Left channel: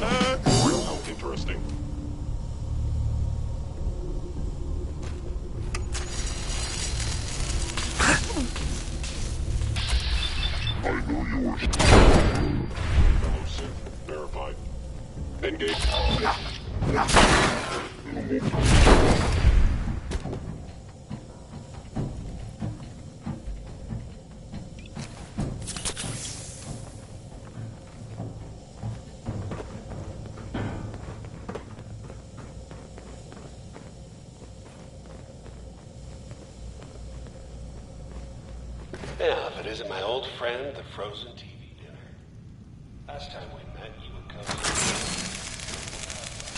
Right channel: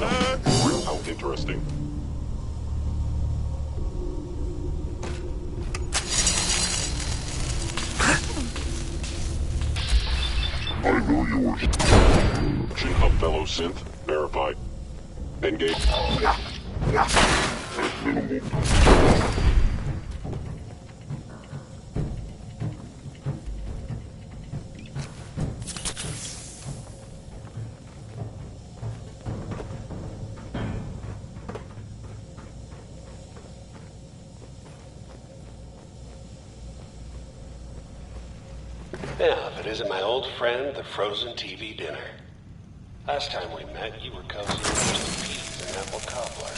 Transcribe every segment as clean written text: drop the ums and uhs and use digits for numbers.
How interesting. I knew you were... Shinhub fellow synth. Verified. Engage. Yeah, if it isn't my old friend, the frozen TV dinner. Last time we met, you were cozy in apple cobbler.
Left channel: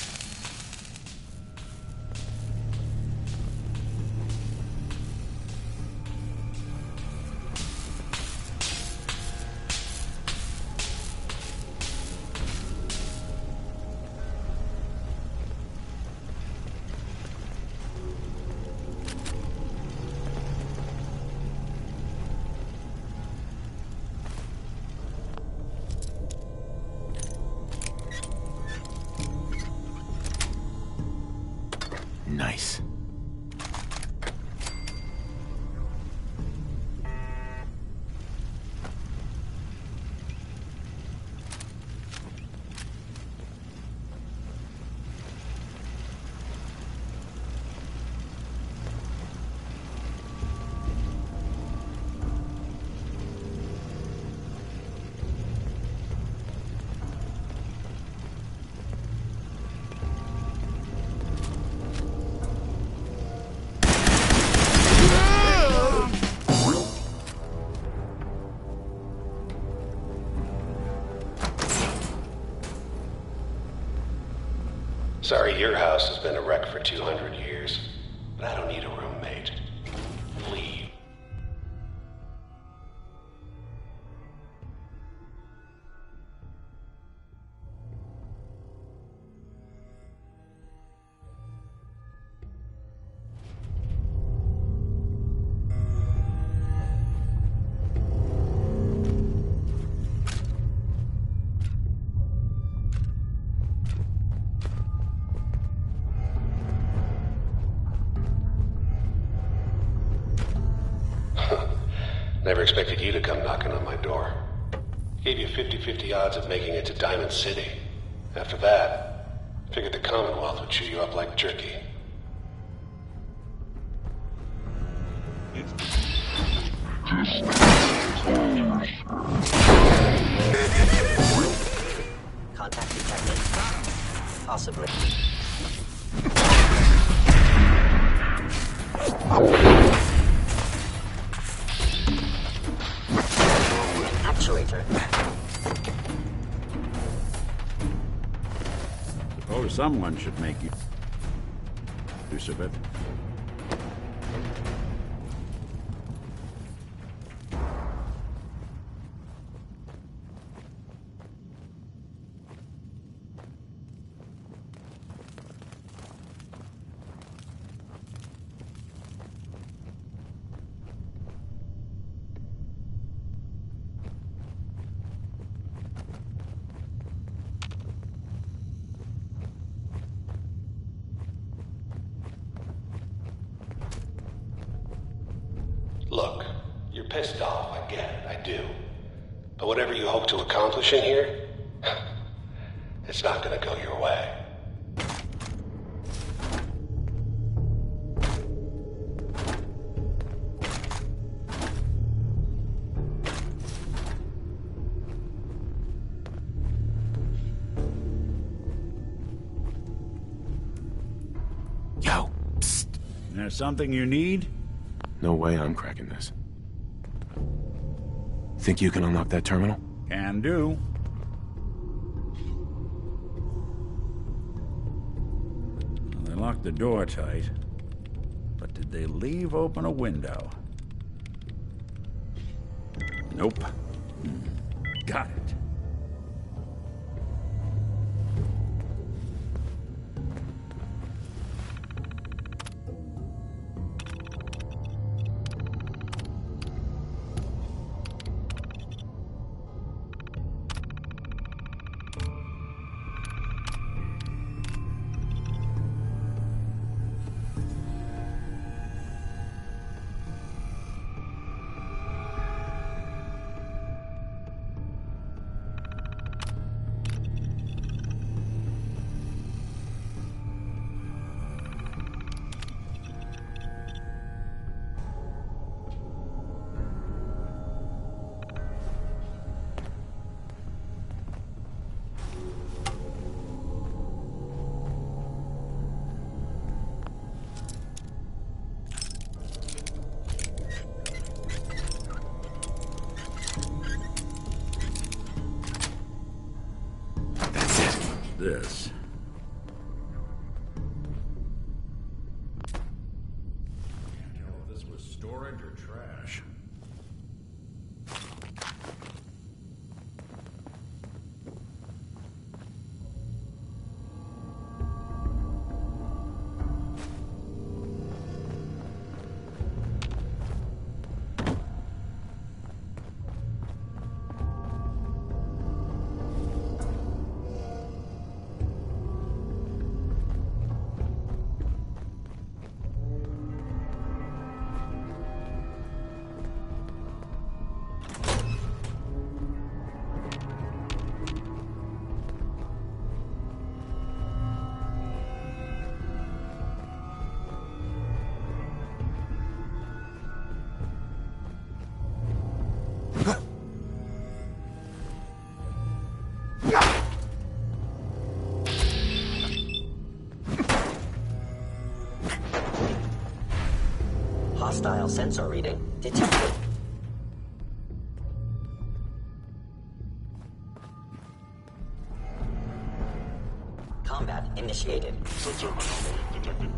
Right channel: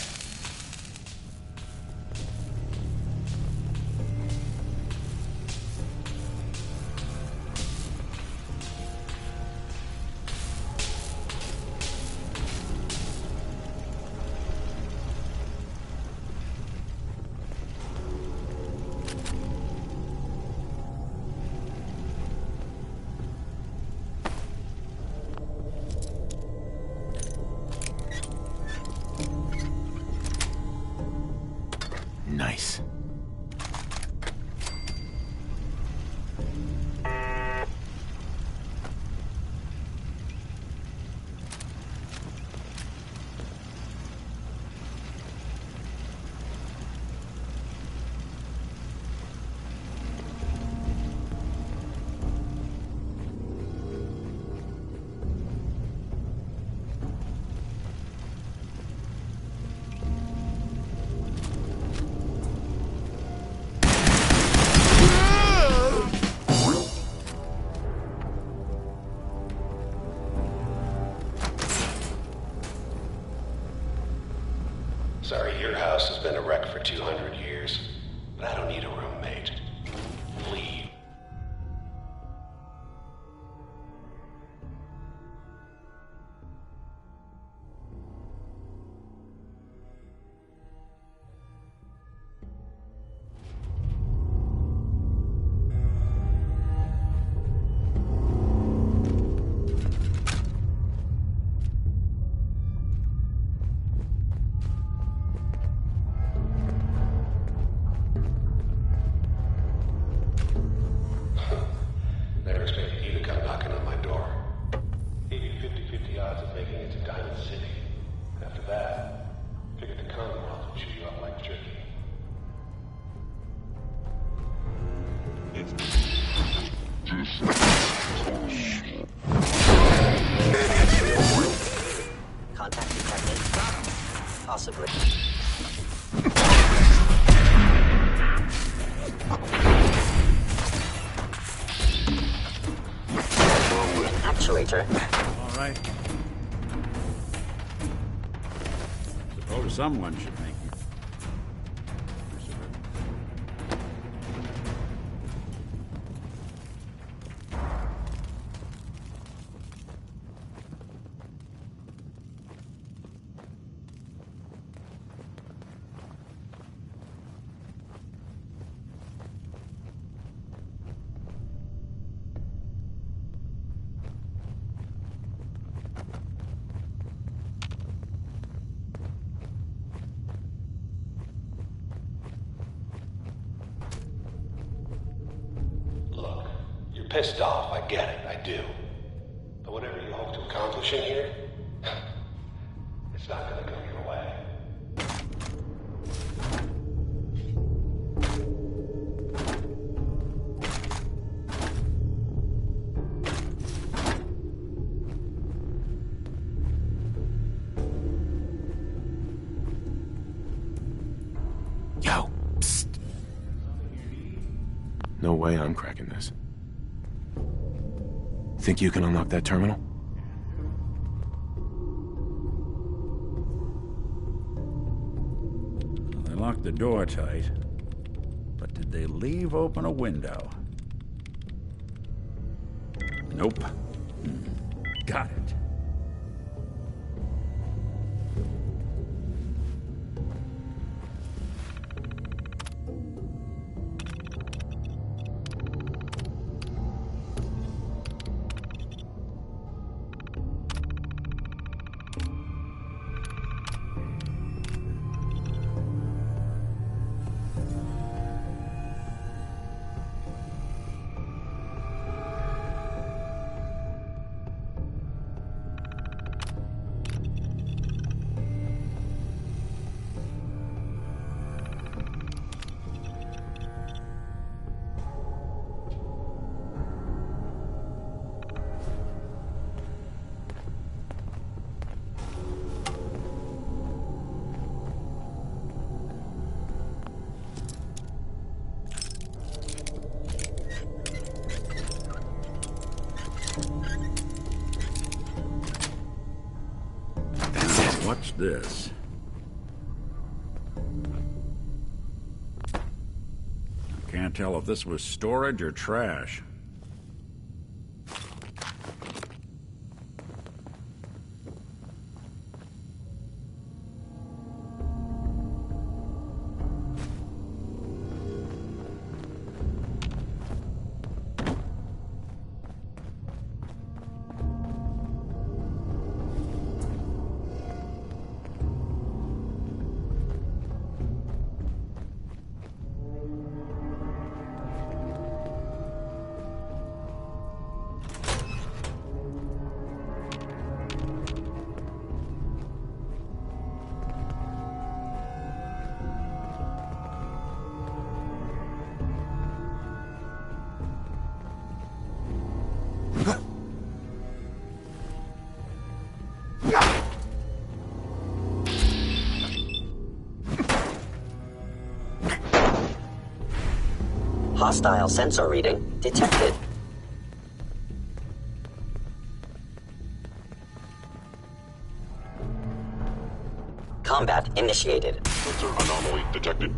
Nice. Sorry, your house has been a wreck for 200 years, but I don't need a roommate. Leave. Never expected you to come knocking on my door. Gave you 50-50 odds of making it to Diamond City. After that, figured the Commonwealth would chew you up like jerky. Contact detected. Possibly. Actuator. All right. Suppose someone should make use of it. Look, you're pissed off, I get it, I do. But whatever you hope to accomplish in here, it's not gonna go your way. Yo, psst. There's something you need? No way I'm cracking this. Think you can unlock that terminal? Can do. Well, they locked the door tight. But did they leave open a window? Nope. Got it. this? Can't tell if this was storage or trash. Hostile sensor reading detected. Combat initiated. Sensor anomaly detected.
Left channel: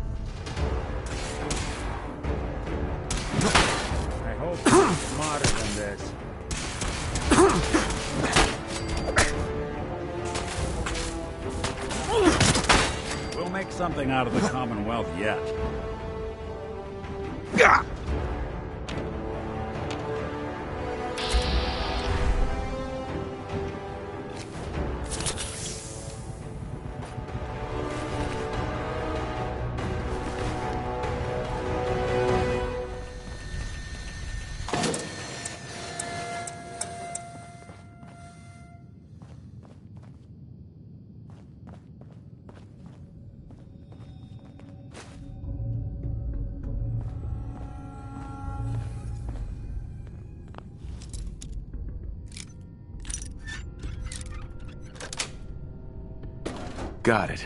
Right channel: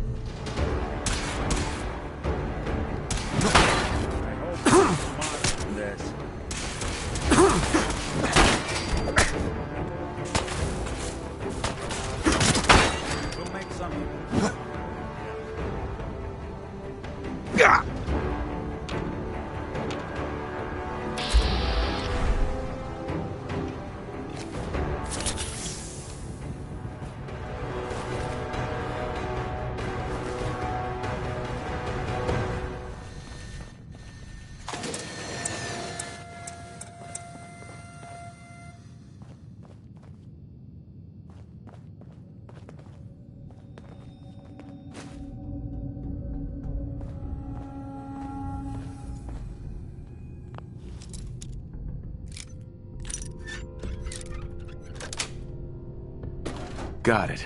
I hope it's smarter than this. We'll make something out of the Commonwealth yet. Got it.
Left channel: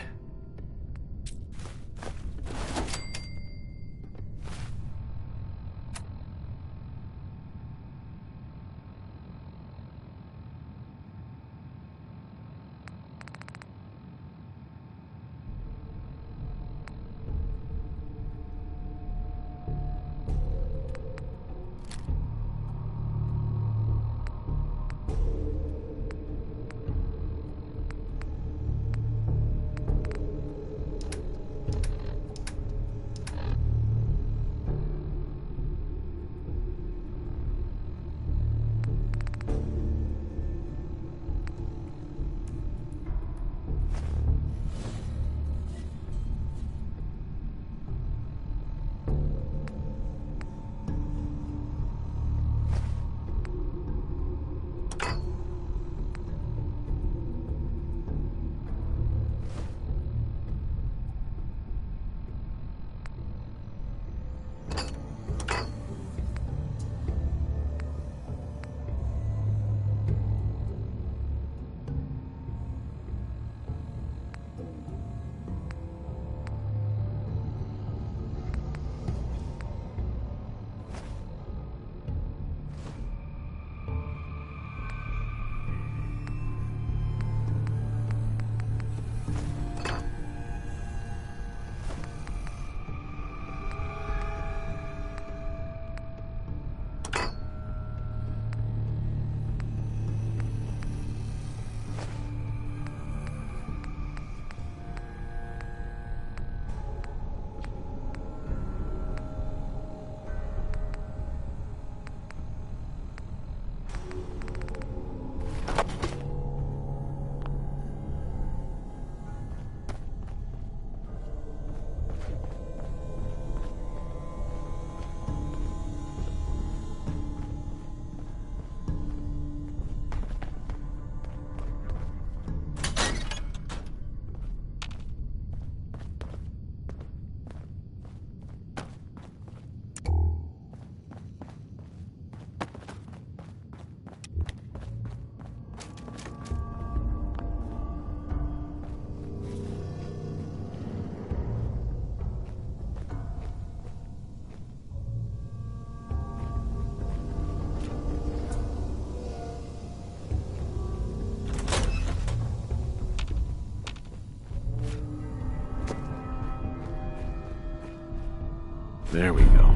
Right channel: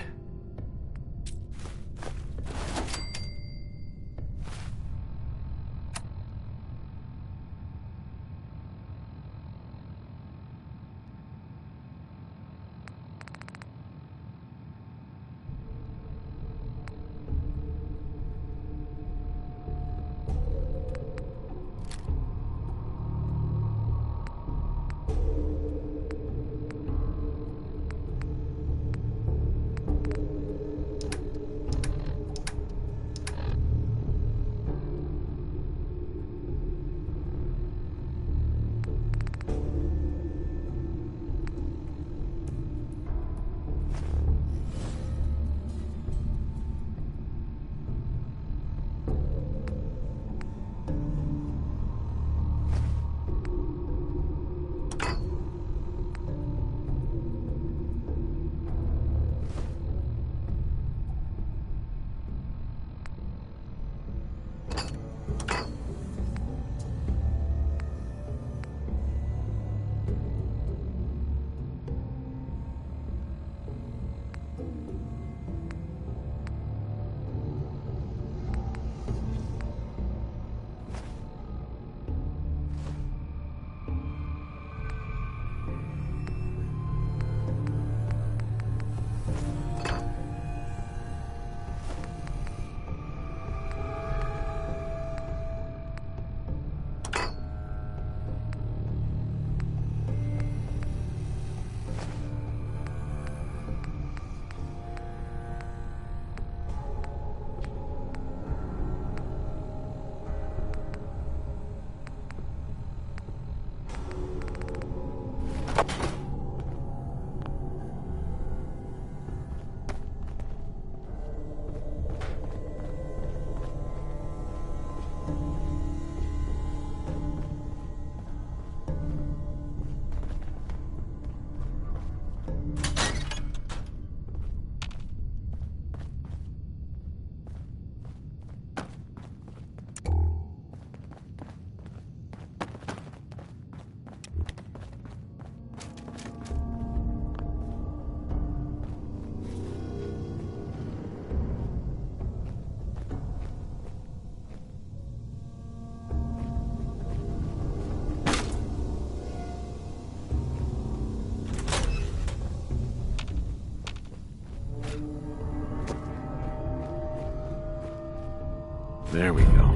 There we go.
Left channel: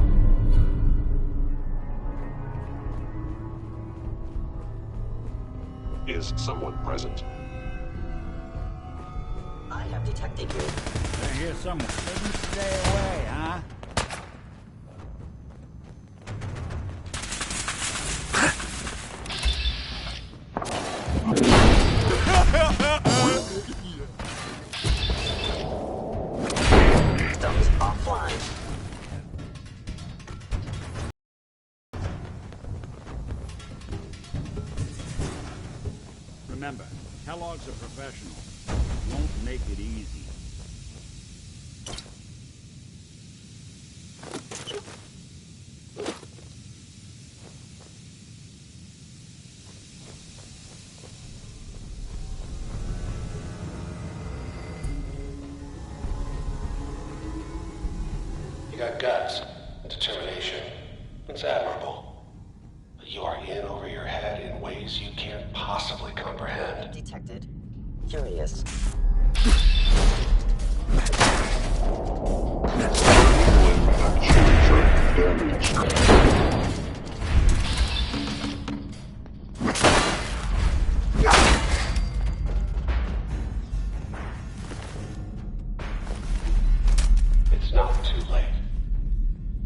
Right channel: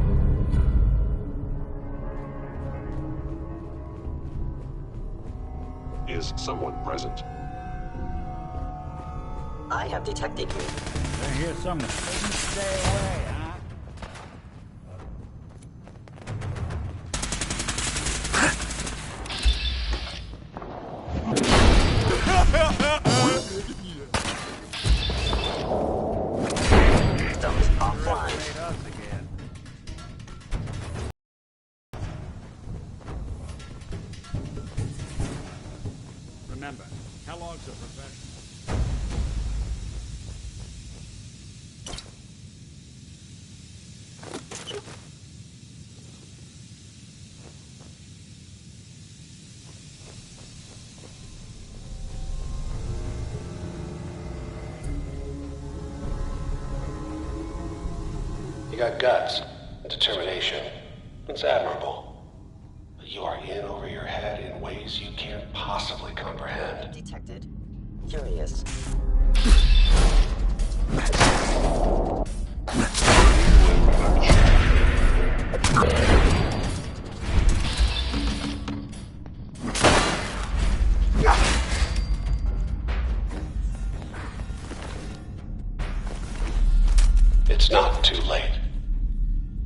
Is someone present? I have detected you. They're here somewhere. Couldn't stay away, huh? Systems offline. Remember, Kellogg's a professional. Won't make it easy. You got guts and determination. It's admirable. But you are in over your head in ways you can't possibly comprehend. Detected. Curious. It's not too late.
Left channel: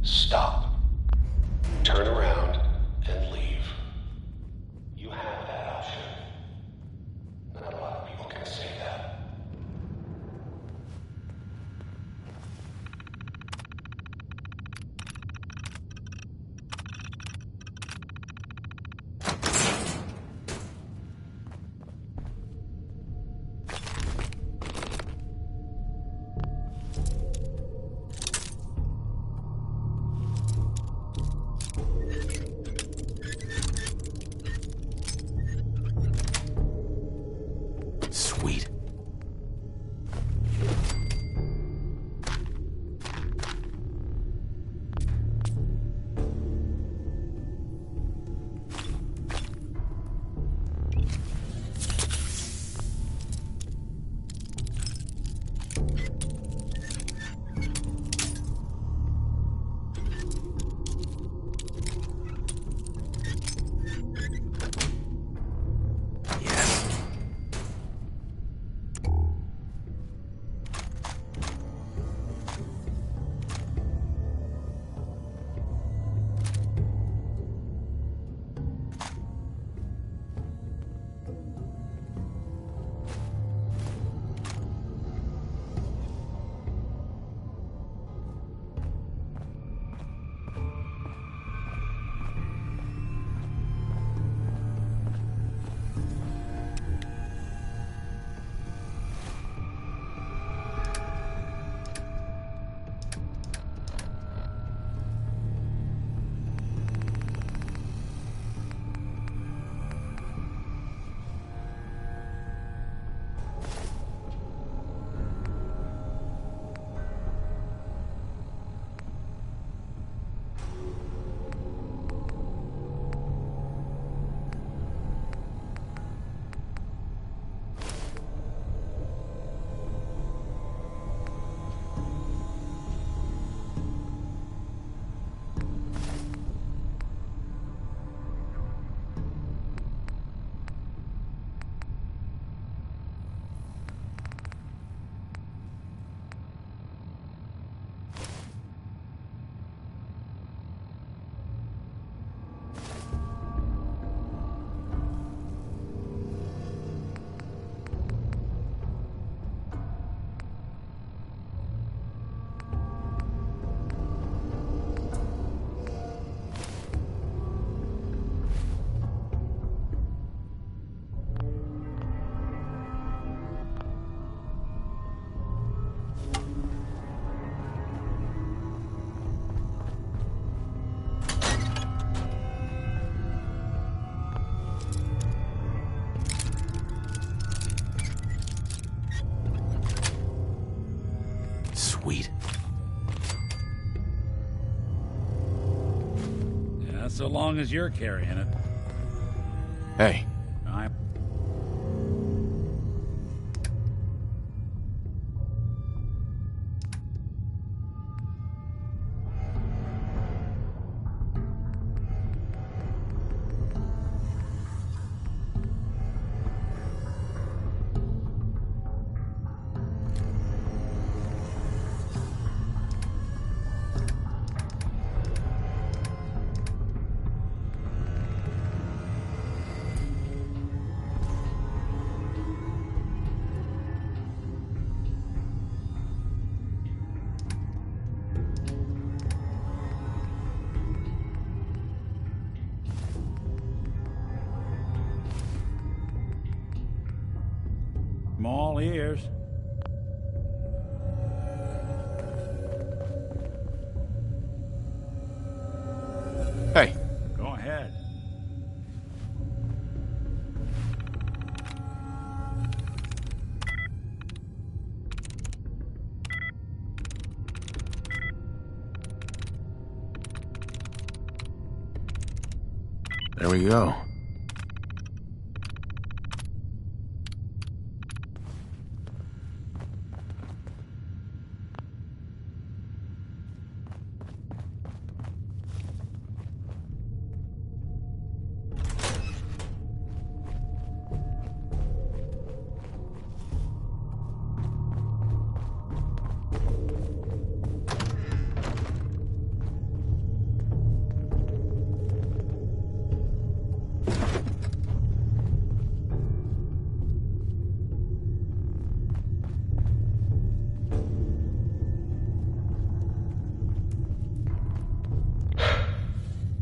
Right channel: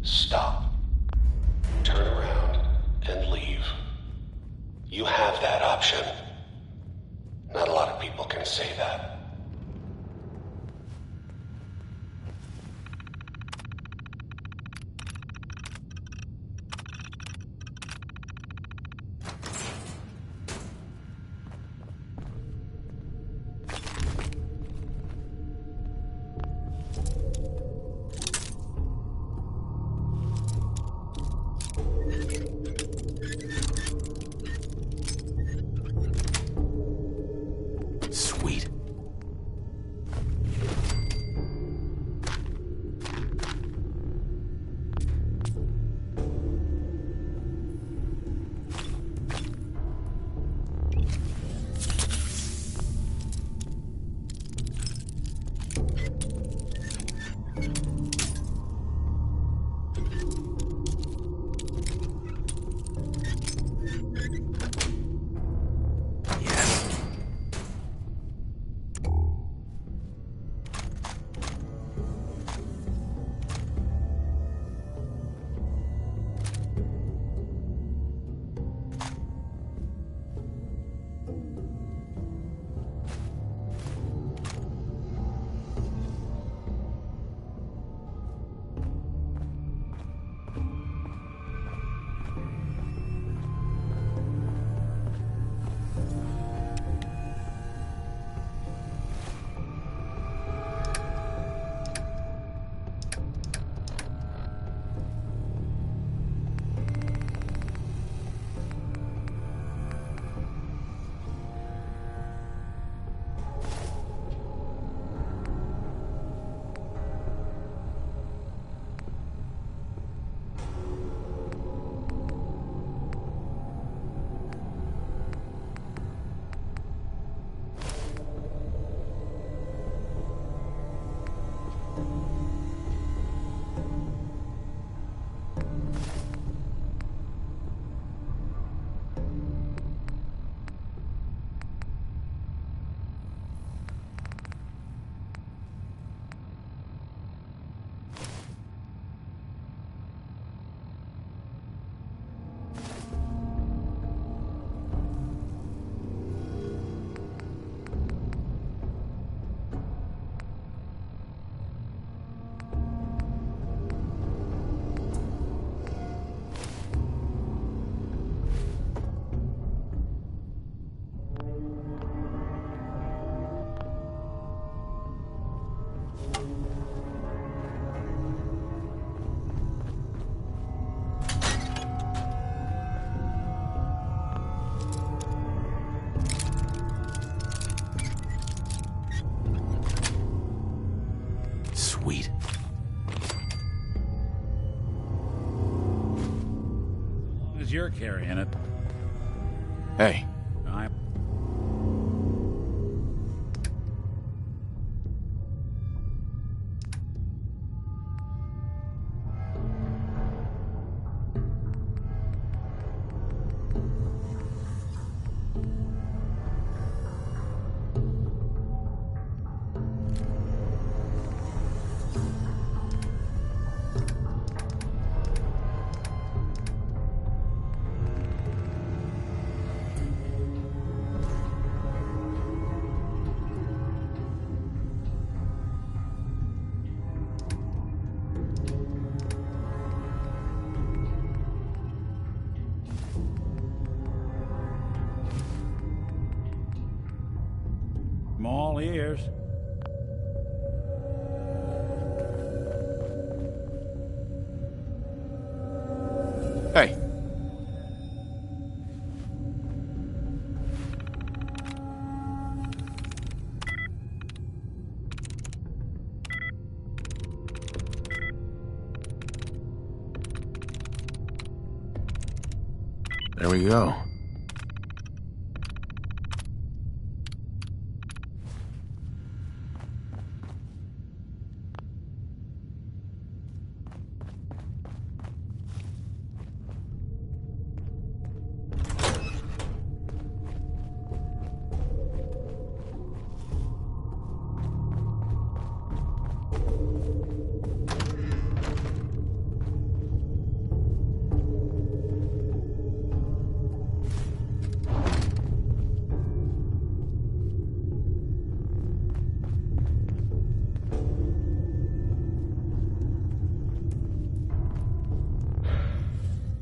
Stop. Turn around and leave. You have that option. Not a lot of people can say that. Sweet. Sweet. Yeah, so long as you're carrying it. Hey, I'm... Small ears. Hey, Go ahead. there we go.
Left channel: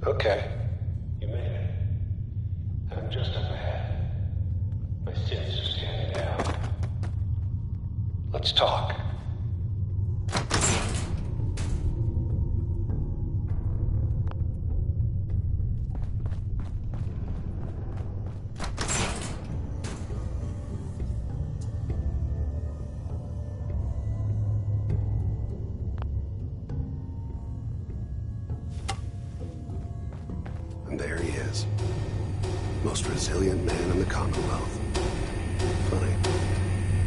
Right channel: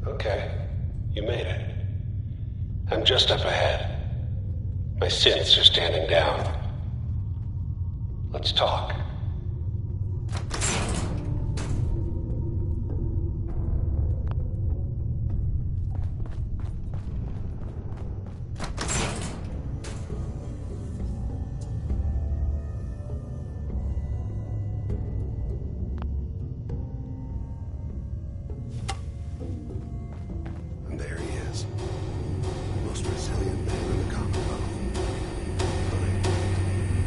Okay, you made it. I'm just up ahead. My synths are standing down. Let's talk. And there he is. Most resilient man in the Commonwealth. Funny.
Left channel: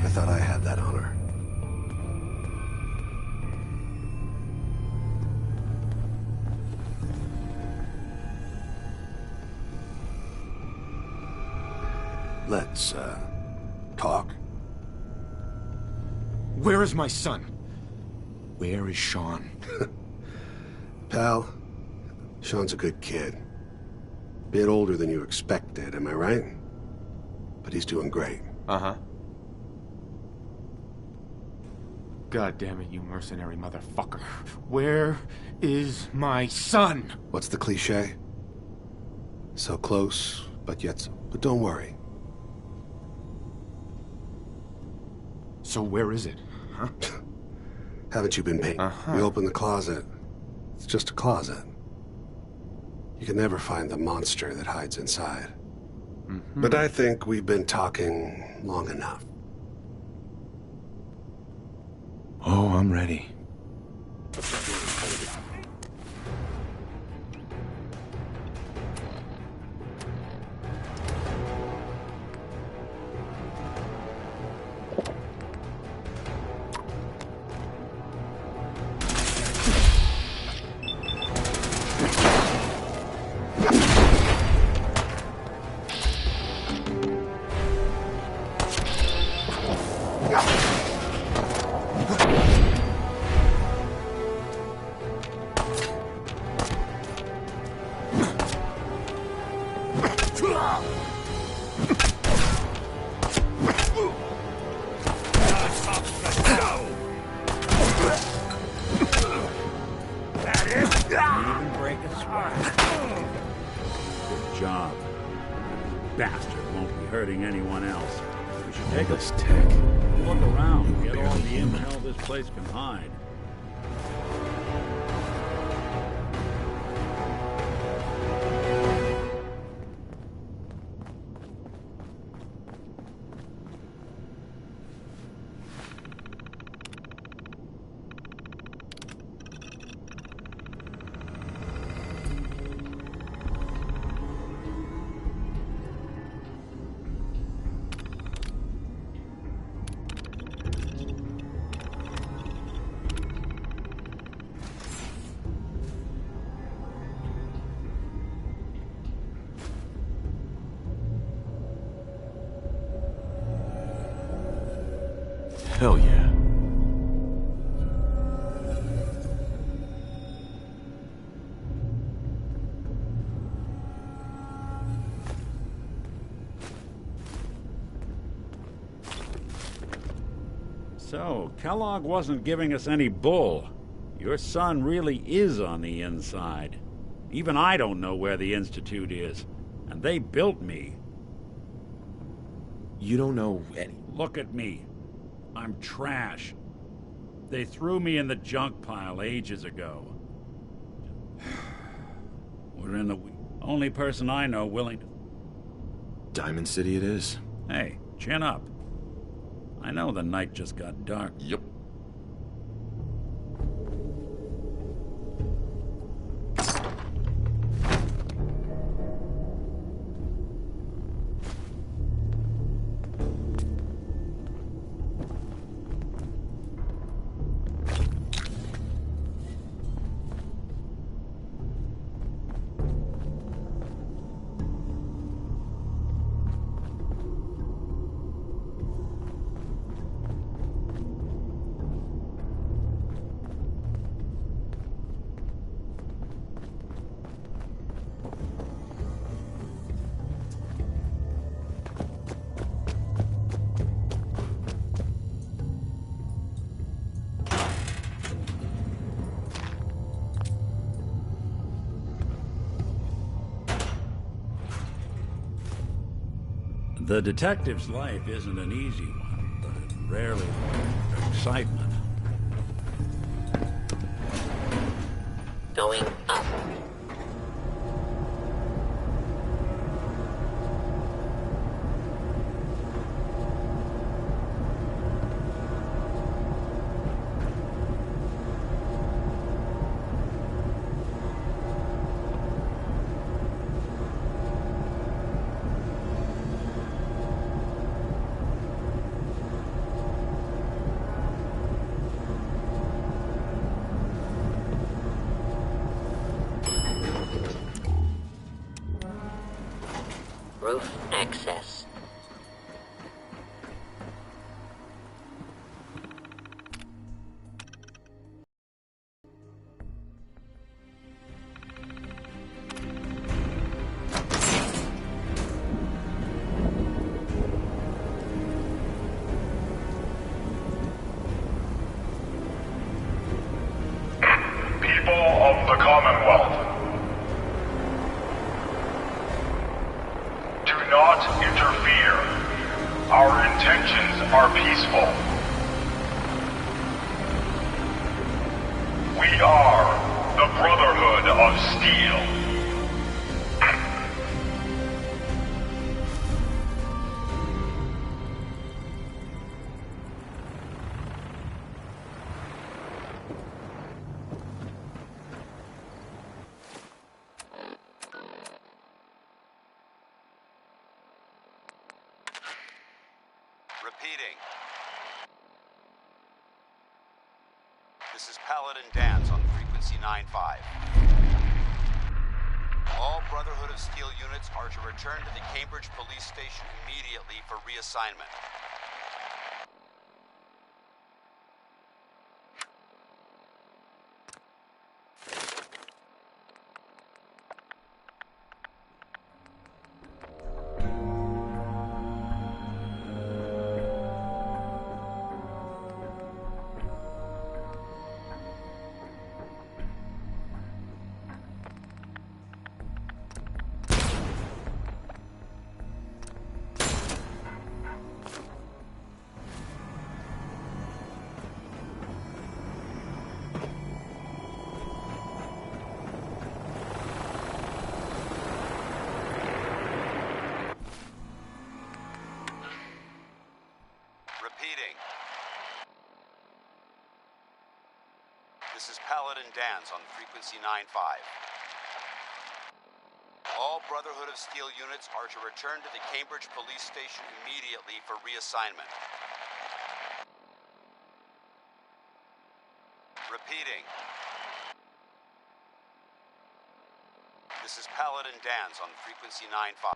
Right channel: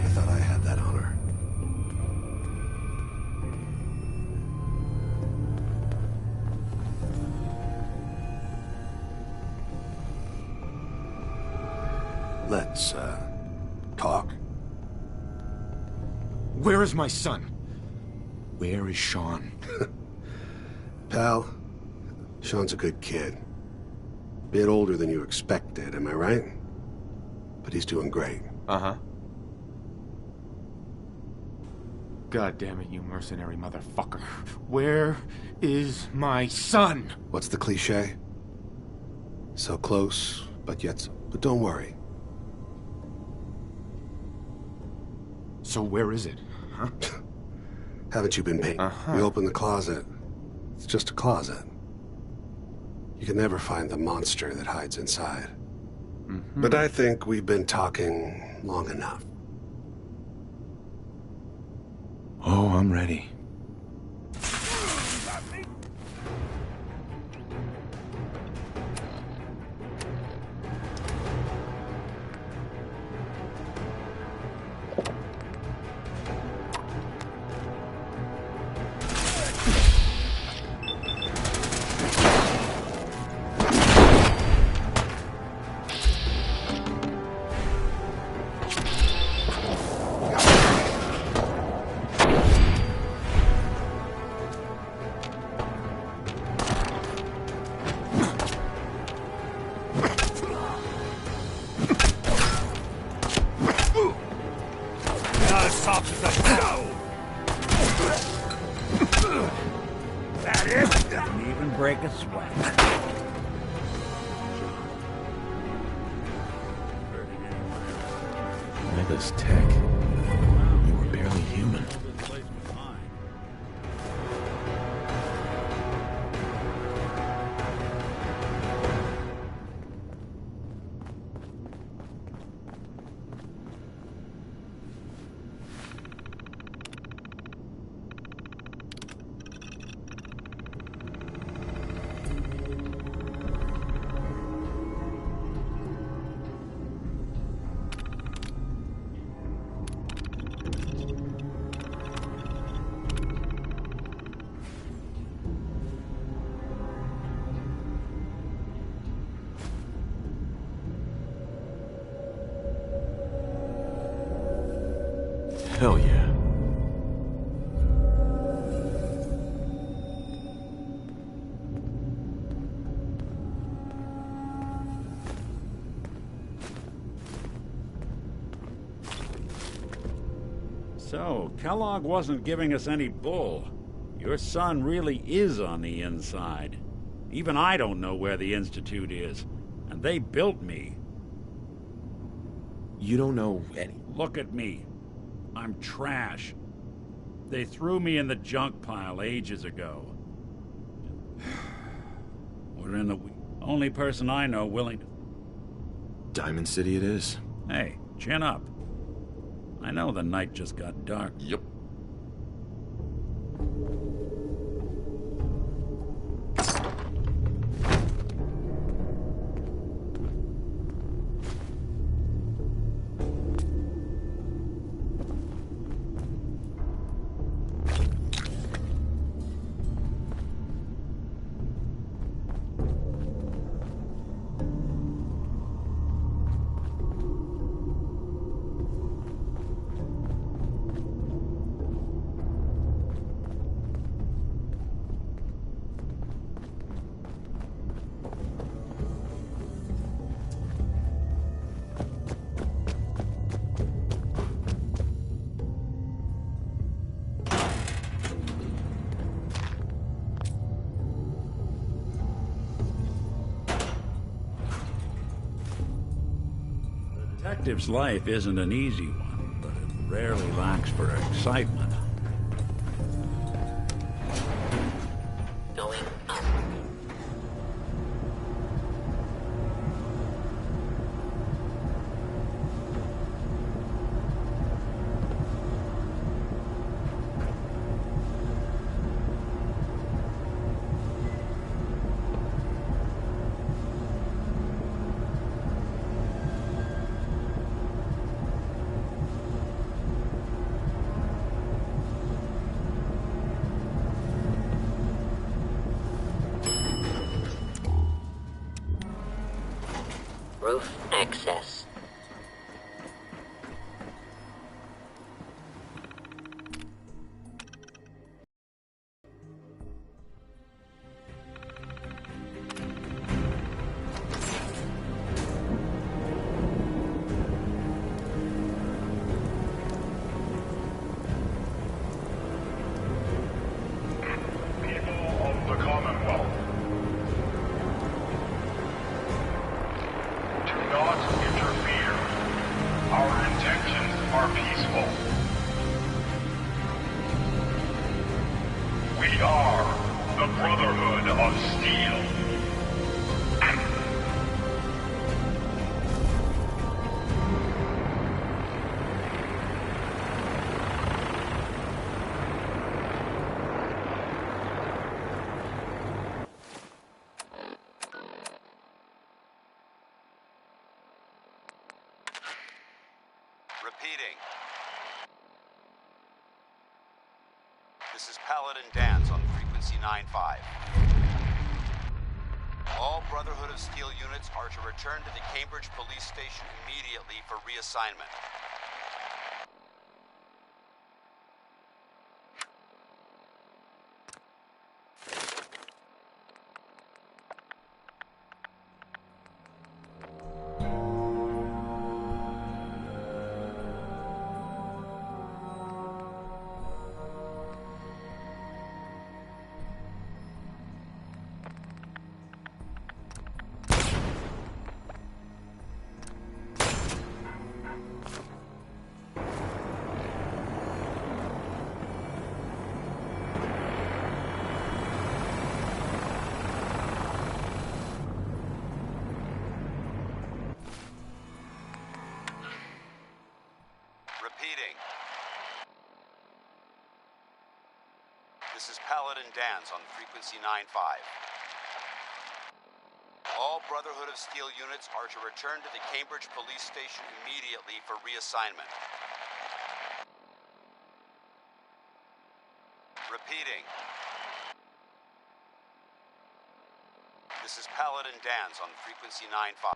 I thought I had that honor. Let's, talk. Where is my son? Where is Sean? Pal, Sean's a good kid. Bit older than you expected, am I right? But he's doing great. Uh-huh. God damn it, you mercenary motherfucker. Where is my son? What's the cliche? So close, but yet so... But don't worry. So where is it? Huh? Haven't you been paying? You open the closet. It's just a closet. You can never find the monster that hides inside. But I think we've been talking long enough. Oh, I'm ready. Didn't even break a sweat. Good job. Bastard won't be hurting anyone else. We should All take this tech. a look around. We were Get all barely the human. intel this place can hide. Hell yeah. So, Kellogg wasn't giving us any bull. Your son really is on the inside. Even I don't know where the Institute is. And they built me. You don't know any... Look at me. I'm trash. They threw me in the junk pile ages ago. We're in the only person I know willing to... Diamond City it is. Hey, chin up. I know the night just got dark. Yep. The detective's life isn't an easy one, but it rarely lacks for excitement. Going up. Roof access. People of the Commonwealth, do not interfere. Our intentions are peaceful. We are the Brotherhood of Steel. Repeating. This is Paladin Dance on frequency 9-5. All Brotherhood of Steel units are to return to the Cambridge Police Station immediately for reassignment. Repeating. This is Paladin Dance on frequency 9-5. All Brotherhood of Steel units are to return to the Cambridge Police Station immediately for reassignment. Repeating. This is Paladin Dance on frequency 9-5.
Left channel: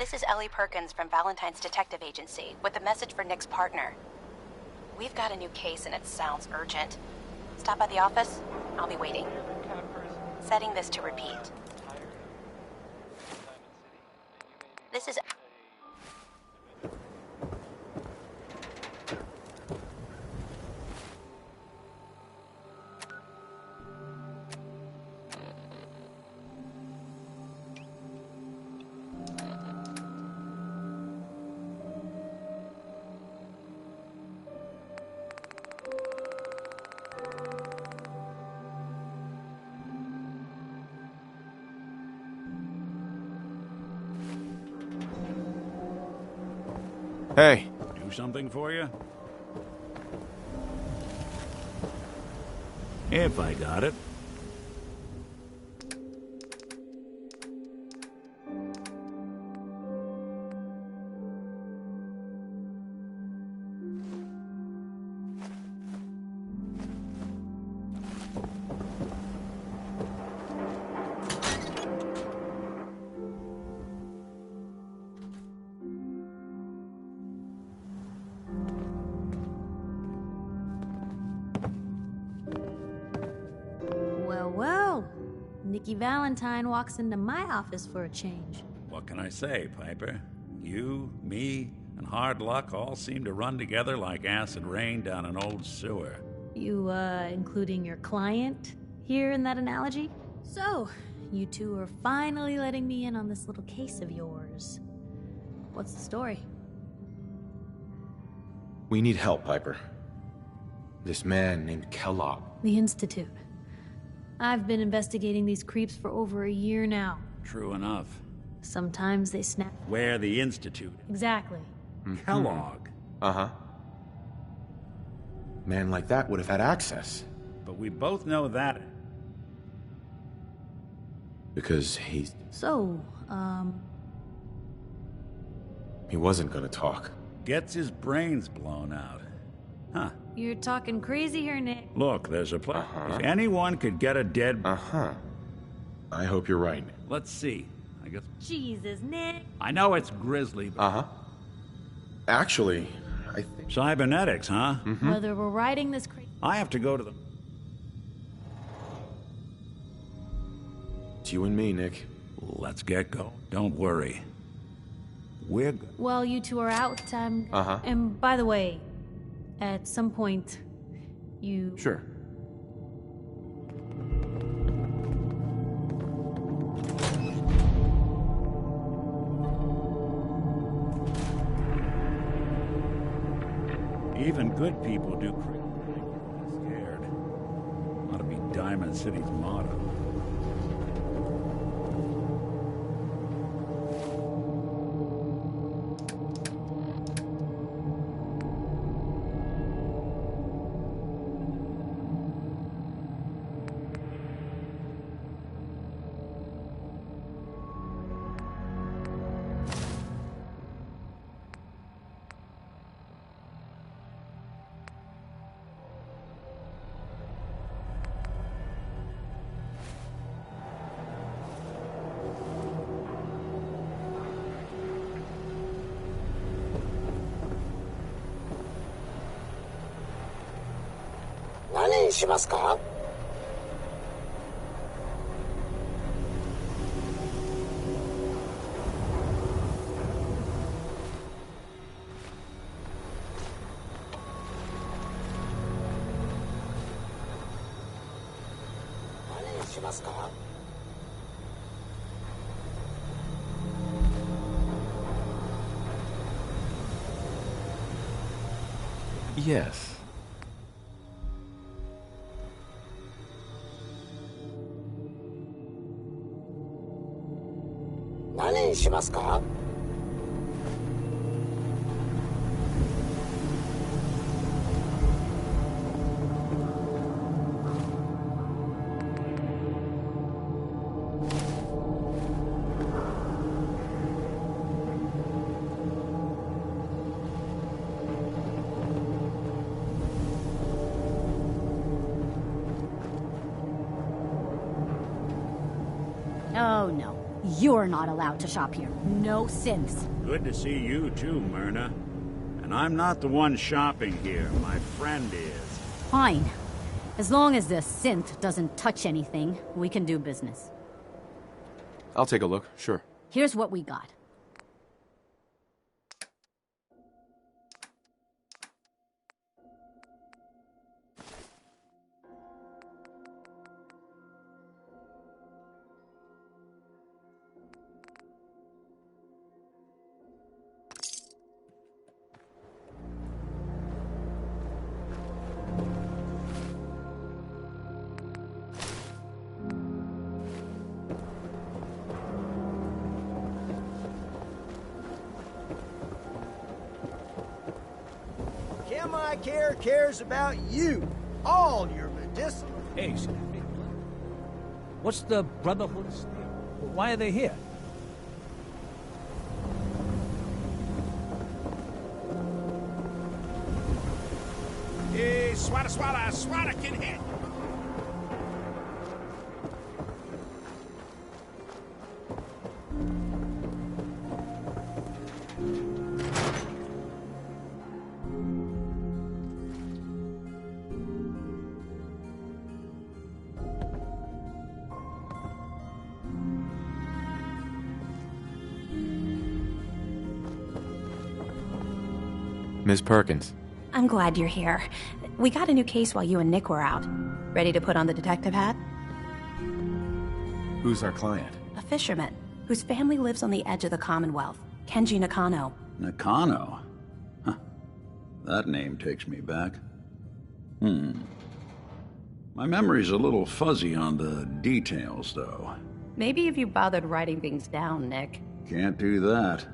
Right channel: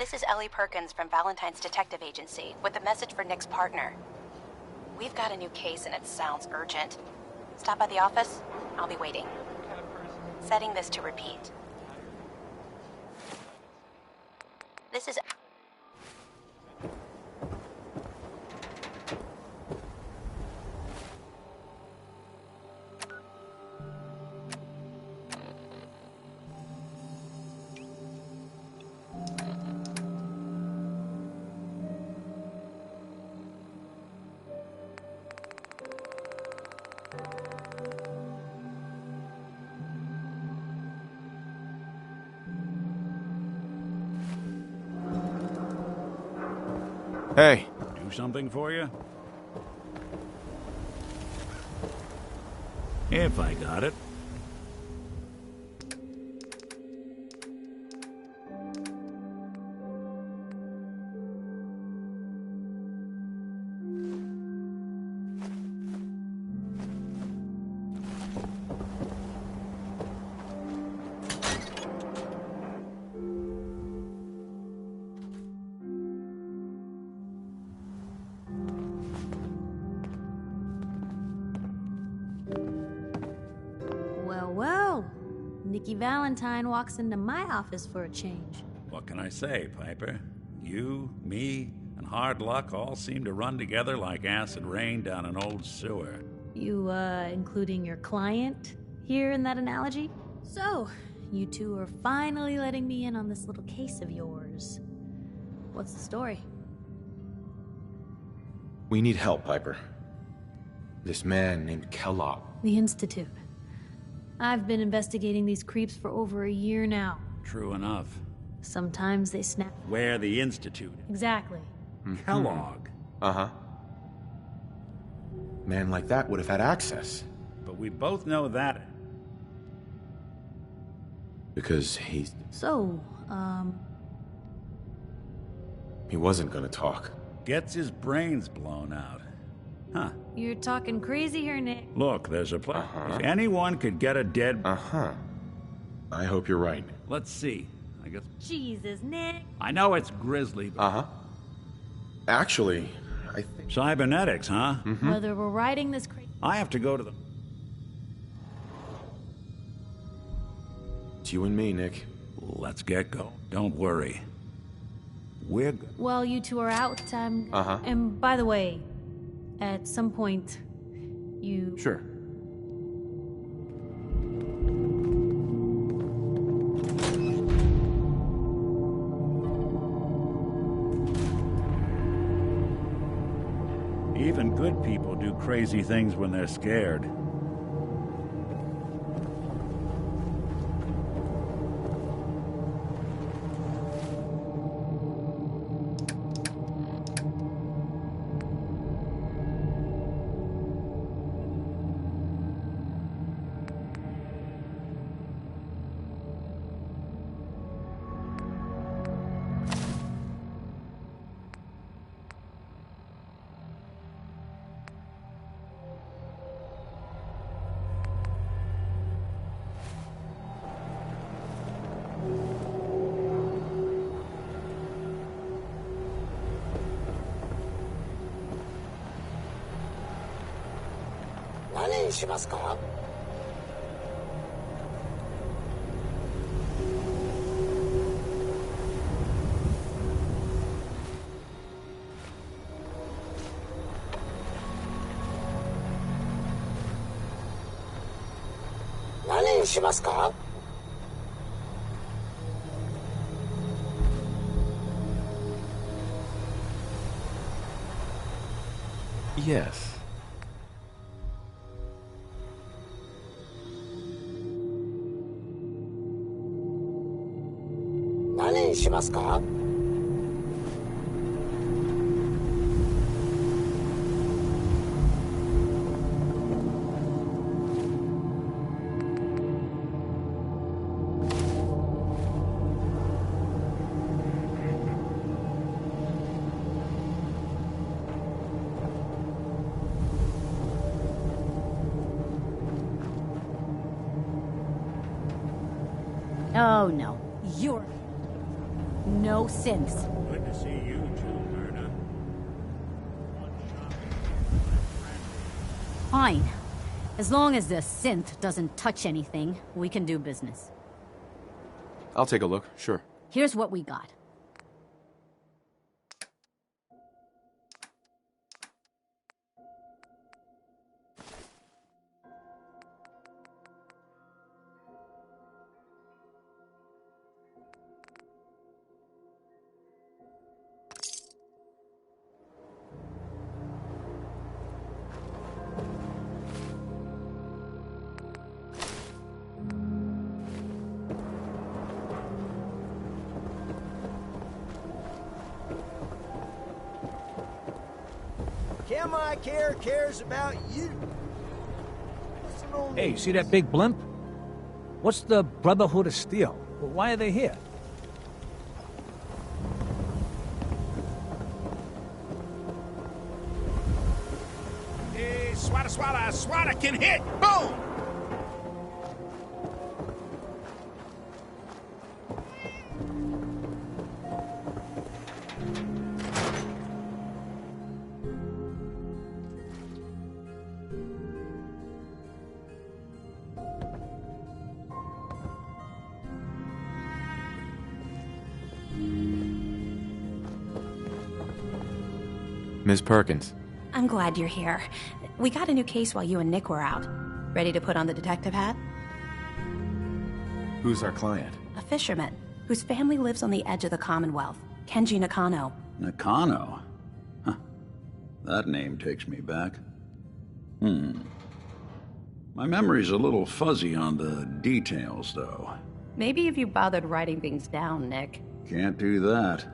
This is Ellie Perkins from Valentine's Detective Agency with a message for Nick's partner. We've got a new case and it sounds urgent. Stop by the office. I'll be waiting. Setting this to repeat. This is... Hey. Do something for you? If I got it. Well, Nikki Valentine walks into my office for a change. What can I say, Piper? You, me, and hard luck all seem to run together like acid rain down an old sewer. You, including your client here in that analogy? So, you two are finally letting me in on this little case of yours. What's the story? We need help, Piper. This man named Clarke. The Institute. I've been investigating these creeps for over a year now. True enough. Sometimes they snap. Where the Institute? Exactly. Kellogg. Uh-huh. Man like that would have had access. But we both know that. Because he's... So, He wasn't gonna talk. Gets his brains blown out. Huh. You're talking crazy here, Nick. Look, there's a place. If anyone could get a dead... Uh-huh. I hope you're right. Let's see. I guess... Jesus, Nick. I know it's grisly, but... Uh-huh. Actually, I think... Cybernetics, huh? Whether we're riding this crazy... I have to go to the... It's you and me, Nick. Let's get going. Don't worry. We're good. While you two are out, Uh-huh. And by the way, at some point, you... Sure. Even good people do crazy things when they're scared. Ought to be Diamond City's motto. Yes. Oh, no. You're not allowed to shop here. No synths. Good to see you too, Myrna. And I'm not the one shopping here. My friend is. Fine. As long as the synth doesn't touch anything, we can do business. I'll take a look, sure. Here's what we got. Care cares about you. All your medicinal... Hey, see that big blimp? What's the Brotherhood of Steel? Why are they here? Hey, swata can hit! Boom! Ms. Perkins. I'm glad you're here. We got a new case while you and Nick were out. Ready to put on the detective hat? Who's our client? A fisherman, whose family lives on the edge of the Commonwealth. Kenji Nakano. Nakano? Huh. That name takes me back. My memory's a little fuzzy on the details, though. Maybe if you bothered writing things down, Nick. Can't do that.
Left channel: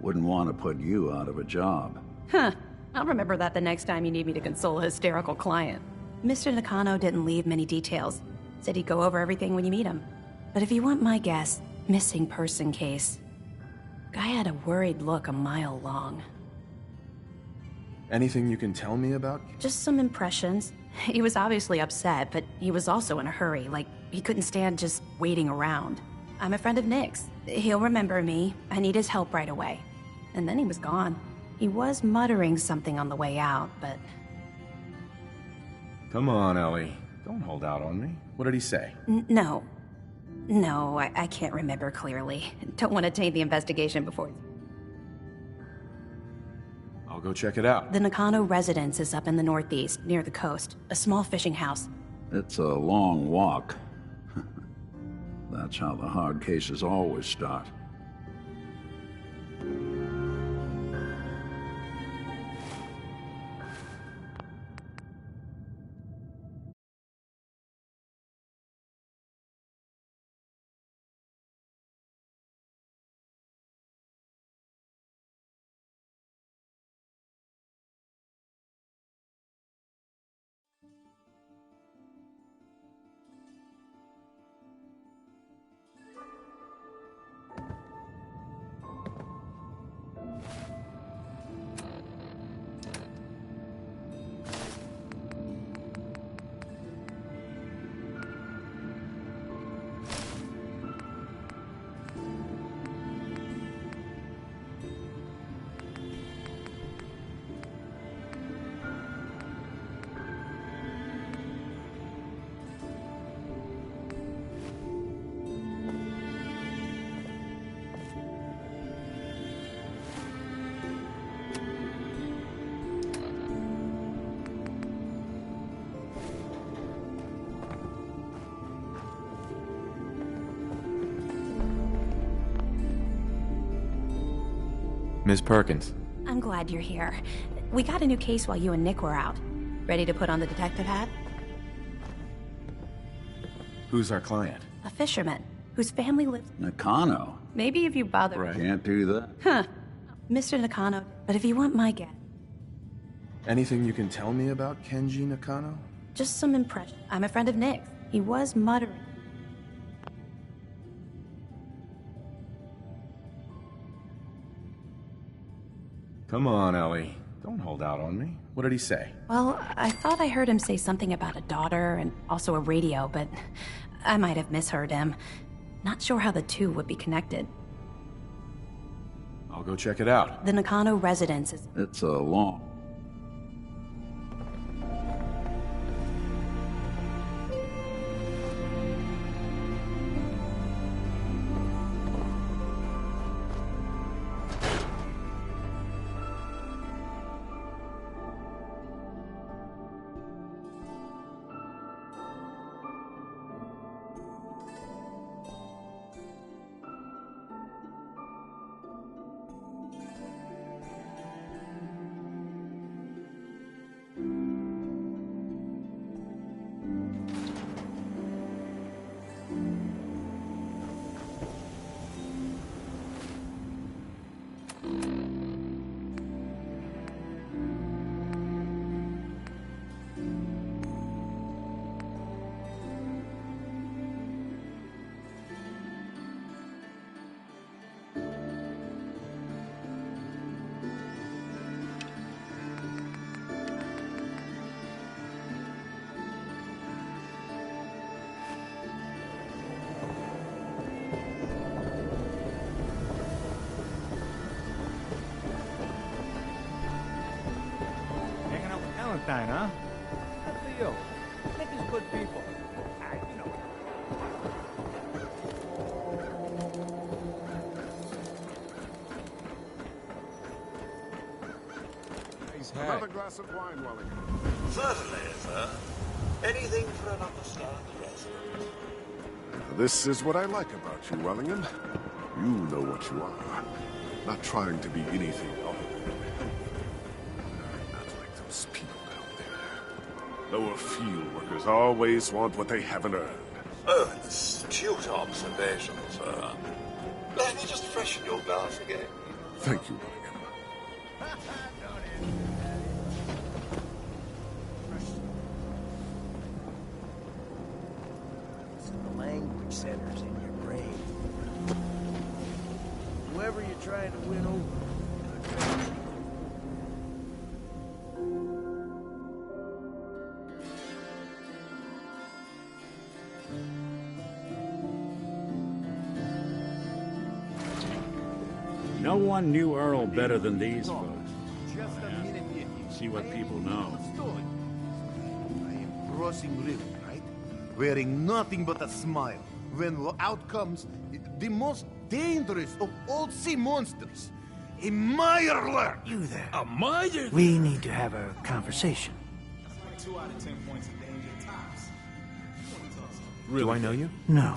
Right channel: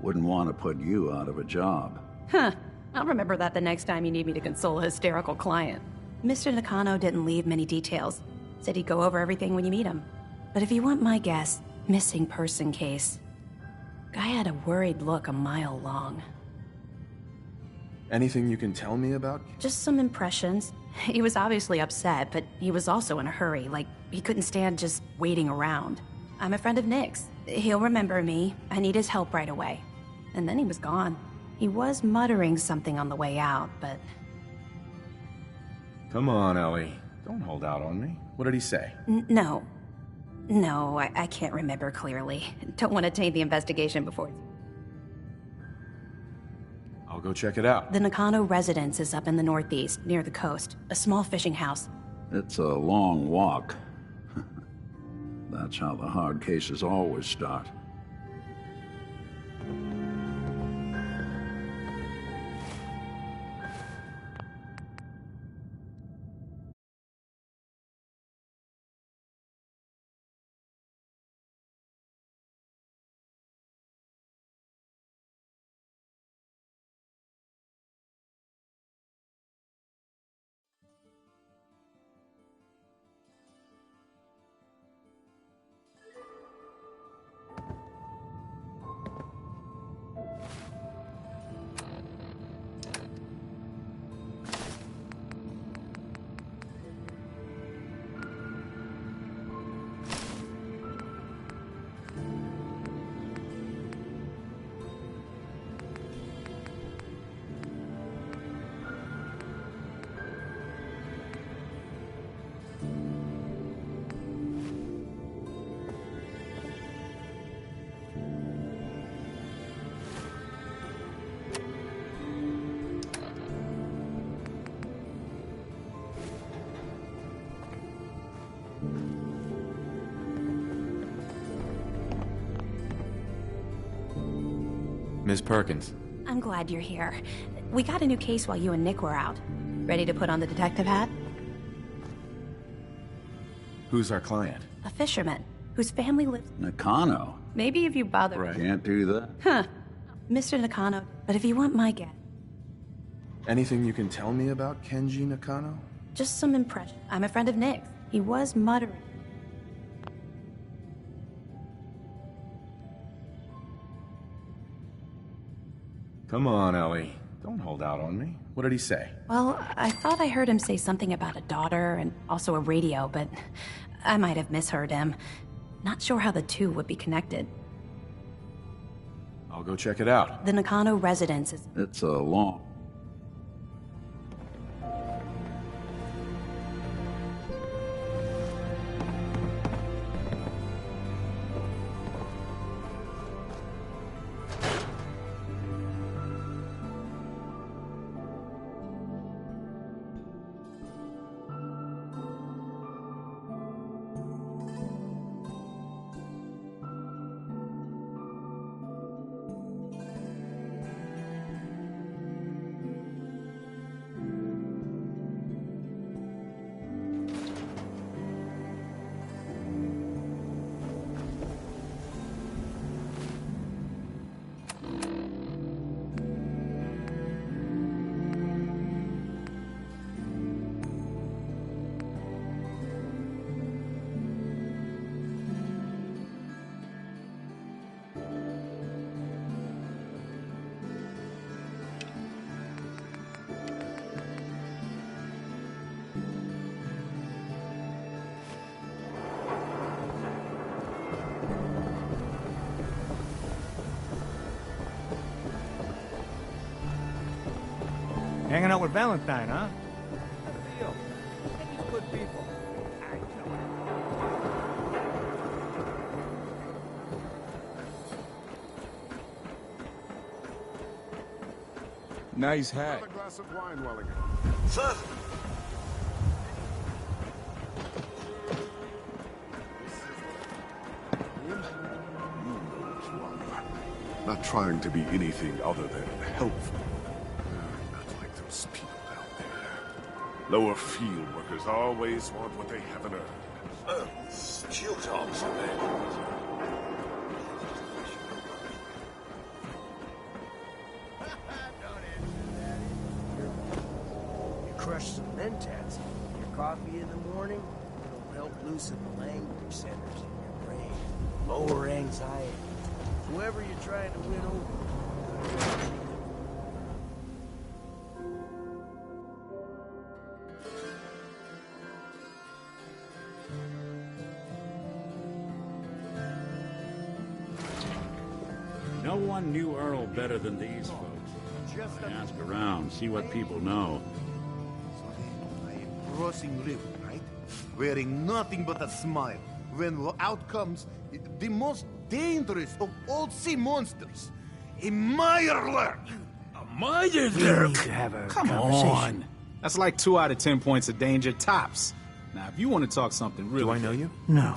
Wouldn't want to put you out of a job. Huh. I'll remember that the next time you need me to console a hysterical client. Mr. Nakano didn't leave many details. Said he'd go over everything when you meet him. But if you want my guess, missing person case. Guy had a worried look a mile long. Anything you can tell me about? Just some impressions. He was obviously upset, but he was also in a hurry, like he couldn't stand just waiting around. I'm a friend of Nick's. He'll remember me. I need his help right away. And then he was gone. He was muttering something on the way out, but... Come on, Ellie. Don't hold out on me. What did he say? No. No, I can't remember clearly. Don't want to taint the investigation before... I'll go check it out. The Nakano residence is up in the northeast, near the coast. A small fishing house. It's a long walk. That's how the hard cases always start. Ms. Perkins. I'm glad you're here. We got a new case while you and Nick were out. Ready to put on the detective hat? Who's our client? A fisherman, whose family lives... Nakano? Maybe if you bother... Right. Can't do that. Huh. Mr. Nakano, but if you want my guess... Anything you can tell me about Kenji Nakano? Just some impression. I'm a friend of Nick's. He was muttering. Come on, Ellie. Don't hold out on me. What did he say? Well, I thought I heard him say something about a daughter and also a radio, but I might have misheard him. Not sure how the two would be connected. I'll go check it out. The Nakano residence is... It's a long... Hanging out with Valentine, huh? Good for you. I think he's good people. You know. Nice hat. Another glass of wine, Wellingham. Certainly, sir. Anything for another star. This is what I like about you, Wellingham. You know what you are. Not trying to be anything other than helpful. Not like those people down there. Lower field workers always want what they haven't earned. Oh, astute observation, sir. Let me just freshen your glass again. Thank you, Don't answer that. You crush some mentats. Coffee in the morning will help loosen the language centers in your brain. Lower anxiety. Whoever you're trying to win over. Good remedy. No one knew Earl better than these folks. I ask around, see what people know. So then I am crossing river, right? Wearing nothing but a smile. When out comes the most dangerous of all sea monsters. A Mirelurk! You there. A miter We there. need to have a Come conversation. on. That's like 2 out of 10 points of danger tops. Now, if you want to talk something really... Do I know you? No.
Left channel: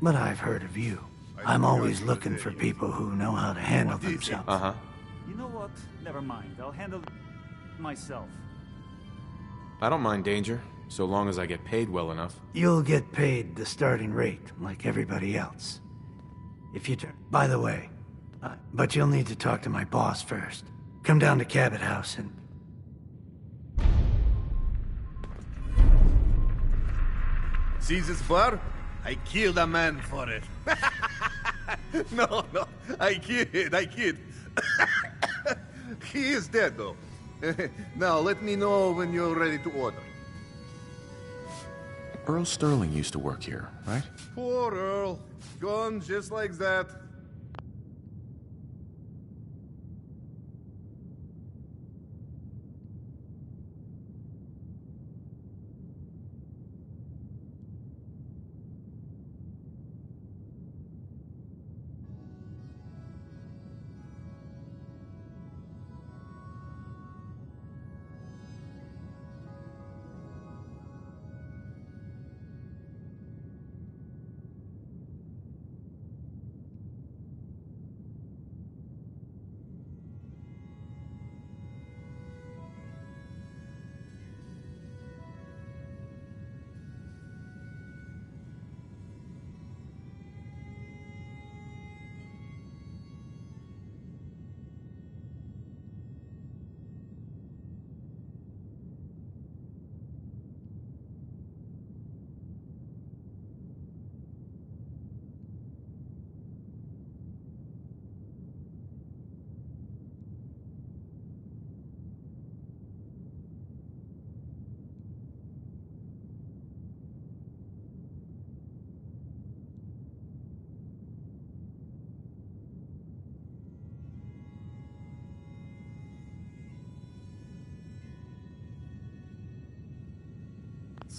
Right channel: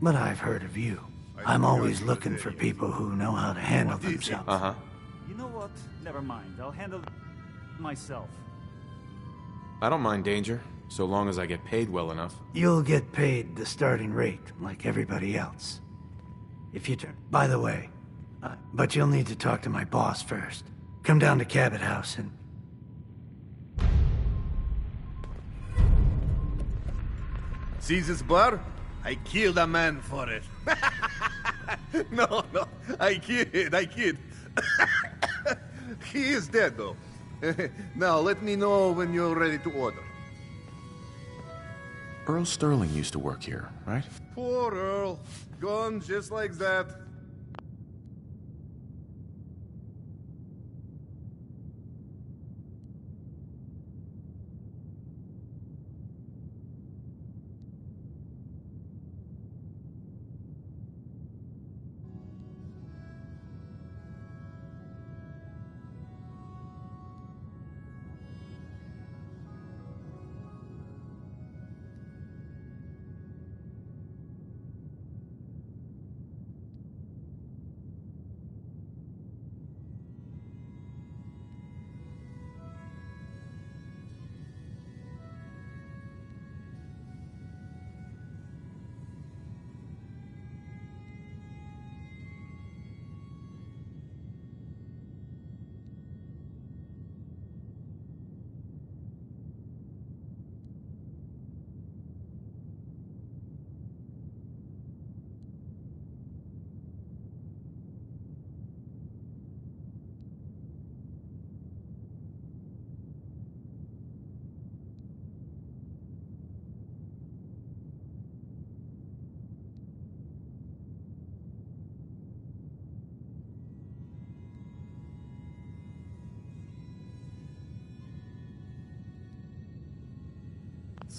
But I've heard of you. I'm always looking for people who know how to handle themselves. Uh-huh. You know what? Never mind. I'll handle myself. I don't mind danger, so long as I get paid well enough. You'll get paid the starting rate, like everybody else. If you turn... By the way, but you'll need to talk to my boss first. Come down to Cabot House and... See this bar? I killed a man for it. No, I kid. He is dead, though. Now, let me know when you're ready to order. Earl Sterling used to work here, right? Poor Earl. Gone just like that.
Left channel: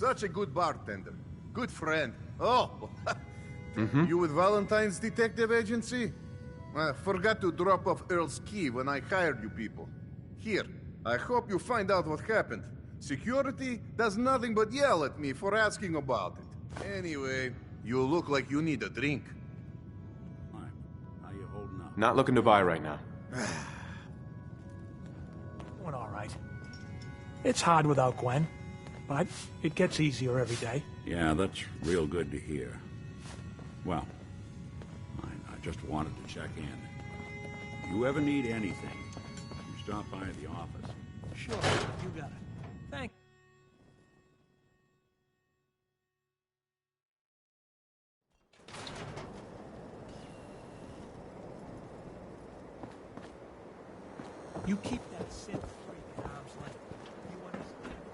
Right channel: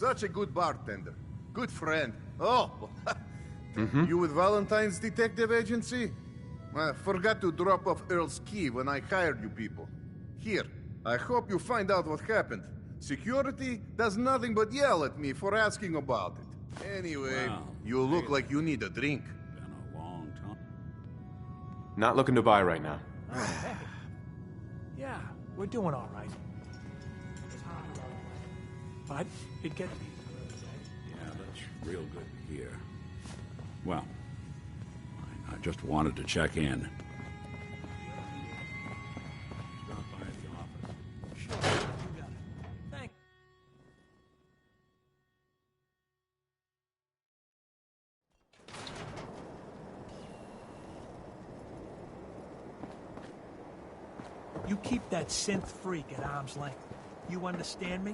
Such a good bartender. Good friend. Oh, Mm-hmm. you with Valentine's Detective Agency? I forgot to drop off Earl's key when I hired you people. Here, I hope you find out what happened. Security does nothing but yell at me for asking about it. Anyway, you look like you need a drink. Been a long time. How you holding up? Not looking to buy right now. Yeah, we're doing all right. It's hard without Gwen, but it gets easier every day. Yeah, that's real good to hear. Well, I just wanted to check in. If you ever need anything, you stop by the office. Sure, you got it. Thank. You keep that synth freak at arm's length. You understand me?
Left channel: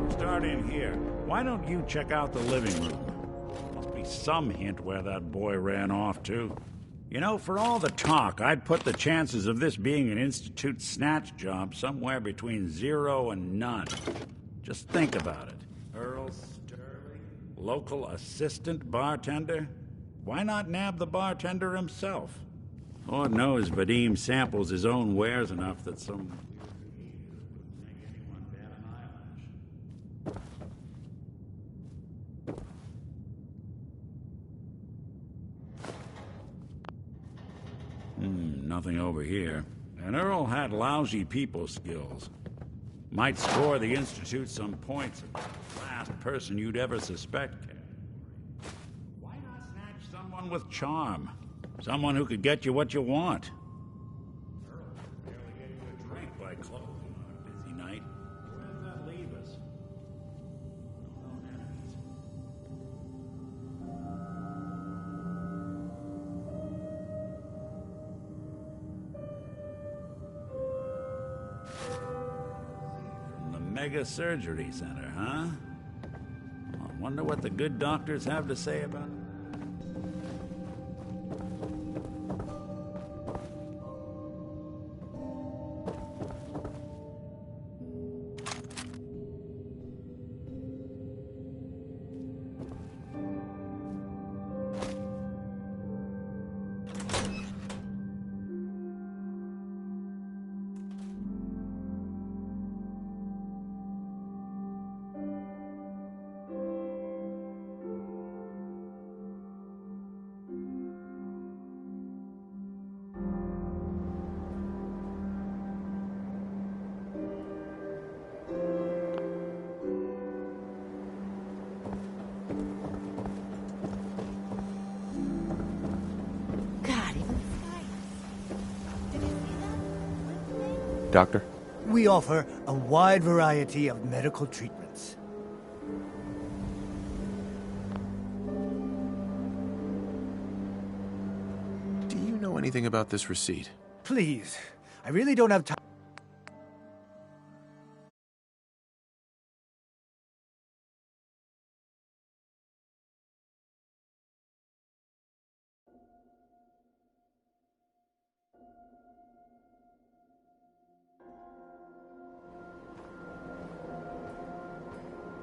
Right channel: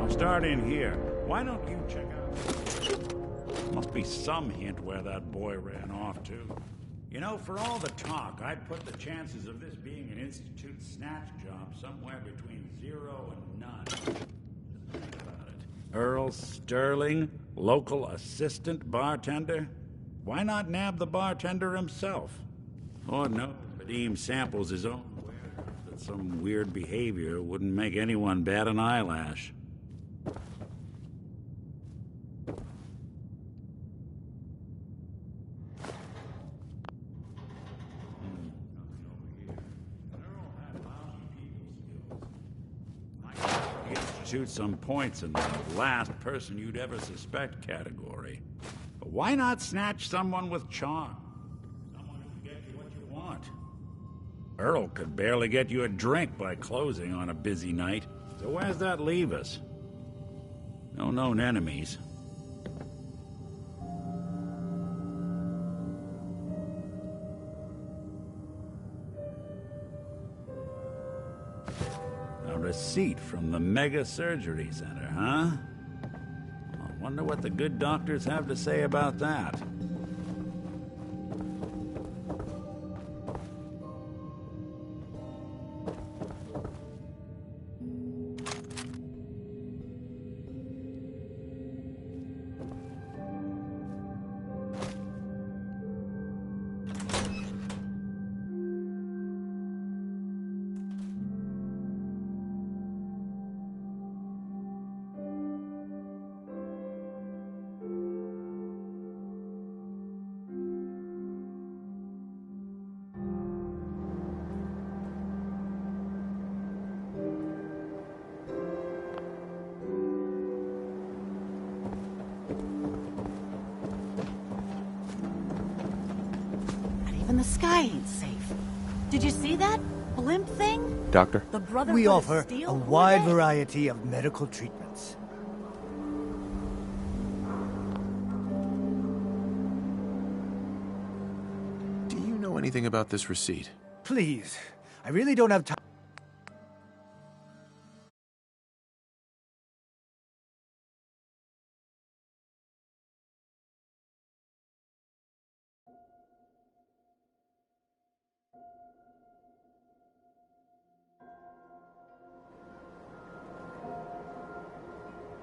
I'll start in here. Why don't you check out the living room? Must be some hint where that boy ran off to. You know, for all the talk, I'd put the chances of this being an Institute snatch job somewhere between 0 and none. Just think about it. Earl Sterling, local assistant bartender? Why not nab the bartender himself? Lord knows Vadim samples his own wares enough that some weird behavior wouldn't make anyone bat an eyelash. Nothing over here. And Earl had lousy people skills. Might score the Institute some points in the last person you'd ever suspect category. But why not snatch someone with charm? Someone who could get you what you want. Earl could barely get you a drink by closing on a busy night. So where's that leave us? No known enemies. A receipt from the Mega Surgery Center, huh? I wonder what the good doctors have to say about that. Even the sky ain't safe. Did you see that blimp thing? Doctor? We offer a wide variety of medical treatments. Do you know anything about this receipt? Please, I really don't have time.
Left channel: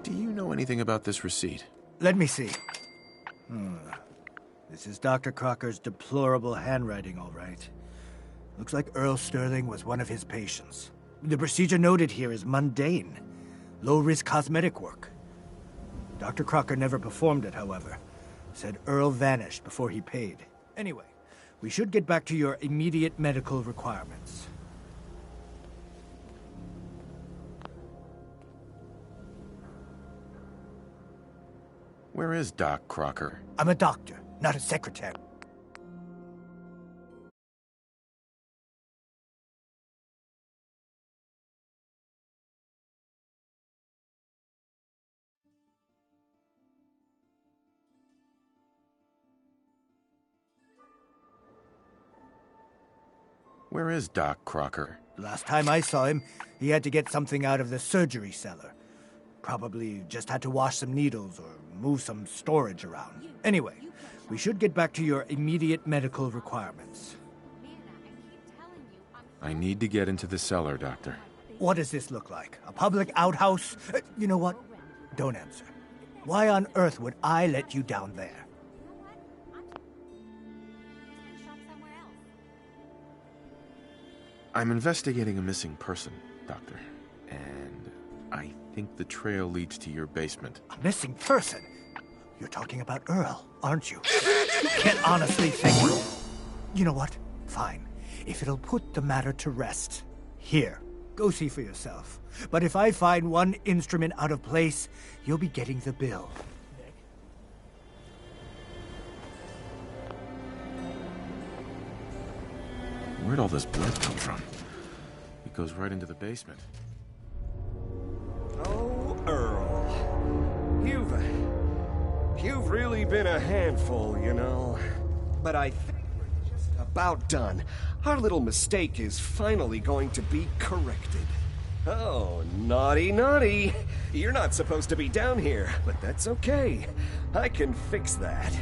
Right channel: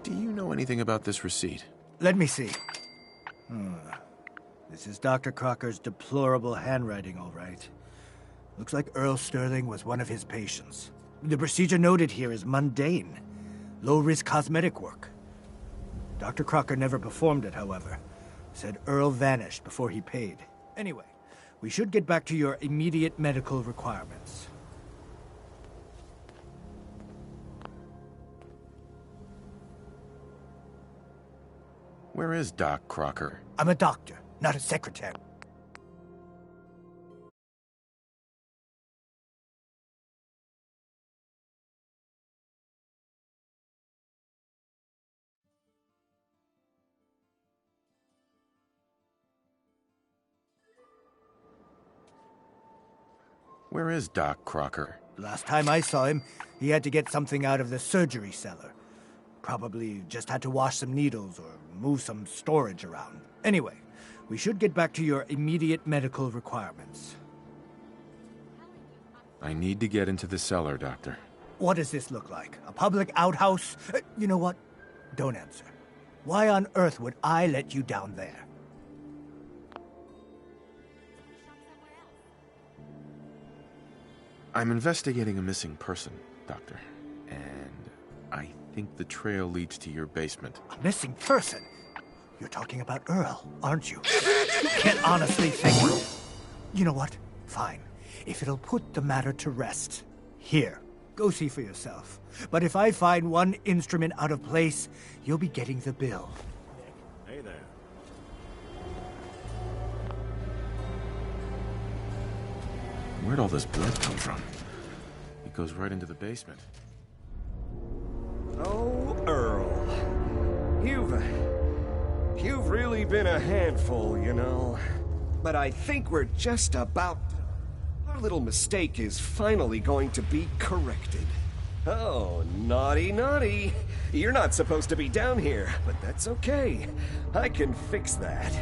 Do you know anything about this receipt? Let me see. This is Dr. Clarke's deplorable handwriting, all right. Looks like Earl Sterling was one of his patients. The procedure noted here is mundane, low-risk cosmetic work. Dr. Clarke never performed it, however. Said Earl vanished before he paid. Anyway, we should get back to your immediate medical requirements. Where is Doc Clarke? I'm a doctor, not a secretary. Where is Doc Clarke? Last time I saw him, he had to get something out of the surgery cellar. Probably just had to wash some needles or move some storage around. Anyway, We should get back to your immediate medical requirements. I need to get into the cellar, Doctor. What does this look like? A public outhouse? You know what? Don't answer. Why on earth would I let you down there? I'm investigating a missing person, Doctor. And I think the trail leads to your basement. A missing person? You're talking about Earl, aren't you? You can't honestly think... You know what? Fine. If it'll put the matter to rest. Here, go see for yourself. But if I find one instrument out of place, you'll be getting the bill. Nick, hey there. Where'd all this blood come from? It goes right into the basement. Oh, Earl. You've really been a handful, you know. But I think we're just about done. Our little mistake is finally going to be corrected. Oh, naughty, naughty. You're not supposed to be down here, but that's okay. I can fix that.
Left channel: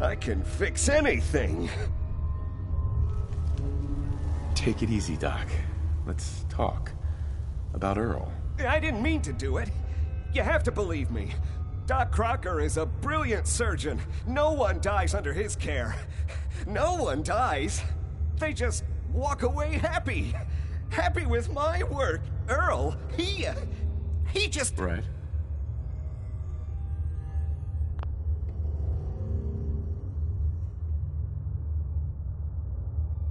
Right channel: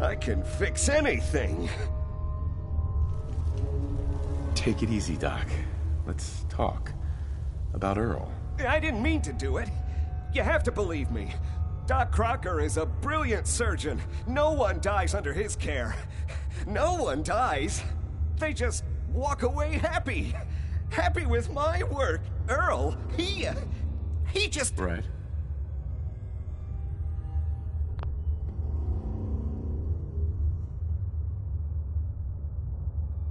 I can fix anything. Take it easy, Doc. Let's talk. About Earl. I didn't mean to do it. You have to believe me. Doc Clarke is a brilliant surgeon. No one dies under his care. No one dies. They just walk away happy. Happy with my work. Earl, he just... Right.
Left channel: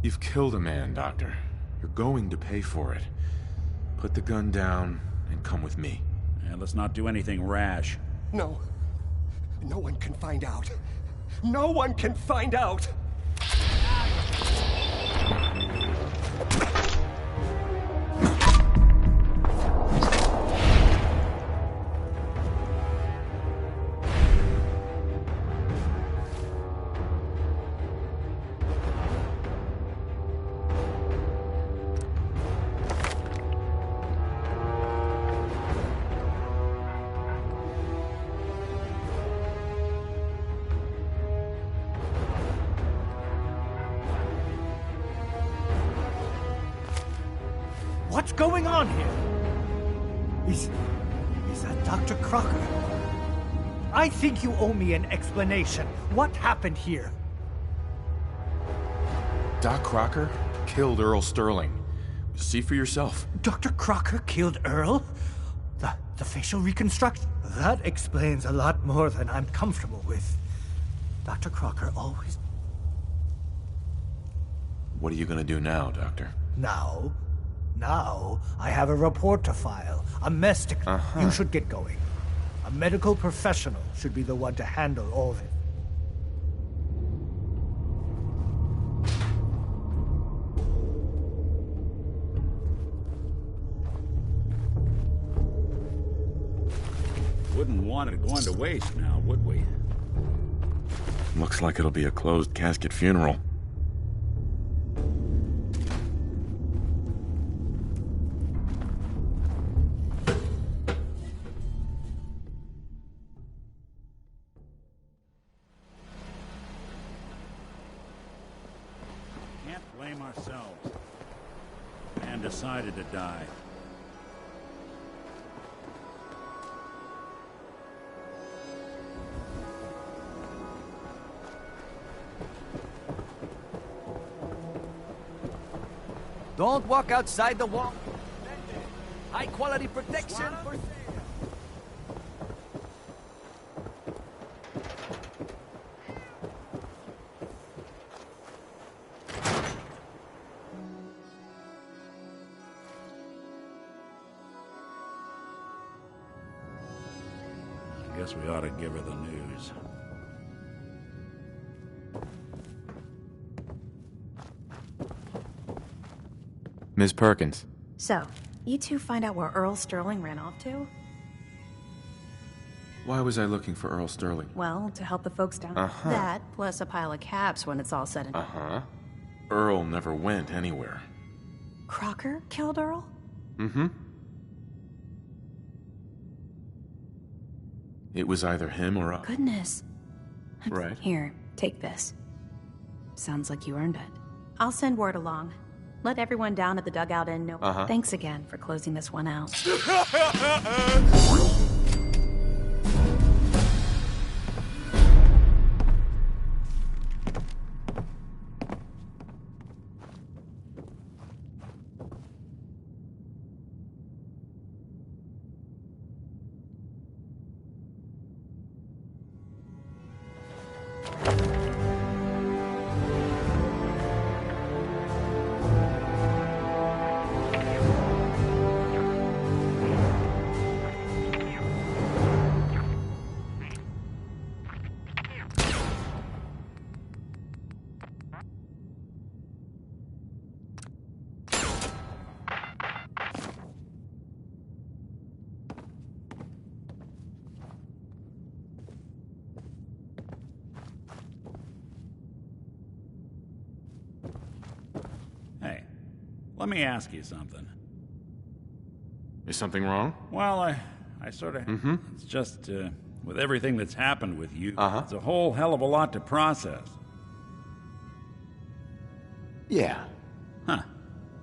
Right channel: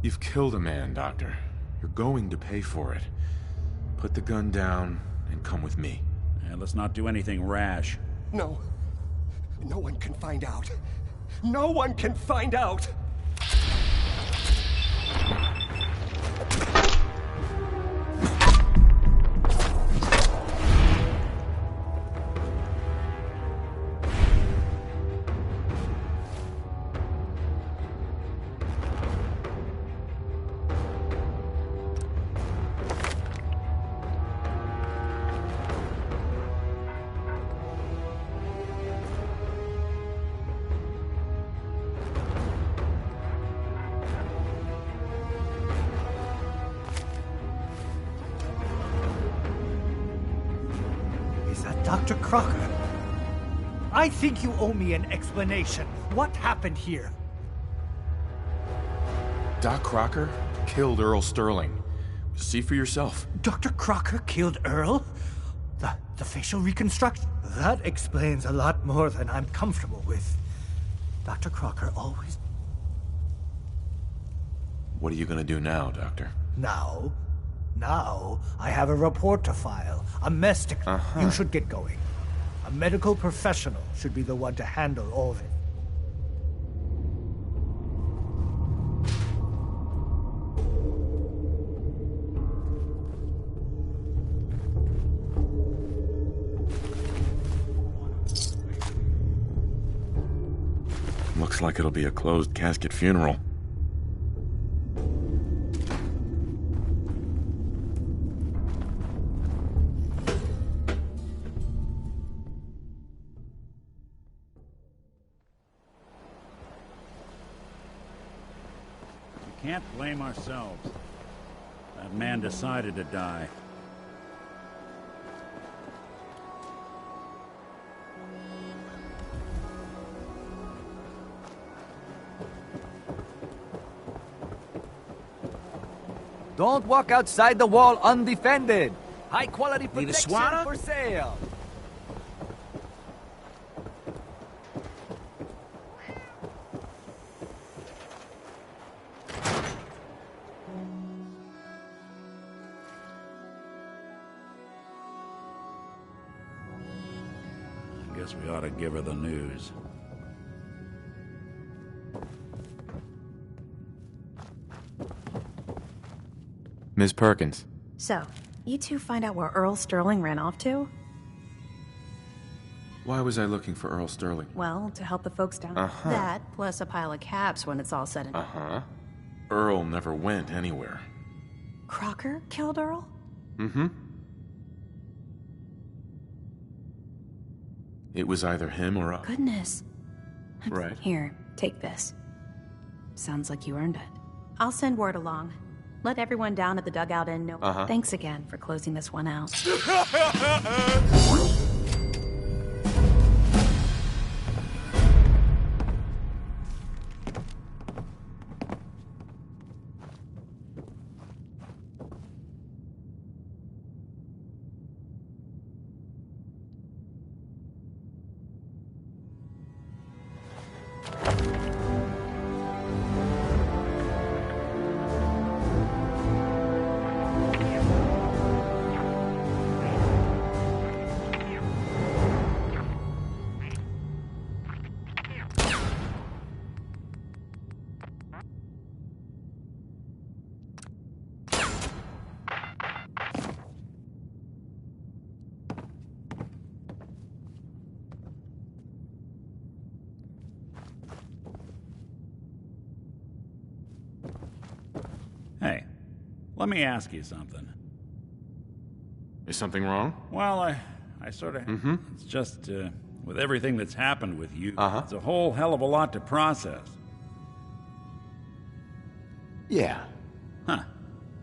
You've killed a man, Doctor. You're going to pay for it. Put the gun down and come with me. And let's not do anything rash. No. No one can find out. No one can find out! What's going on here? Is that Dr. Clarke? I think you owe me an explanation. What happened here? Doc Clarke killed Earl Sterling. See for yourself. Dr. Clarke killed Earl? The facial reconstruction? That explains a lot more than I'm comfortable with. Dr. Clarke always... What are you gonna do now, Doctor? Now, I have a report to file. A mess to... You should get going. A medical professional should be the one to handle all of it. Wouldn't want it going to waste now, would we? Looks like it'll be a closed casket funeral. Can't blame ourselves. That man decided to die. Don't walk outside the wall undefended. High quality protection for sale. I guess we ought to give her the news. Miss Perkins. So, you two find out where Earl Sterling ran off to? Why was I looking for Earl Sterling? Well, to help the folks down. That, plus a pile of caps when it's all said and done. Earl never went anywhere. Clarke killed Earl? Mm-hmm. It was either him or us. Goodness. Right. Here, Take this. Sounds like you earned it. I'll send word along. Let everyone down at the dugout end know. Thanks again for closing this one out. Hey, let me ask you something. Is something wrong? Well, I sort of... It's just, with everything that's happened with you, it's a whole hell of a lot to process. Yeah. Huh.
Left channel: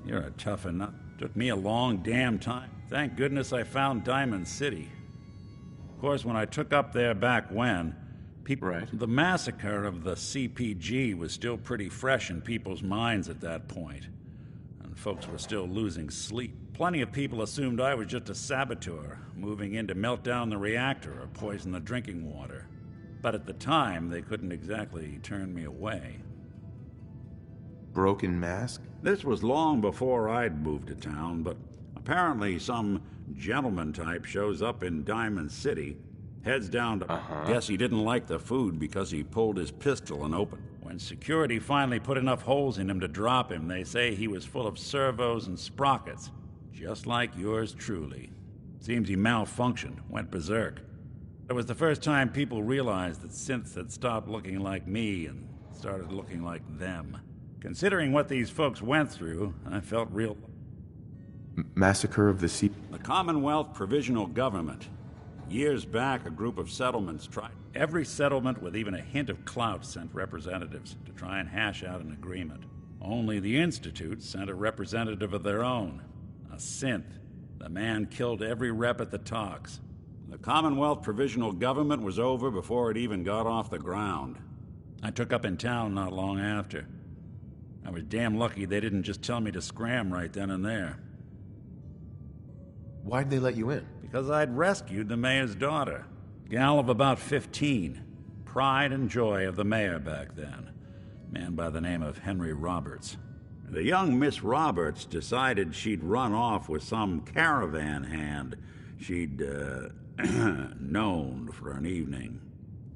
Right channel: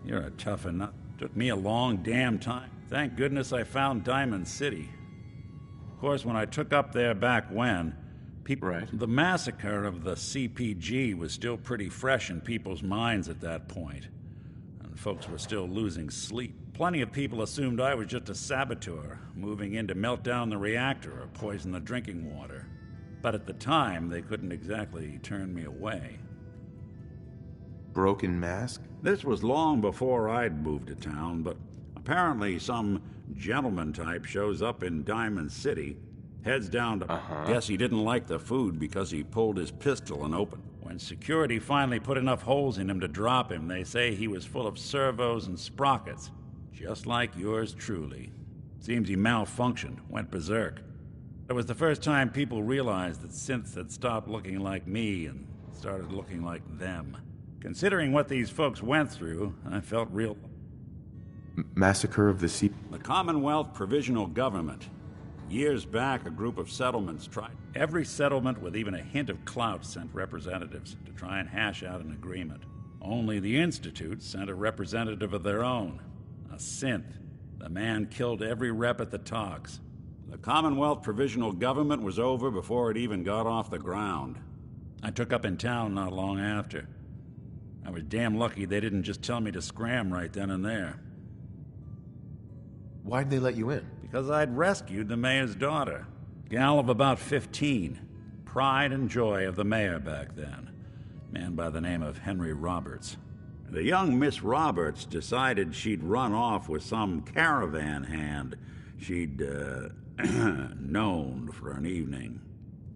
You're a tough nut. Took me a long damn time. Thank goodness I found Diamond City. Of course, when I took up there back when, the massacre of the CPG was still pretty fresh in people's minds at that point, and folks were still losing sleep. Plenty of people assumed I was just a saboteur, moving in to melt down the reactor or poison the drinking water. But at the time, they couldn't exactly turn me away. Broken mask? This was long before I'd moved to town, but apparently some gentleman type shows up in Diamond City, heads down to... Guess he didn't like the food because he pulled his pistol and opened. When security finally put enough holes in him to drop him, they say he was full of servos and sprockets. Just like yours truly. Seems he malfunctioned, went berserk. It was the first time people realized that synths had stopped looking like me and started looking like them. Considering what these folks went through, I felt real... Massacre of the The Commonwealth Provisional Government. Years back, a group of settlements tried... Every settlement with even a hint of clout sent representatives to try and hash out an agreement. Only the Institute sent a representative of their own. A synth. The man killed every rep at the talks. The Commonwealth Provisional Government was over before it even got off the ground. I took up in town not long after. I was damn lucky they didn't just tell me to scram right then and there. Why'd they let you in? Because I'd rescued the mayor's daughter. Gal of about 15. Pride and joy of the mayor back then. Man by the name of Henry Roberts. The young Miss Roberts decided she'd run off with some caravan hand she'd, known for an evening.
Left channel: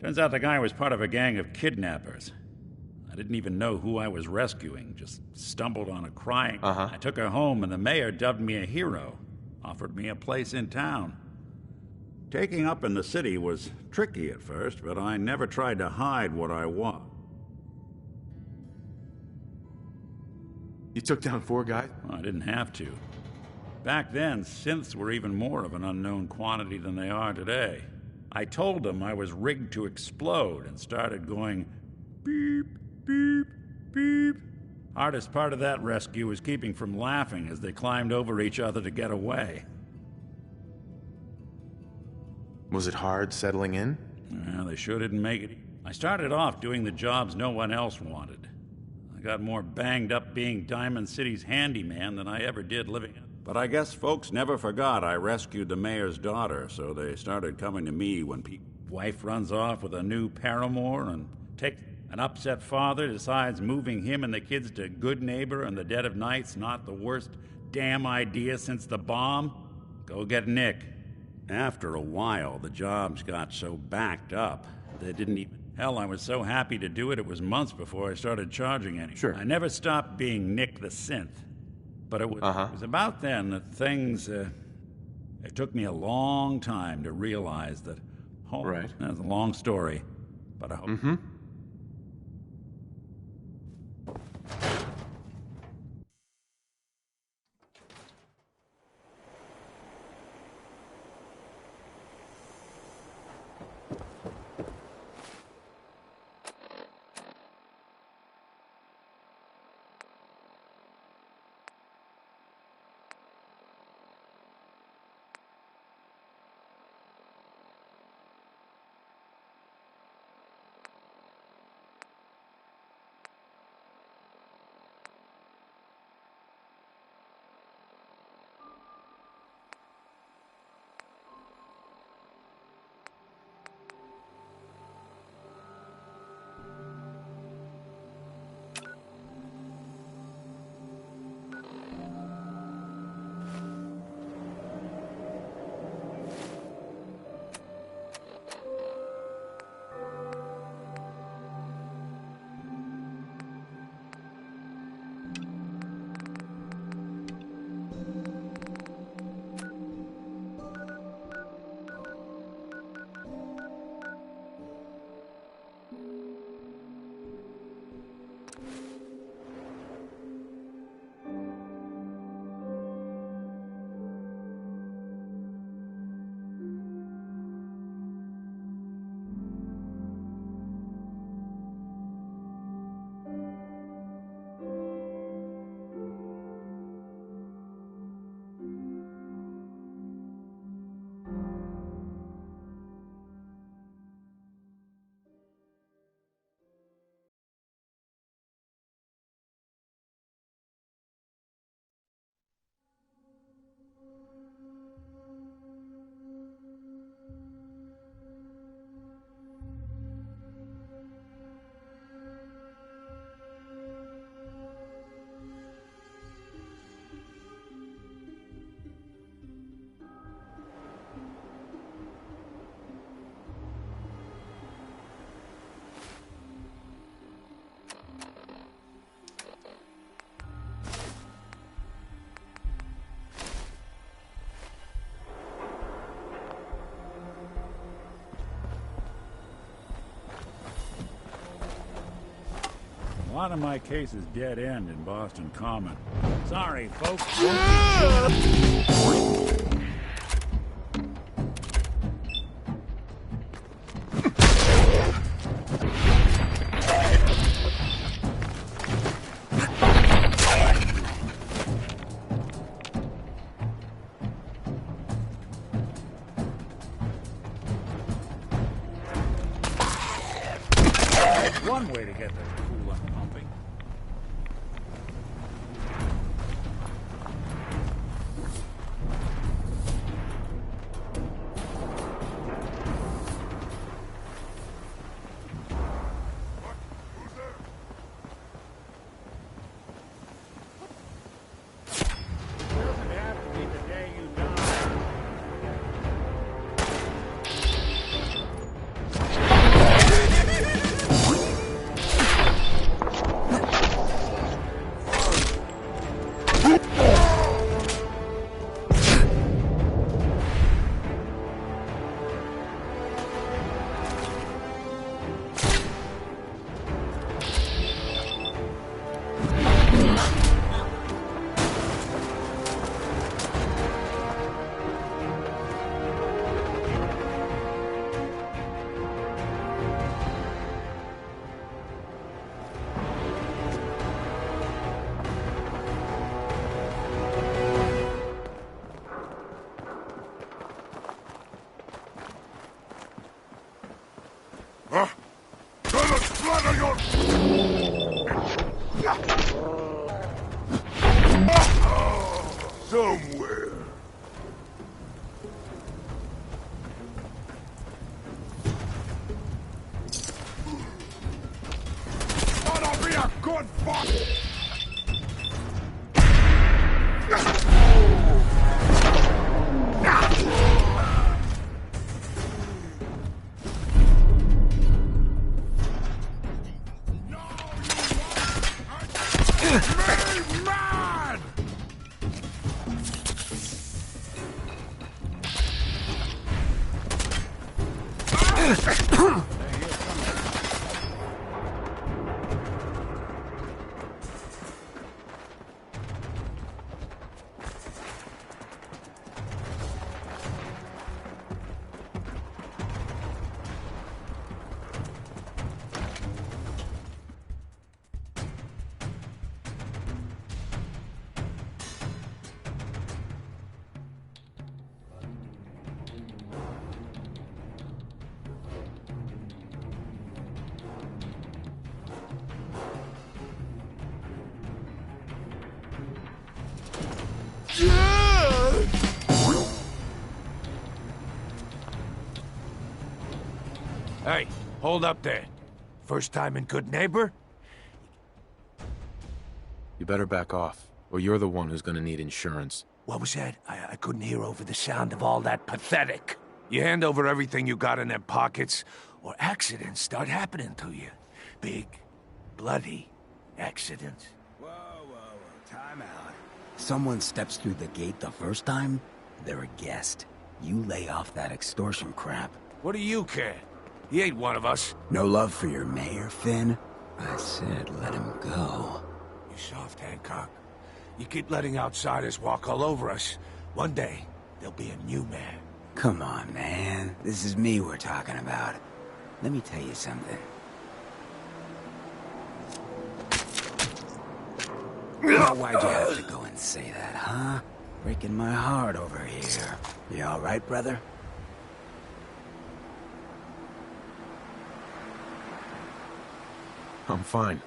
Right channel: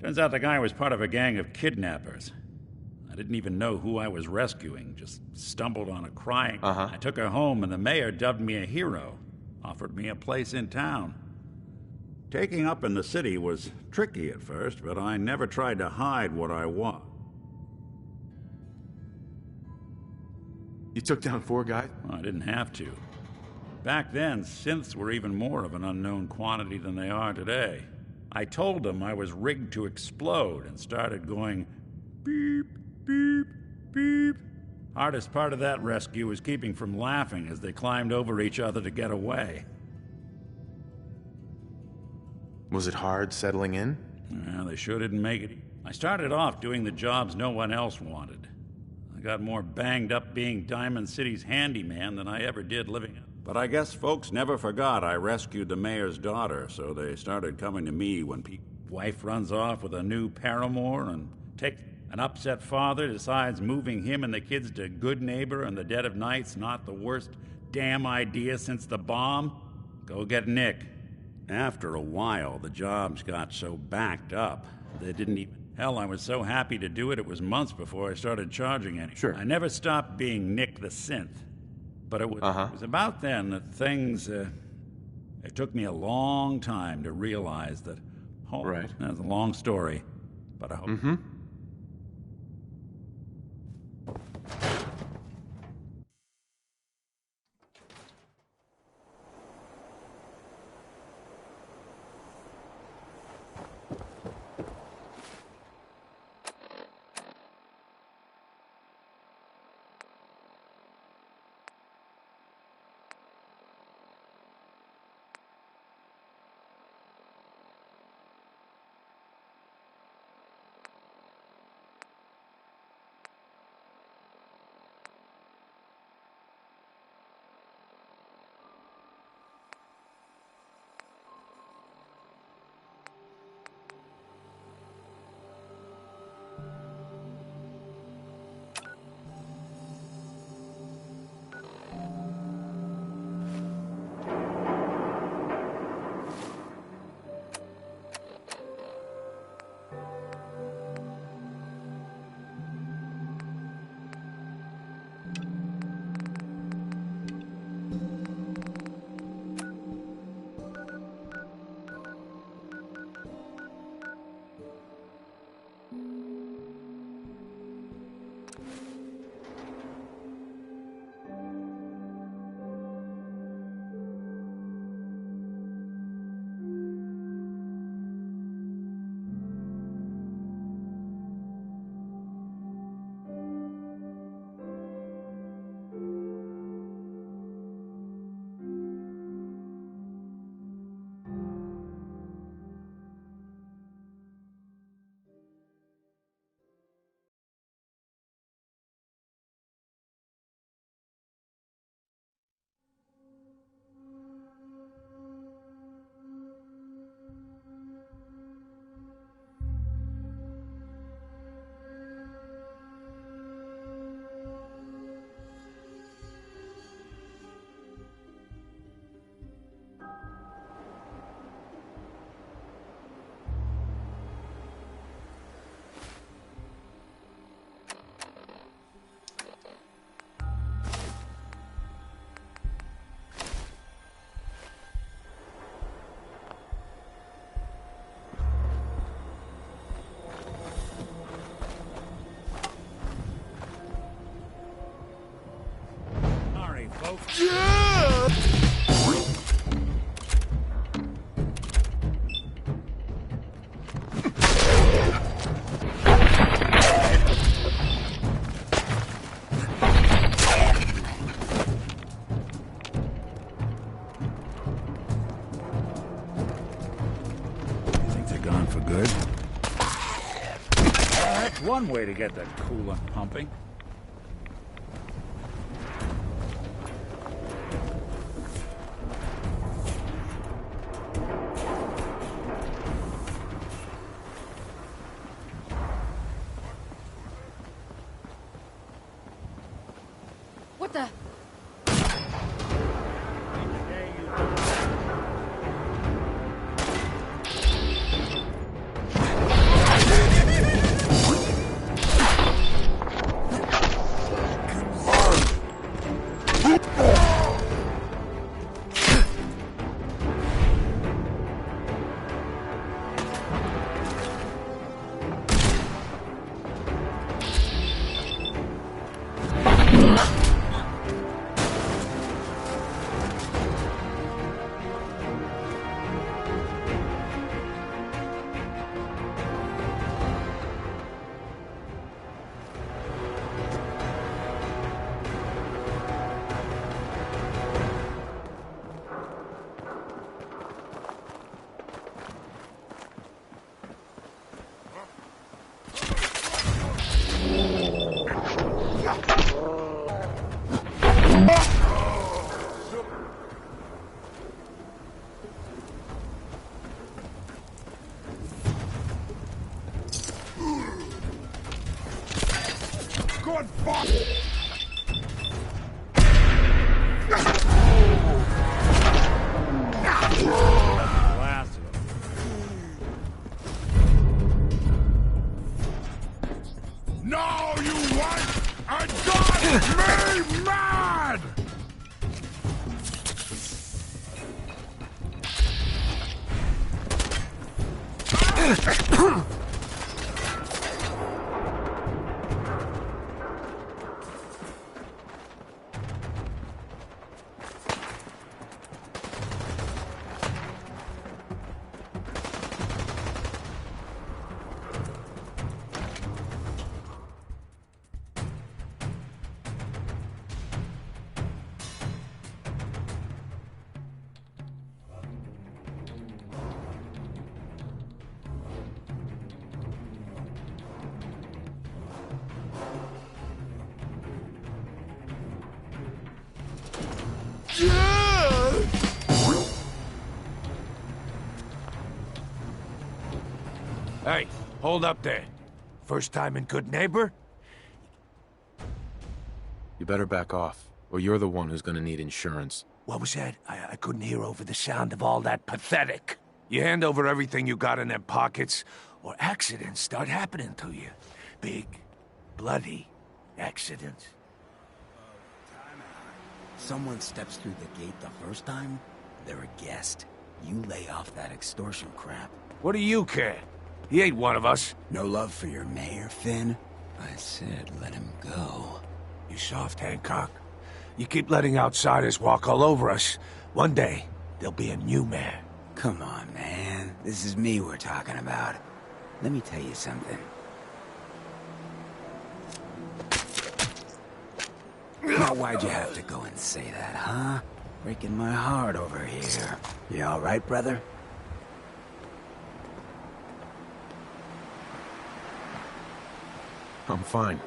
Turns out the guy was part of a gang of kidnappers. I didn't even know who I was rescuing, just stumbled on a crying. I took her home, and the mayor dubbed me a hero, offered me a place in town. Taking up in the city was tricky at first, but I never tried to hide what I was. You took down 4 guys? Well, I didn't have to. Back then, synths were even more of an unknown quantity than they are today. I told them I was rigged to explode and started going beep, beep, beep. Hardest part of that rescue was keeping from laughing as they climbed over each other to get away. Was it hard settling in? Well, they sure didn't make it. I started off doing the jobs no one else wanted. I got more banged up being Diamond City's handyman than I ever did living it. But I guess folks never forgot I rescued the mayor's daughter, so they started coming to me when wife runs off with a new paramour and an upset father decides moving him and the kids to Good Neighbor in the dead of night's not the worst damn idea since the bomb. Go get Nick. After a while, the jobs got so backed up, they didn't even... Hell, I was so happy to do it, it was months before I started charging any. Sure. I never stopped being Nick the Synth. But it was about then that things... it took me a long time to realize that... Right. That's a long story, but I hope... lot of my cases dead end in Boston Common. Sorry, folks. One way to get the coolant pumping. What the? Somewhere. Ought to be a good fuck. No, you want a dog me mad! Hey, hold up there. First time in Good Neighbor? You better back off, or you're the one who's gonna need insurance. What was that? I couldn't hear over the sound of all that pathetic. You hand over everything you got in them pockets, or accidents start happening to you. Big, bloody accidents. Time out. Someone steps through the gate the first time, they're a guest. You lay off that extortion crap. What do you care? He ain't one of us. No love for your mayor, Finn? I said let him go. You soft, Hancock. You keep letting outsiders walk all over us. One day, there'll be a new mayor. Come on, man. This is me we're talking about. Let me tell you something. Now, why'd you have to go and say that, huh? Breaking my heart over here. You all right, brother? I'm fine.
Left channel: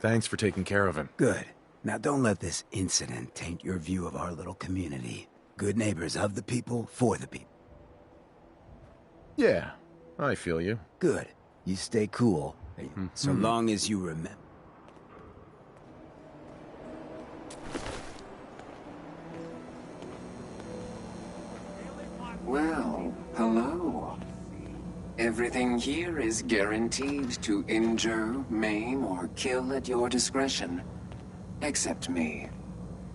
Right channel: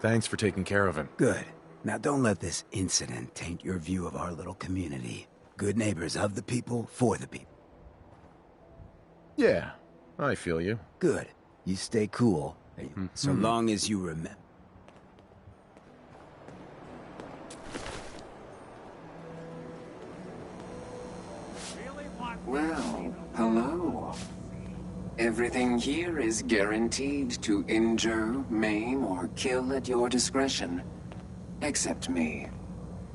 Thanks for taking care of him. Good. Now don't let this incident taint your view of our little community. Good neighbors of the people, for the people. Yeah, I feel you. Good. You stay cool, so long as you remember. Well, hello. Everything here is guaranteed to injure, maim, or kill at your discretion. Except me.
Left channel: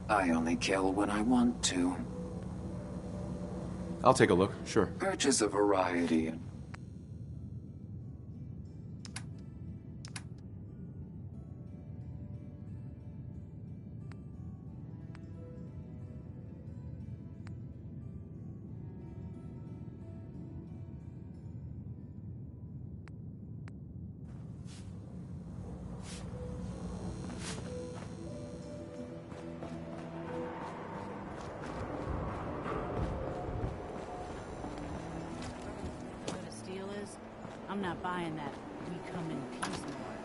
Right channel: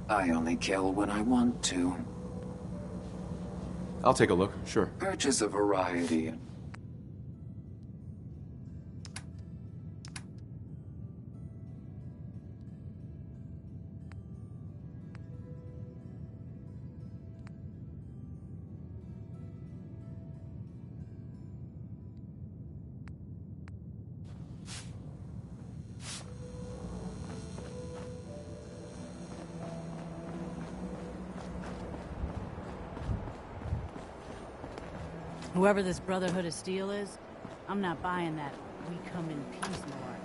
I only kill when I want to. I'll take a look, sure. Purchase a variety. Whoever this Brotherhood of Steel is, I'm not buying that we come in peace malarkey.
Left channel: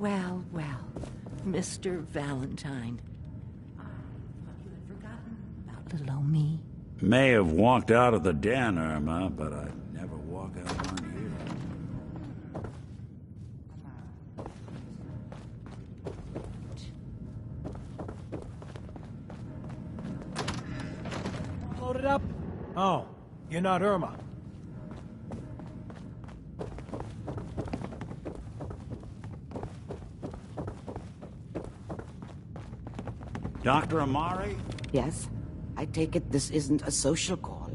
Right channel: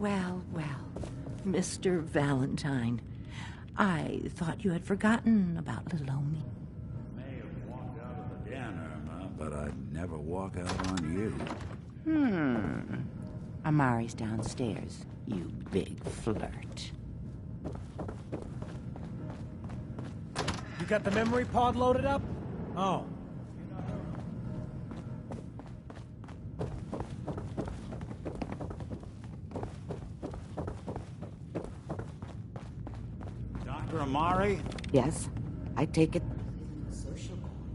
Well, well, Mr. Valentine. I thought you had forgotten about little old me. May have walked out of the den, Irma, but I'd never walk out on you. Amari's downstairs, you big flirt. You got the memory pod loaded up? Oh, you're not Irma. Dr. Amari? Yes? I take it this isn't a social call.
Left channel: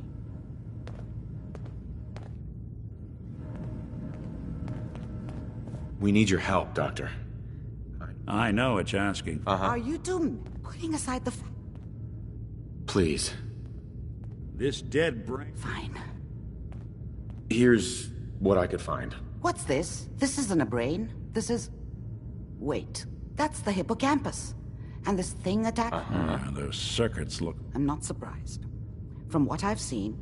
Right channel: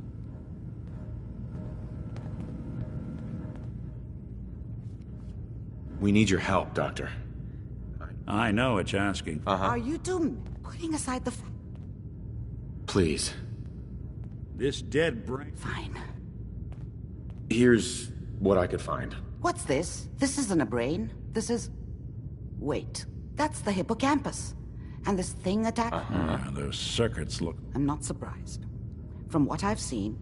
We need your help, Doctor. I know it's asking. Are you two putting aside the Please. This dead brain... Fine. Here's what I could find. What's this? This isn't a brain. This is... Wait. That's the hippocampus. And this thing attacked... Those circuits look... I'm not surprised. From what I've seen...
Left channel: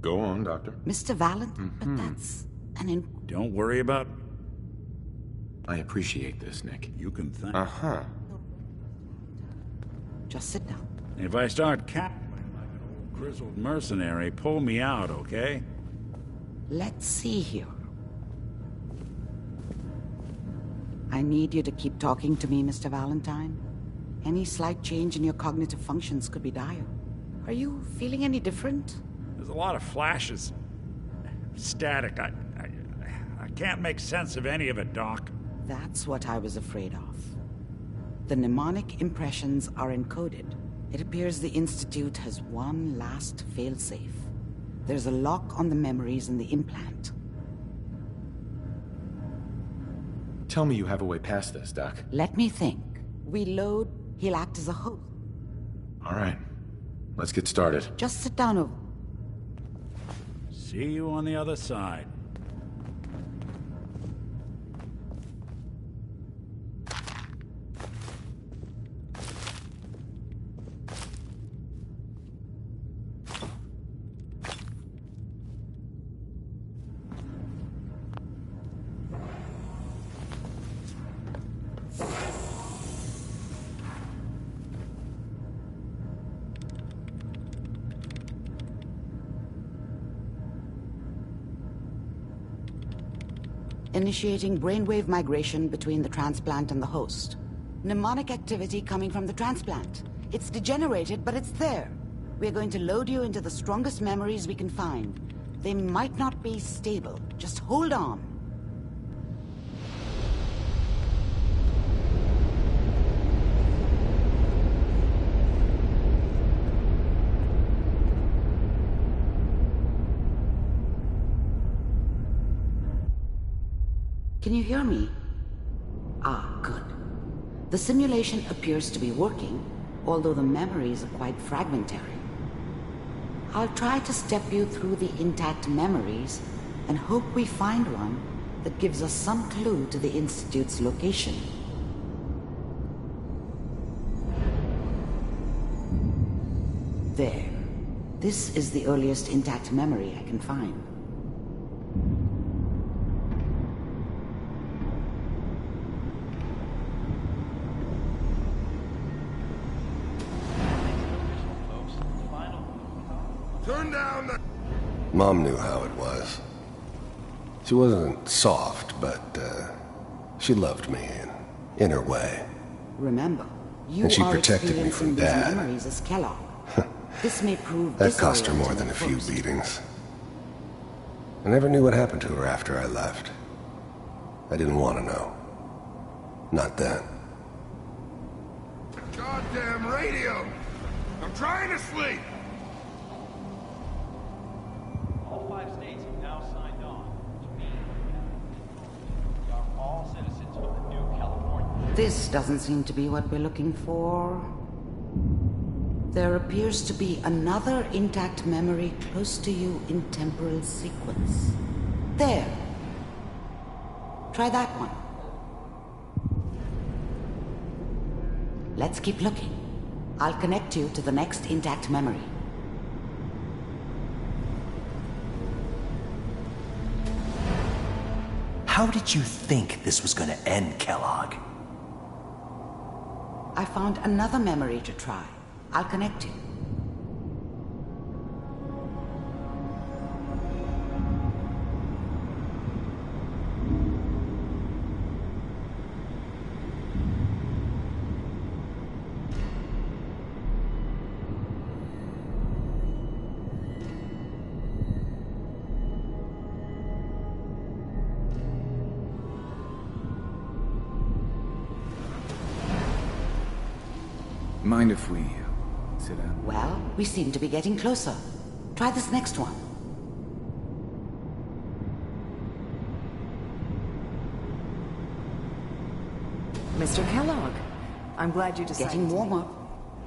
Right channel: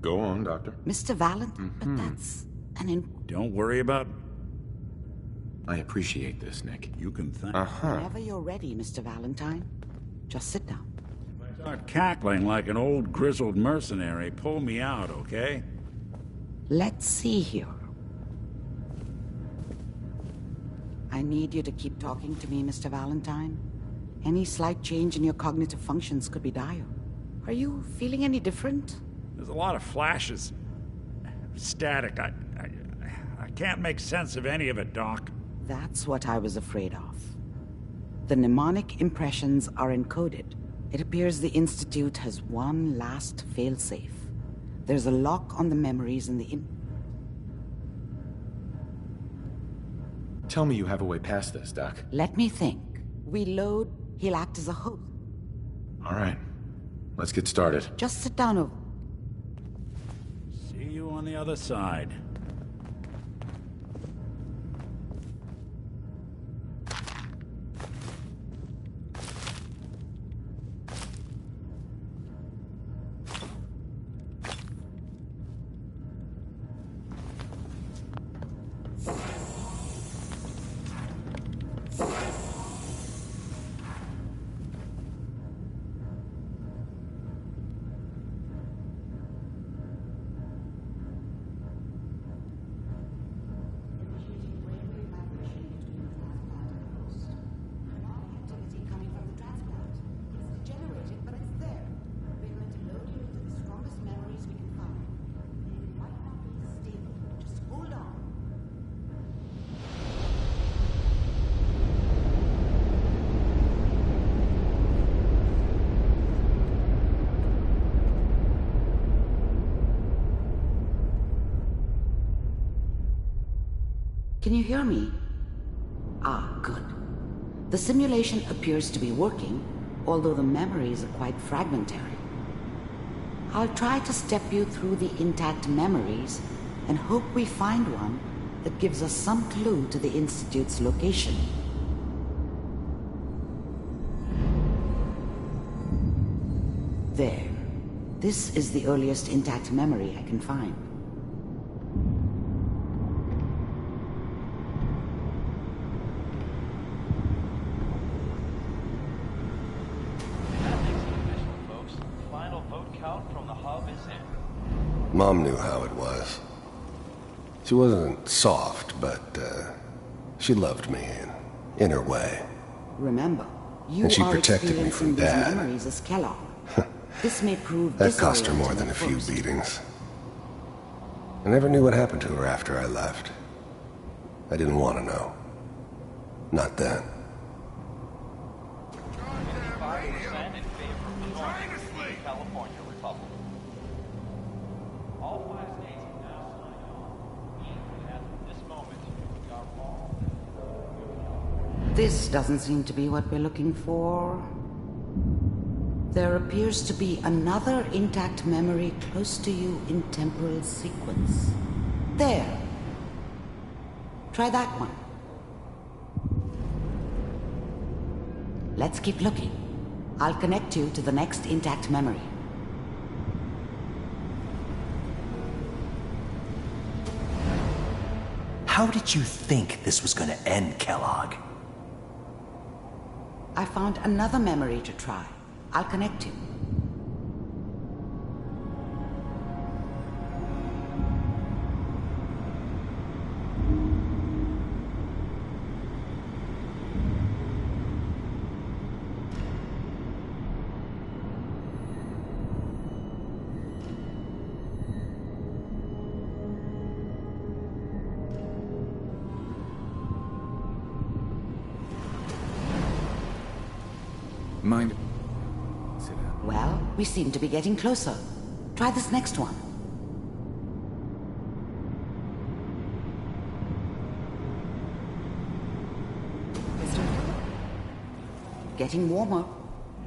Go on, Doctor. Mr. Valentine, but that's an... Don't worry about... I appreciate this, Nick. You can thank... Whenever you're ready, Mr. Valentine. Just sit down. If I start cackling like an old grizzled mercenary, pull me out, okay? Let's see here. I need you to keep talking to me, Mr. Valentine. Any slight change in your cognitive functions could be dire. Are you feeling any different? There's a lot of flashes. Static. I can't make sense of any of it, Doc. That's what I was afraid of. The mnemonic impressions are encoded. It appears the Institute has one last failsafe. There's a lock on the memories in the implant. Tell me you have a way past this, Doc. Let me think. We load, he'll act as a host. All right. Let's get started. Just sit down over. See you on the other side. Initiating brainwave migration between the transplant and the host. Mnemonic activity coming from the transplant. It's degenerated, but it's there. We're going to load you into the strongest memories we can find. They might not be stable. Just hold on. Can you hear me? Ah, good. The simulation appears to be working, although the memories are quite fragmentary. I'll try to step you through the intact memories and hope we find one that gives us some clue to the Institute's location. There. This is the earliest intact memory I can find. Mom knew how it was. She wasn't soft, but she loved me in her way. Remember, you And she are protected me experiencing from these Dad. memories as Clarke. This may prove That cost her more disorienting than a at few first. beatings. I never knew what happened to her after I left. I didn't want to know. Not then. Goddamn radio! I'm trying to sleep! All 5 states have now signed on, which means that from this moment, we are all citizens of the new California. This doesn't seem to be what we're looking for. There appears to be another intact memory close to you in temporal sequence. There. Try that one. Let's keep looking. I'll connect you to the next intact memory. How did you think this was gonna end, Kellogg? I found another memory to try. I'll connect you. Mind if we sit down? Well, we seem to be getting closer. Try this next one. Mr. Kellogg, I'm glad you decided. Getting warmer.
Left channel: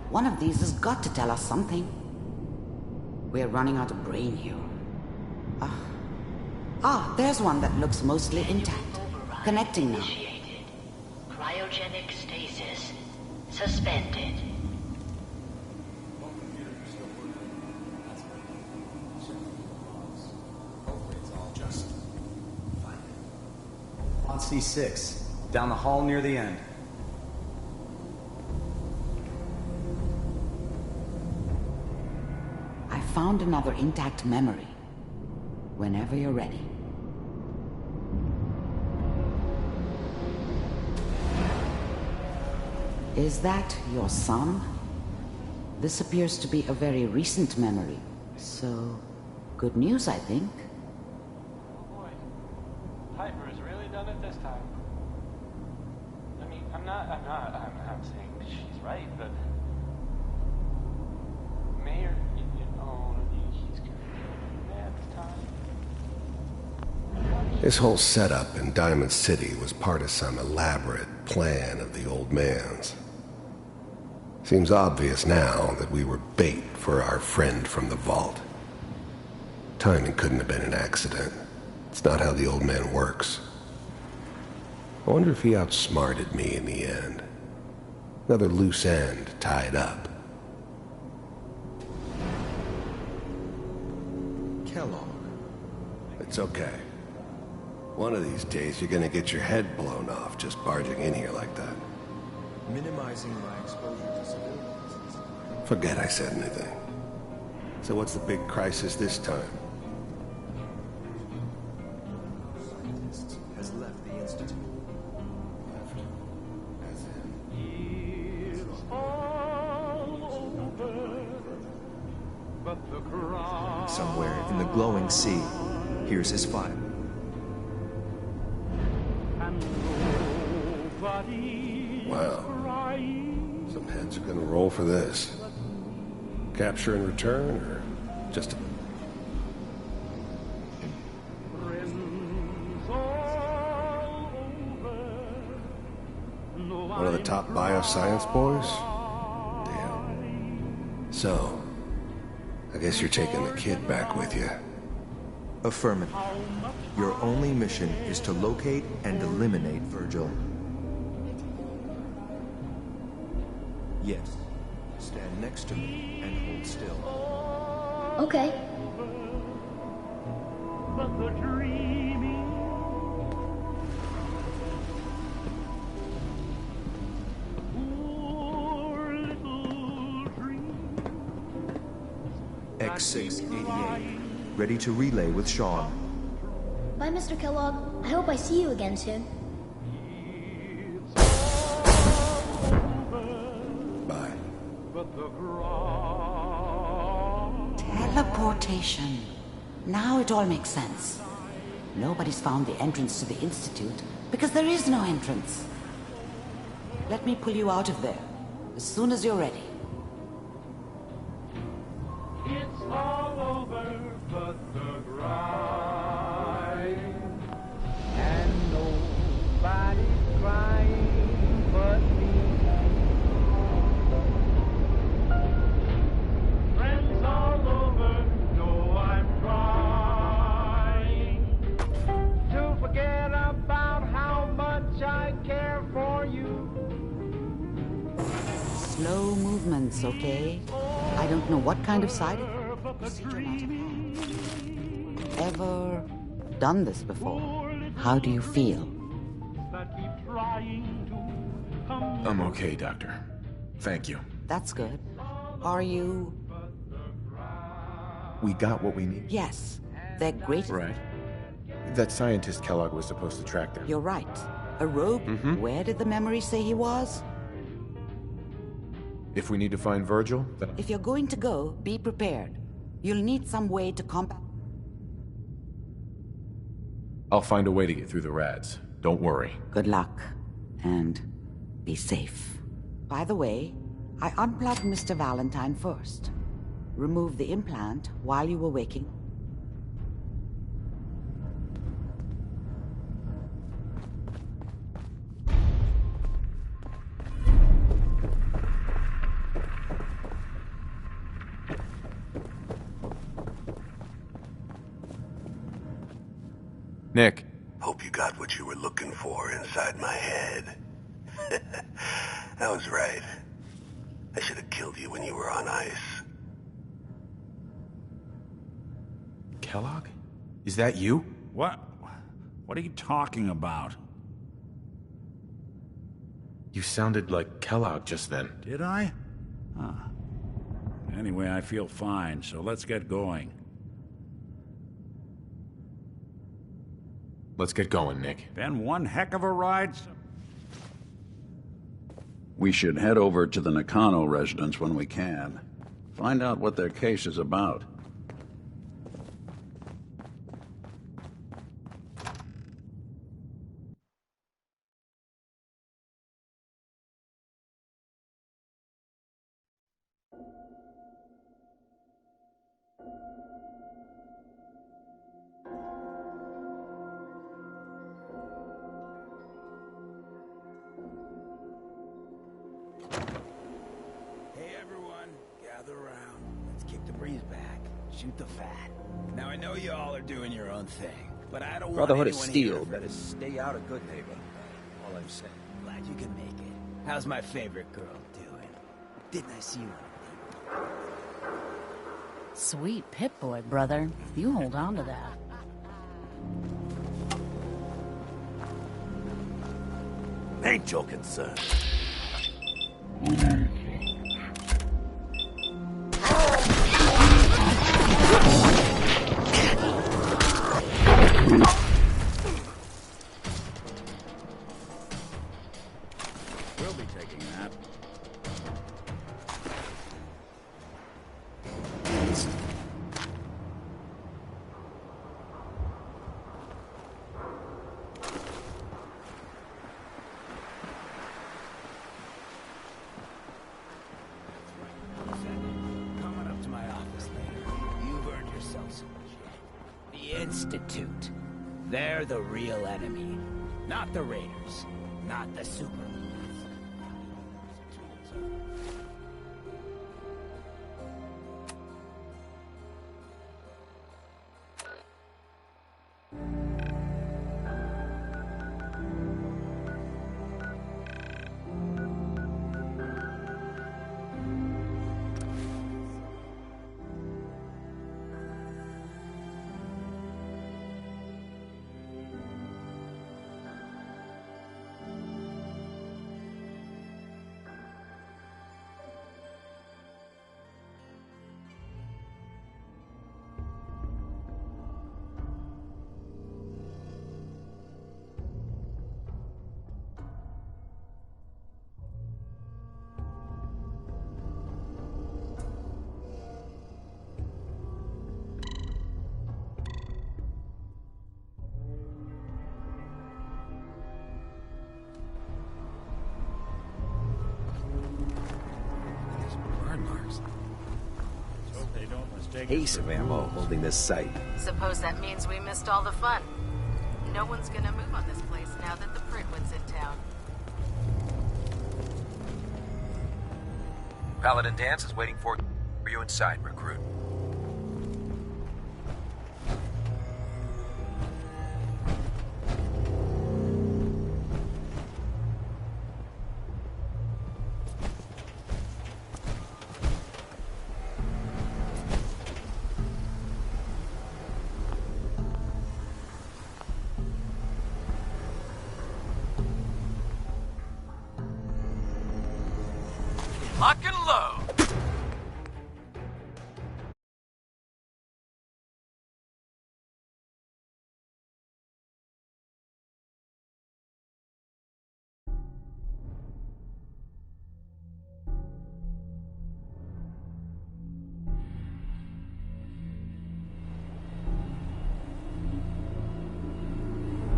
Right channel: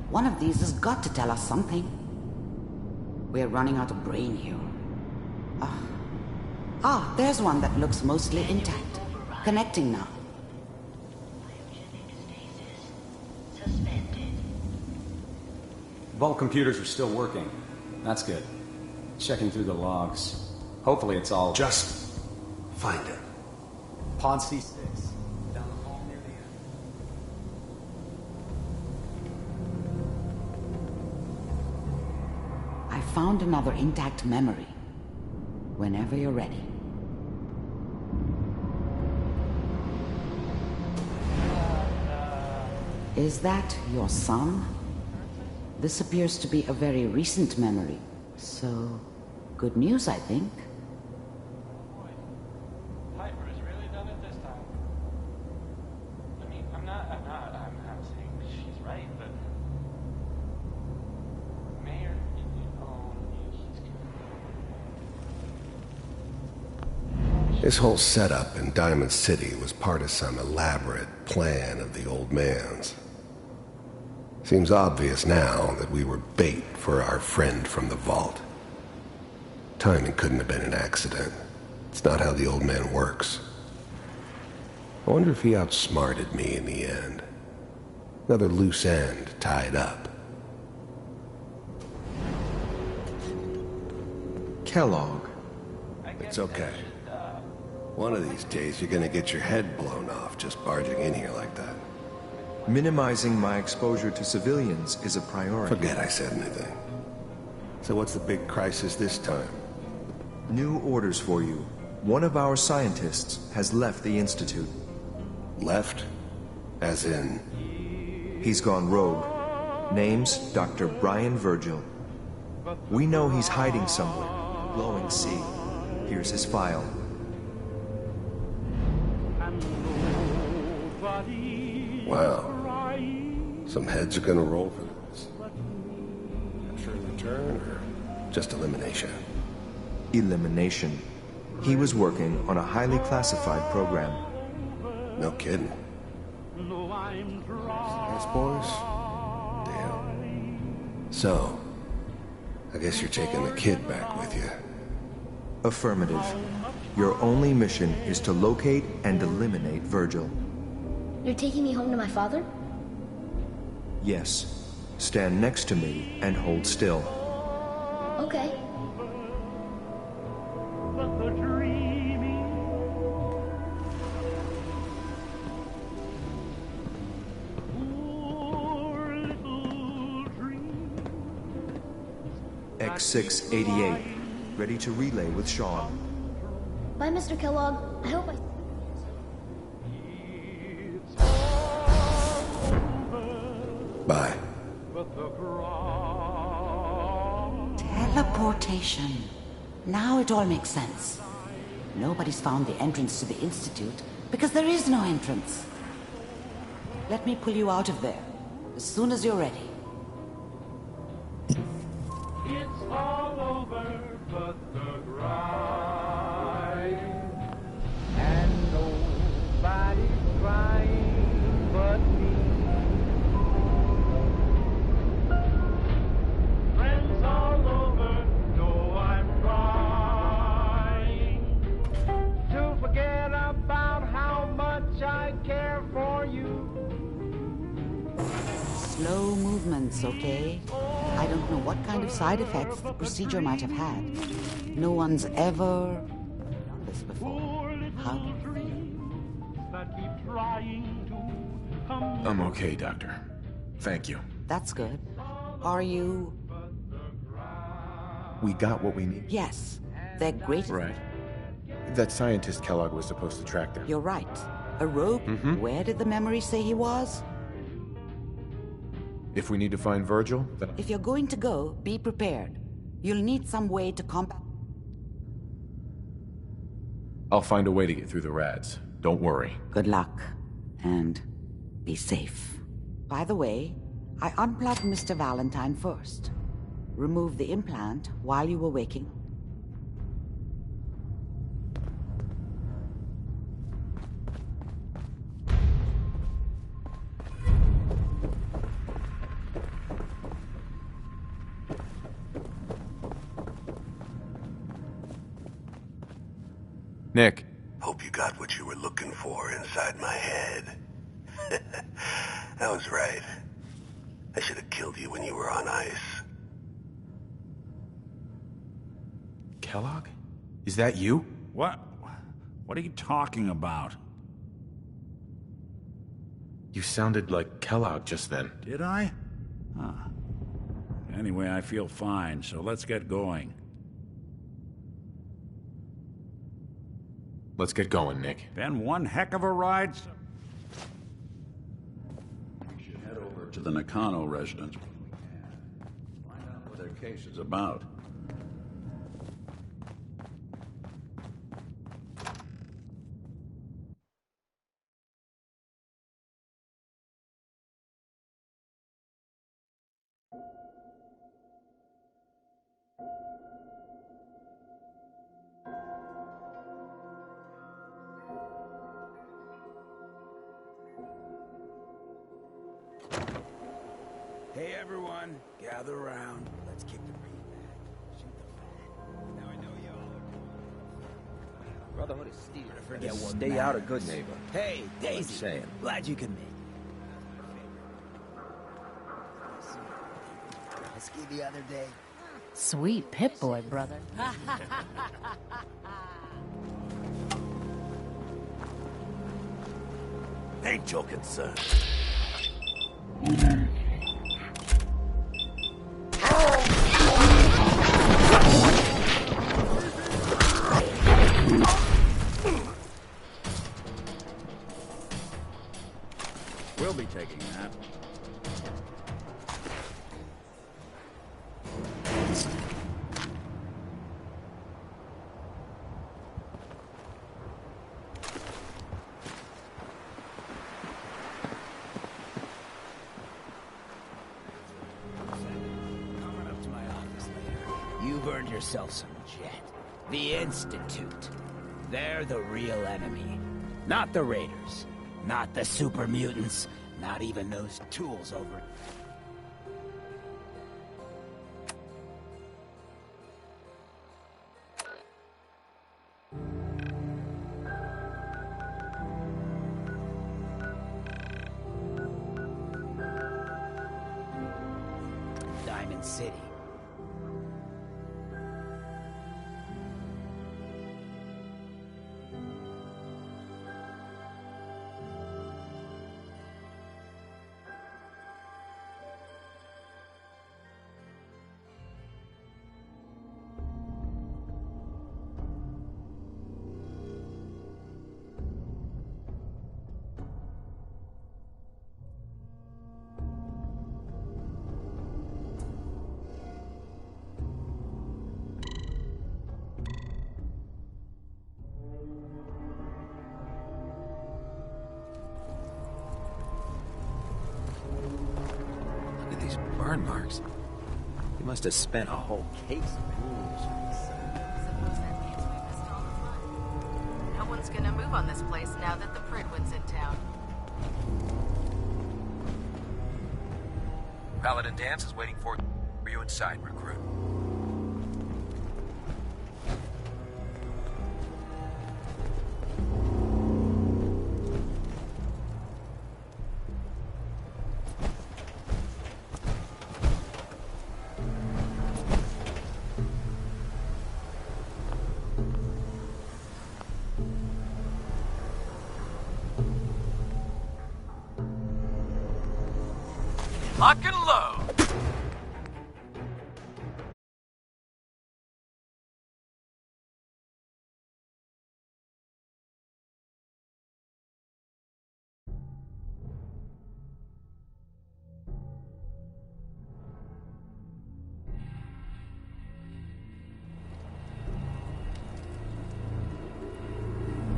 One of these has got to tell us something. We're running out of brain here. There's one that looks mostly intact. Connecting now. Cryogenic stasis suspended. Vault computers are still working. That's good. Checking through the logs. Hopefully it's all... Just find it. Pod C6. Down the hall near the end. I found another intact memory. Whenever you're ready. Is that your son? This appears to be a very recent memory. So, good news, I think. Oh boy. Piper has really done it this time. I mean, I'm not saying she's right, but... Mayor, he's gonna be mad at the time. This whole setup in Diamond City was part of some elaborate plan of the old man's. Seems obvious now that we were bait for our friend from the vault. Timing couldn't have been an accident. It's not how the old man works. I wonder if he outsmarted me in the end. Another loose end tied up. Kellogg. It's okay. One of these days you're gonna get your head blown off just barging in here like that. Minimizing my exposure to civilians is a priority. Forget I said anything. So what's the big crisis this time? New orders for you. One of our scientists has left the Institute. Left? As in? He's gone rogue. Name's Dr. Brian Virgil. We know he's hiding somewhere in the glowing sea. Here's his file. Wow. Some heads are gonna roll for this. Capture and return, or just elimination? Elimination. He was working on a highly classified program. No kidding. One of the top bioscience boys? Damn. So, I guess you're taking the kid back with you. Affirmative. Your only mission is to locate and eliminate Virgil. You're taking me home to my father? Yes. Stand next to me and hold still. Okay. But the dreaming poor little dream. X688. Ready to relay with Sean. Bye, Mr. Kellogg. I hope I see you again soon. Bye. Teleportation. Now it all makes sense. Nobody's found the entrance to the Institute because there is no entrance. Let me pull you out of there as soon as you're ready. It's all over but the grind, and nobody's crying but me. Slow movements, okay? I don't know what kind of side effects the procedure might have had. No one's ever done this before. How do you feel? I'm okay, Doctor. Thank you. That's good. Are you... We got what we need. Yes. They're great. Right. That scientist Kellogg was supposed to track them. You're right. A rogue? Where did the memory say he was? If we need to find Virgil, then... If you're going to go, be prepared. You'll need some way to combat... I'll find a way to get through the rads. Don't worry. Good luck. And be safe. By the way, I unplugged Mr. Valentine first. Removed the implant while you were waking. Nick. Hope you got what you were looking for inside my head. I was right. I should have killed you when you were on ice. Kellogg? Is that you? What are you talking about? You sounded like Kellogg just then. Did I? Huh. Anyway, I feel fine, so let's get going. Let's get going, Nick. Been one heck of a ride. We should head over to the Nakano residence when we can. Find out what their case is about. Hey everyone, gather around. Let's kick the breeze back. Shoot the fat. Now I know you all are doing your own thing, but I don't Brotherhood want of anyone here Steel, to forget better what stay out of good matters. neighbor. Hey, All I'm Daisy, saying. glad you can make it. How's my favorite girl doing? Didn't I see you on the the other day? Sweet Pip-Boy, brother. You hold on to that. Ain't your concern. We'll be taking that. Coming up to my office later. You've earned yourself some jet. The Institute. They're the real enemy. Not the Raiders. Not the super mutants. Not even those tools over. Diamond City. Look at these burn marks. You must have spent a whole case of ammo holding this site. Suppose that means we missed all the fun. No one's gonna move on this place now that the Pridwin's in town. Paladin Dance is waiting for you inside, recruit. Lock and load.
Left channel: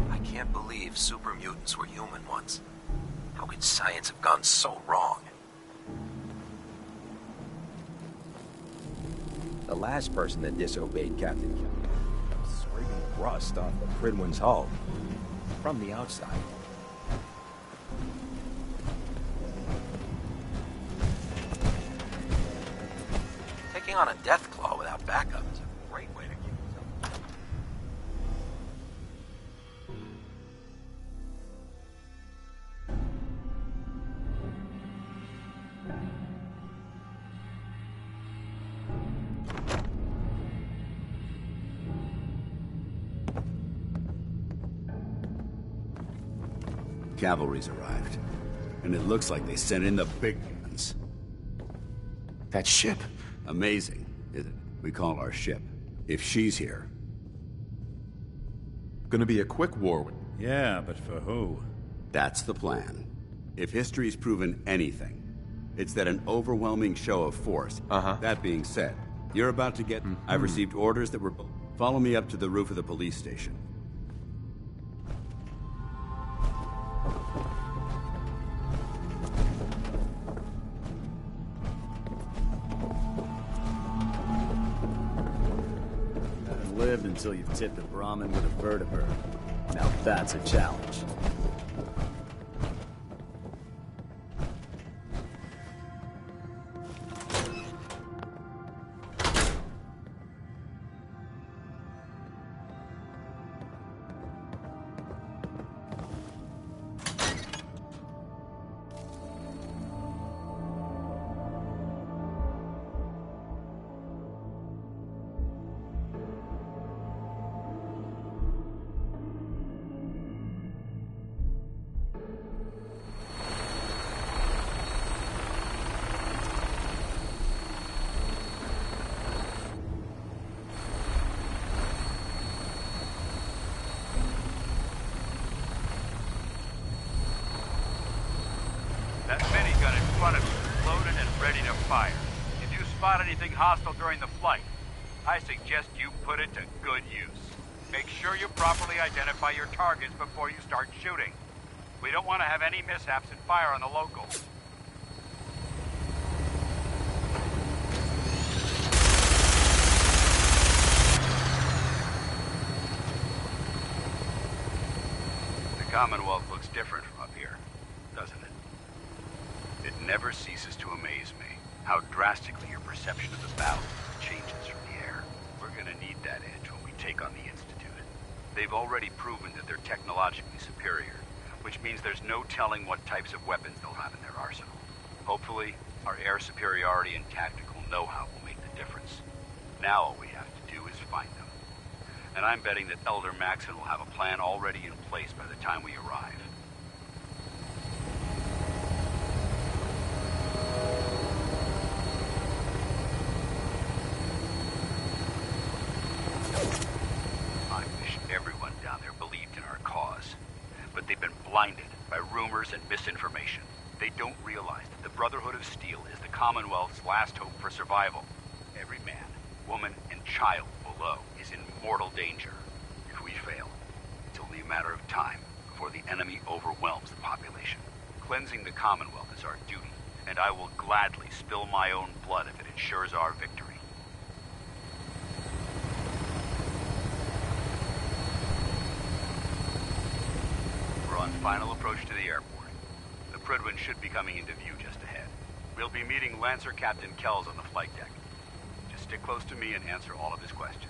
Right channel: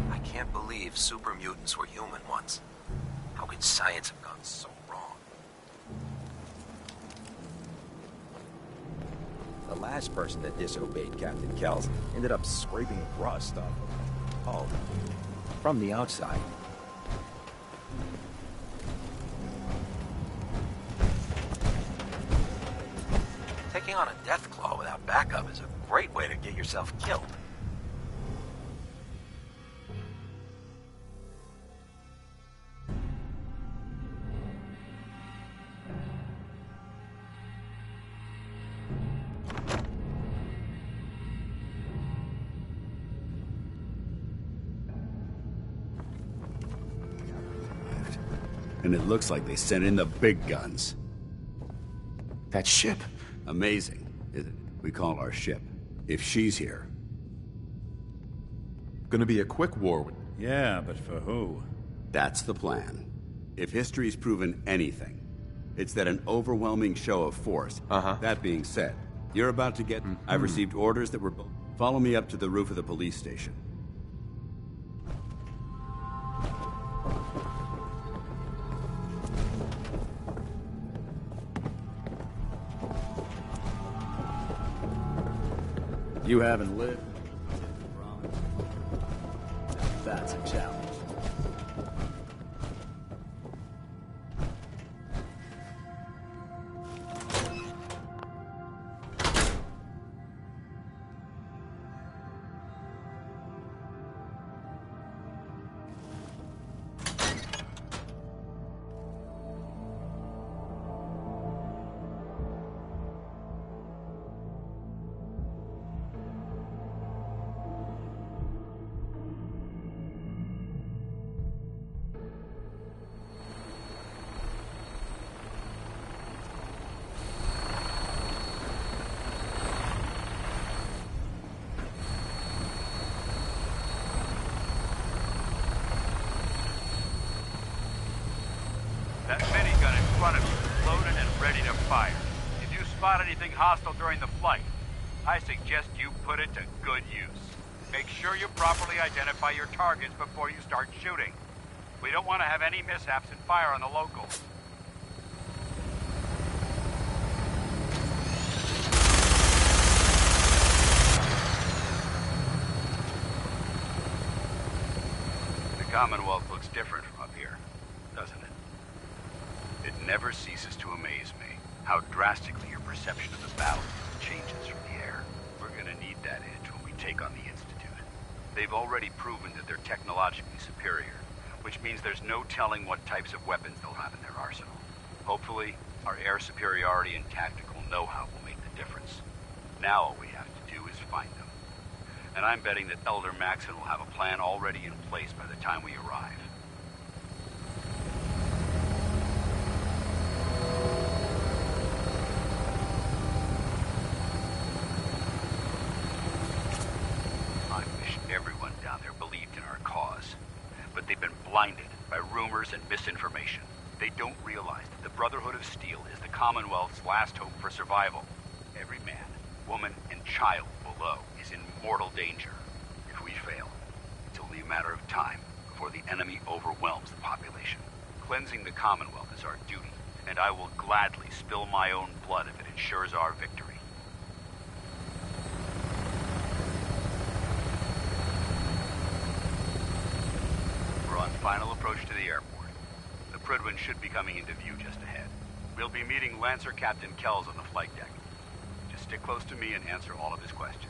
I can't believe super mutants were human once. How could science have gone so wrong? The last person that disobeyed Captain Kells ended up scraping rust off of Pridwin's hull. From the outside. Taking on a Deathclaw without backup is a great way to get yourself killed. Cavalry's arrived. And it looks like they sent in the big guns. That ship? Amazing, isn't it? We call our ship. If she's here. Gonna be a quick war with... Yeah, but for who? That's the plan. If history's proven anything, it's that an overwhelming show of force. That being said, you're about to get... I've received orders that were... Follow me up to the roof of the police station. You haven't lived until you've tipped a Brahmin with a vertebrae. Now that's a challenge. That minigun in front of you is loaded and ready to fire. If you spot anything hostile during the flight, I suggest you put it to good use. Make sure you properly identify your targets before you start shooting. We don't want to have any mishaps and fire on the locals. The Commonwealth looks different from up here, doesn't it? It never ceases to amaze me how drastically your perception of the battle changes from the air. We're gonna need that edge when we take on the Institute. They've already proven that they're technologically superior, which means there's no telling what types of weapons they'll have in their arsenal. Hopefully, our air superiority and tactical know-how will make the difference. Now all we have to do is find them. And I'm betting that Elder Maxon will have a plan already in place by the time we arrive. I wish everyone down there believed in our cause. But they've been blinded by rumors and misinformation. They don't realize that the Brotherhood of Steel is the Commonwealth's last hope for survival. Every man, woman, and child below is in mortal danger. If we fail, it's only a matter of time before the enemy overwhelms the population. Cleansing the Commonwealth is our duty, and I will gladly spill my own blood if it ensures our victory. We're on final approach to the airport. The Pridwin should be coming into view just ahead. We'll be meeting Lancer Captain Kells on the flight deck. Just stick close to me and answer all of his questions.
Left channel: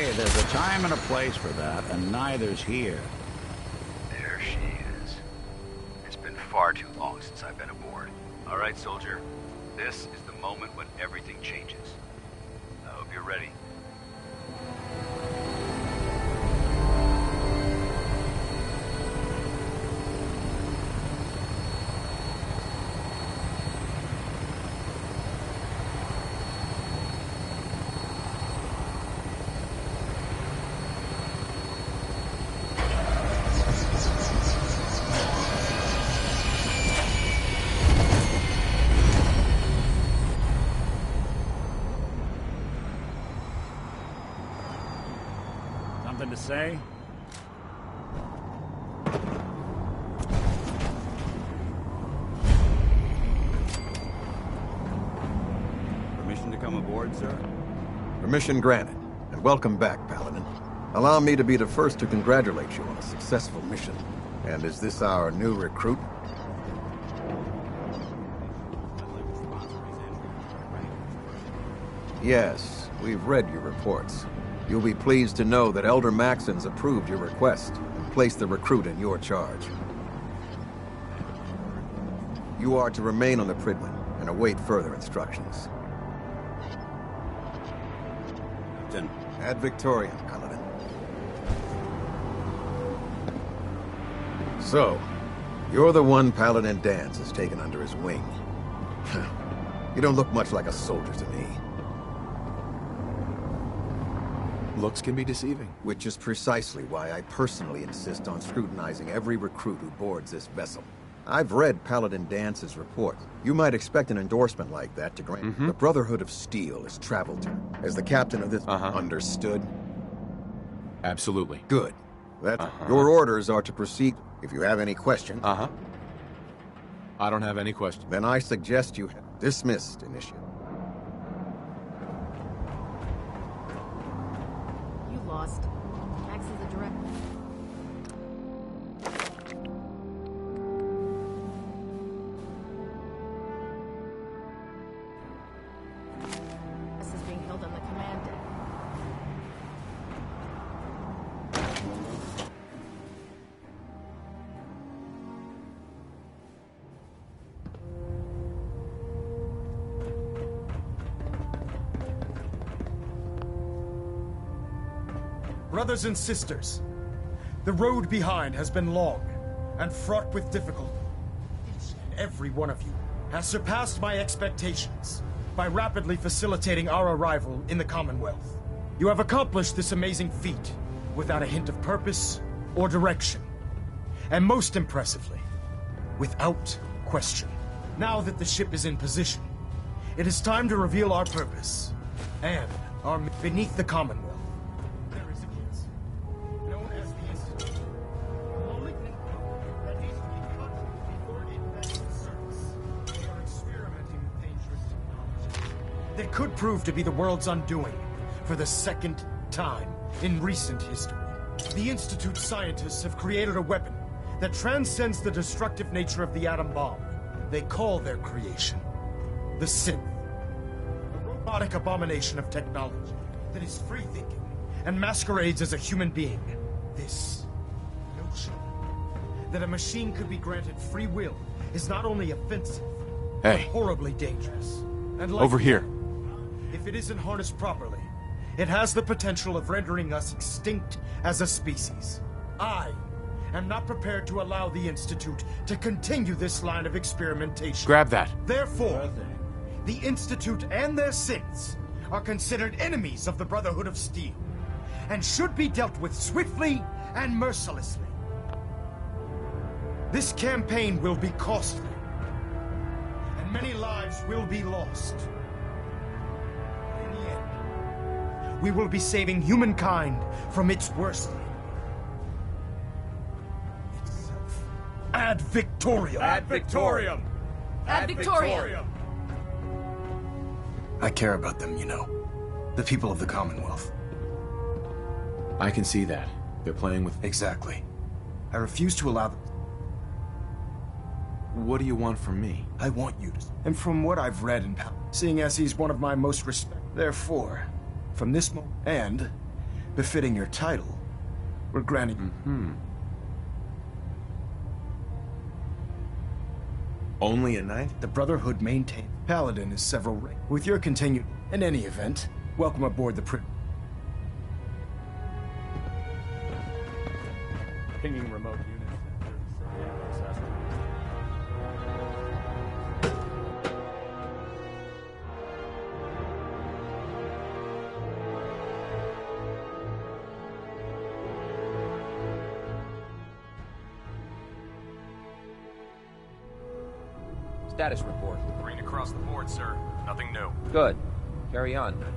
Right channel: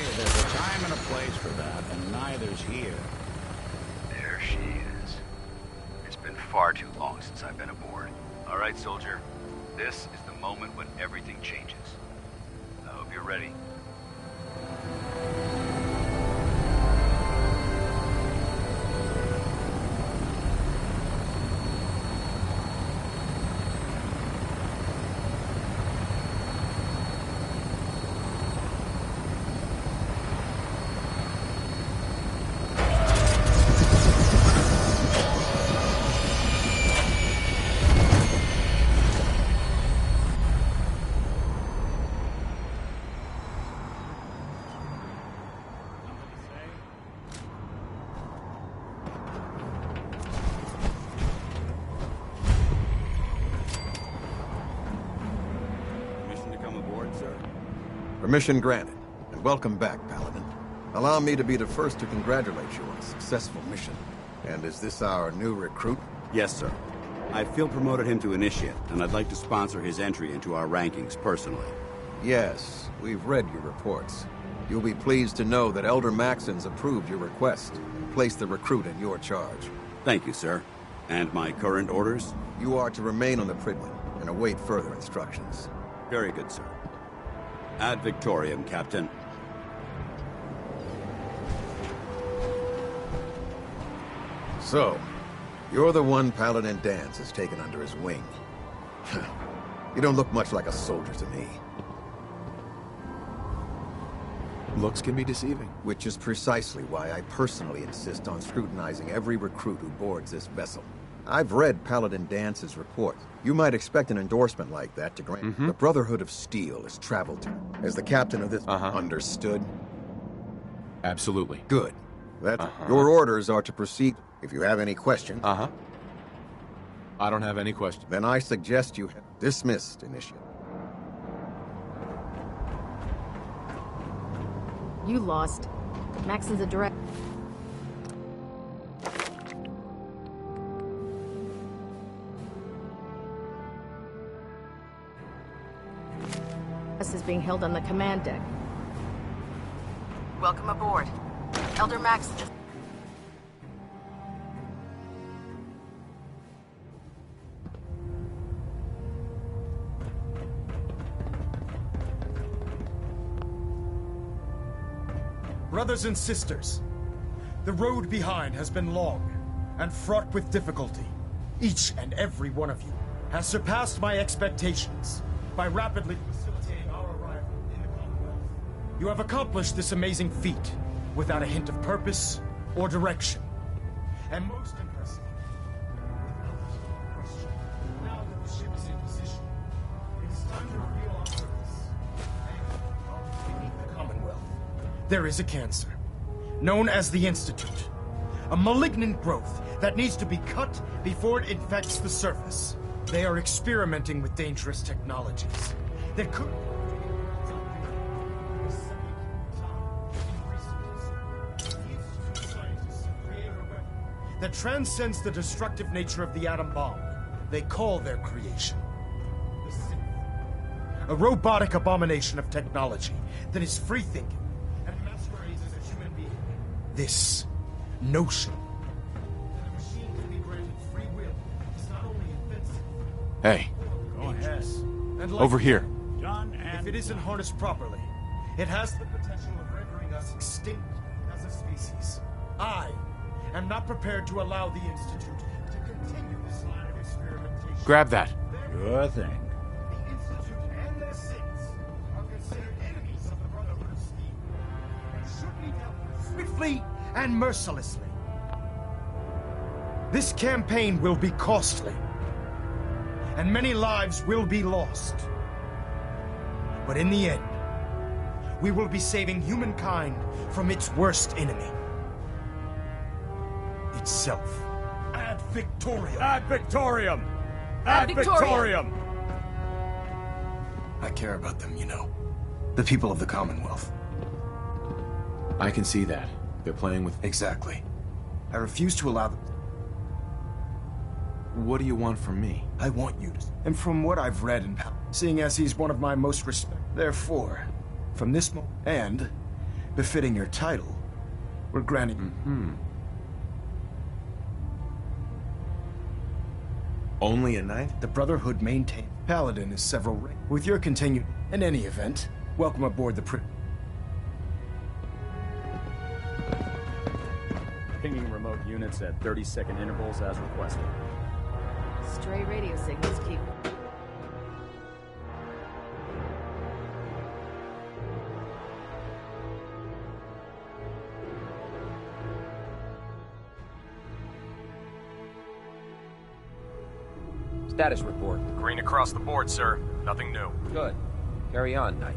Hey, there's a time and a place for that, and neither's here. There she is. It's been far too long since I've been aboard. All right, soldier. This is the moment when everything changes. I hope you're ready. Something to say? Permission to come aboard, sir? Permission granted, and welcome back, Paladin. Allow me to be the first to congratulate you on a successful mission. And is this our new recruit? Yes, sir. I feel promoted him to initiate, and I'd like to sponsor his entry into our rankings personally. Yes, we've read your reports. You'll be pleased to know that Elder Maxon's approved your request and placed the recruit in your charge. Thank you, sir. And my current orders? You are to remain on the Pridwin and await further instructions. Very good, sir. Ad Victoriam, Captain. Ad Victoriam, Paladin. So, you're the one Paladin Danse has taken under his wing. You don't look much like a soldier to me. Looks can be deceiving. Which is precisely why I personally insist on scrutinizing every recruit who boards this vessel. I've read Paladin Dance's report. You might expect an endorsement like that to grant. The Brotherhood of Steel has traveled to. As the captain of this, understood? Absolutely. Good. Your orders are to proceed. If you have any questions. I don't have any questions. Then I suggest you dismissed, Initiate. You lost. Maxon's a direct... This is being held on the command deck. Welcome aboard. Elder Maxon. Brothers and sisters, the road behind has been long and fraught with difficulty. Each and every one of you has surpassed my expectations by rapidly facilitating our arrival in the Commonwealth. You have accomplished this amazing feat without a hint of purpose or direction. And most impressively, without question. Now that the ship is in position, it is time to reveal our purpose. And beneath the Commonwealth, there is a cancer, known as the Institute. A malignant growth that needs to be cut before it infects the surface. They are experimenting with dangerous technologies that could prove to be the world's undoing for the second time in recent history. The Institute scientists have created a weapon that transcends the destructive nature of the atom bomb. They call their creation the Synth. A robotic abomination of technology that is free-thinking and masquerades as a human being. This notion that a machine could be granted free will is not only offensive, Hey. horribly dangerous. And Over here. If it isn't harnessed properly, it has the potential of rendering us extinct as a species. I am not prepared to allow the Institute to continue this line of experimentation. Grab that. Therefore, the Institute and their synths are considered enemies of the Brotherhood of Steel and should be dealt with swiftly and mercilessly. This campaign will be costly, and many lives will be lost. But in the end, we will be saving humankind from its worst enemy. Itself. Ad Victoriam! Ad Victoriam! Ad Victoriam! I care about them, you know. The people of the Commonwealth. I can see that. They're playing with... Exactly. I refuse to allow them... What do you want from me? I want you to... And from what I've read and seeing as he's one of my most respected... Therefore, from this moment... And befitting your title, we're granting... Only a knife? The Brotherhood maintains Paladin is several ranks. With your continued... In any event, welcome aboard the Pinging remote units at 30-second intervals as requested. Stray radio signals keep. Status report. Green across the board, sir. Nothing new. Good. Carry on, Knight.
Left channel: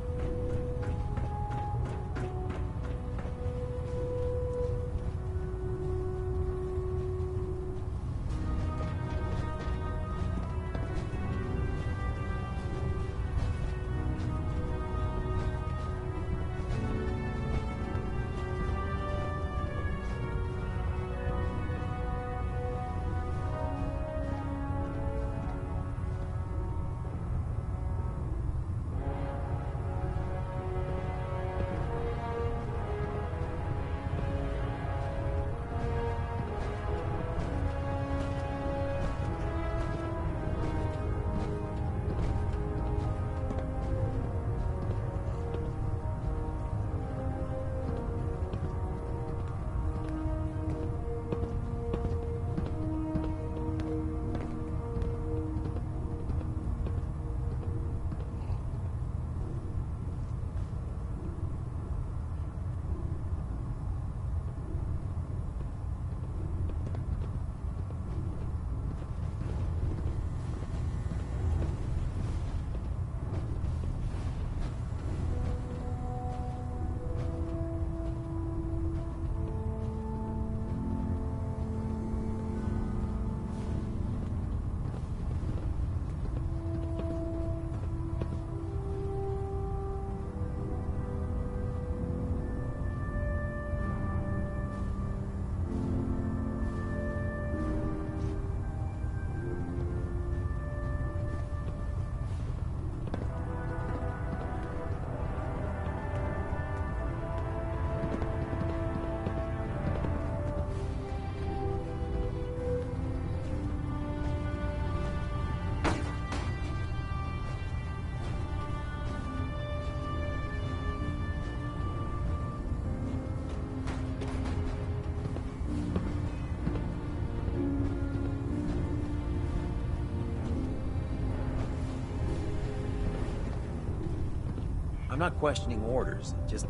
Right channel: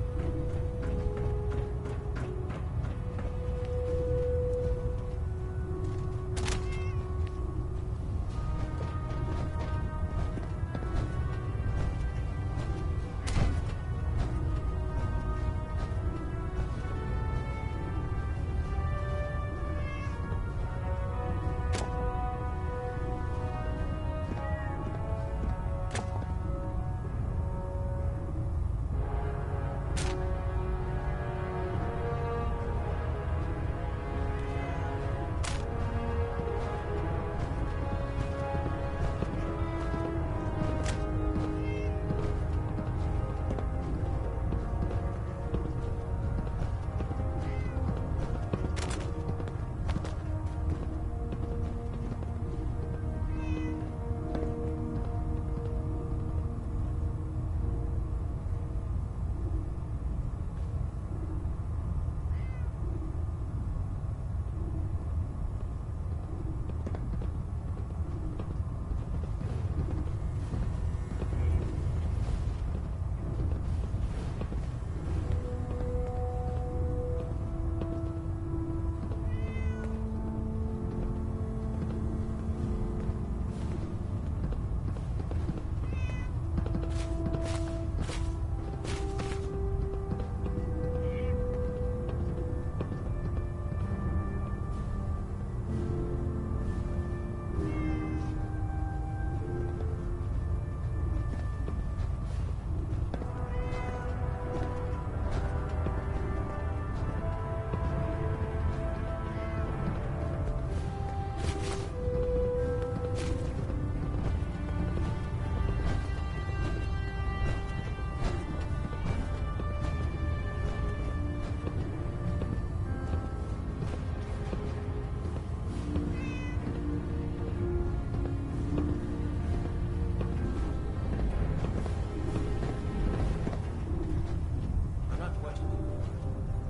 I'm not questioning orders. Just,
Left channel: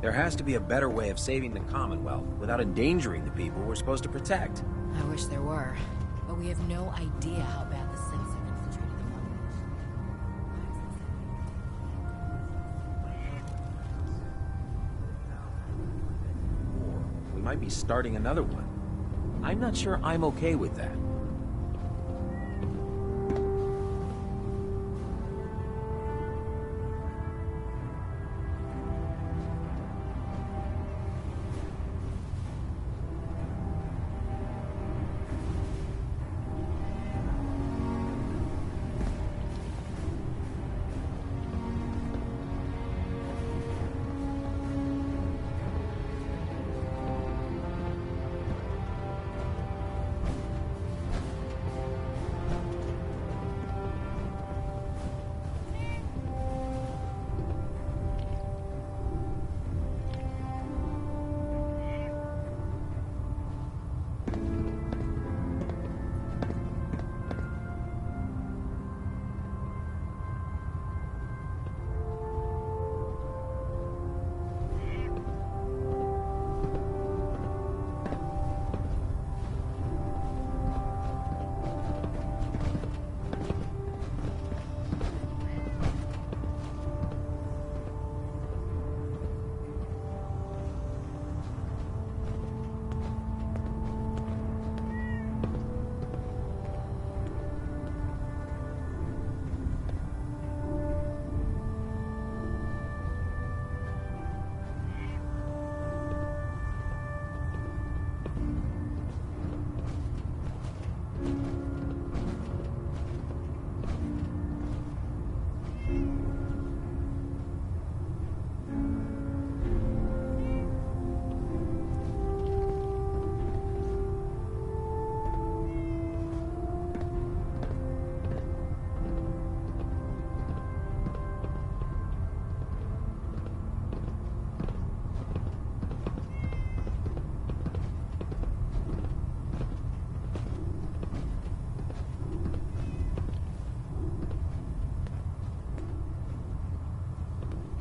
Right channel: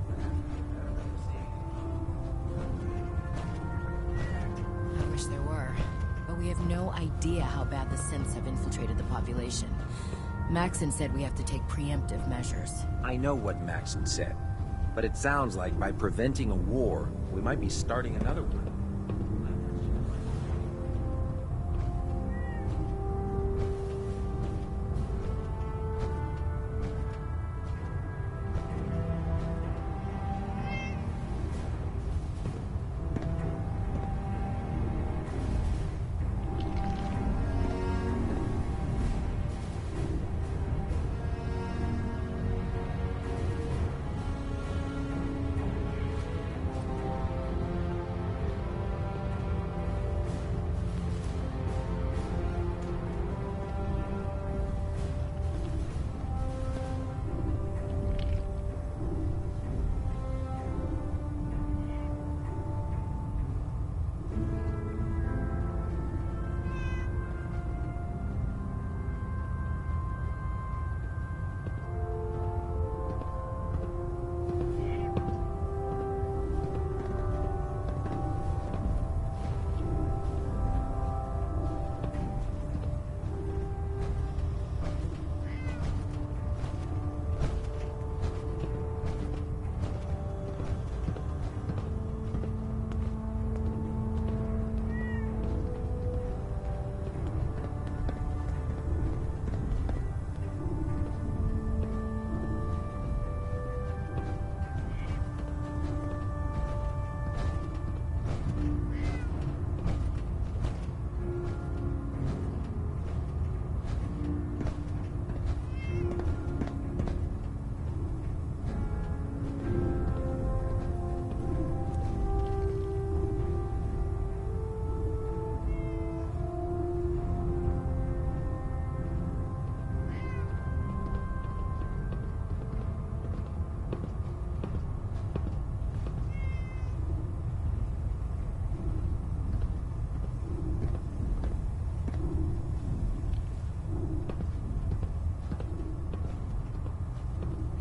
there has to be a better way of saving the Commonwealth without endangering the people we're supposed to protect. I wish there were, but we have no idea how bad the synths have infiltrated the population. Maxon said we have to take preemptive measures. I know what Maxon said, but it sounds like by preventing a war, we might be starting another one. I'm not sure I'm okay with that.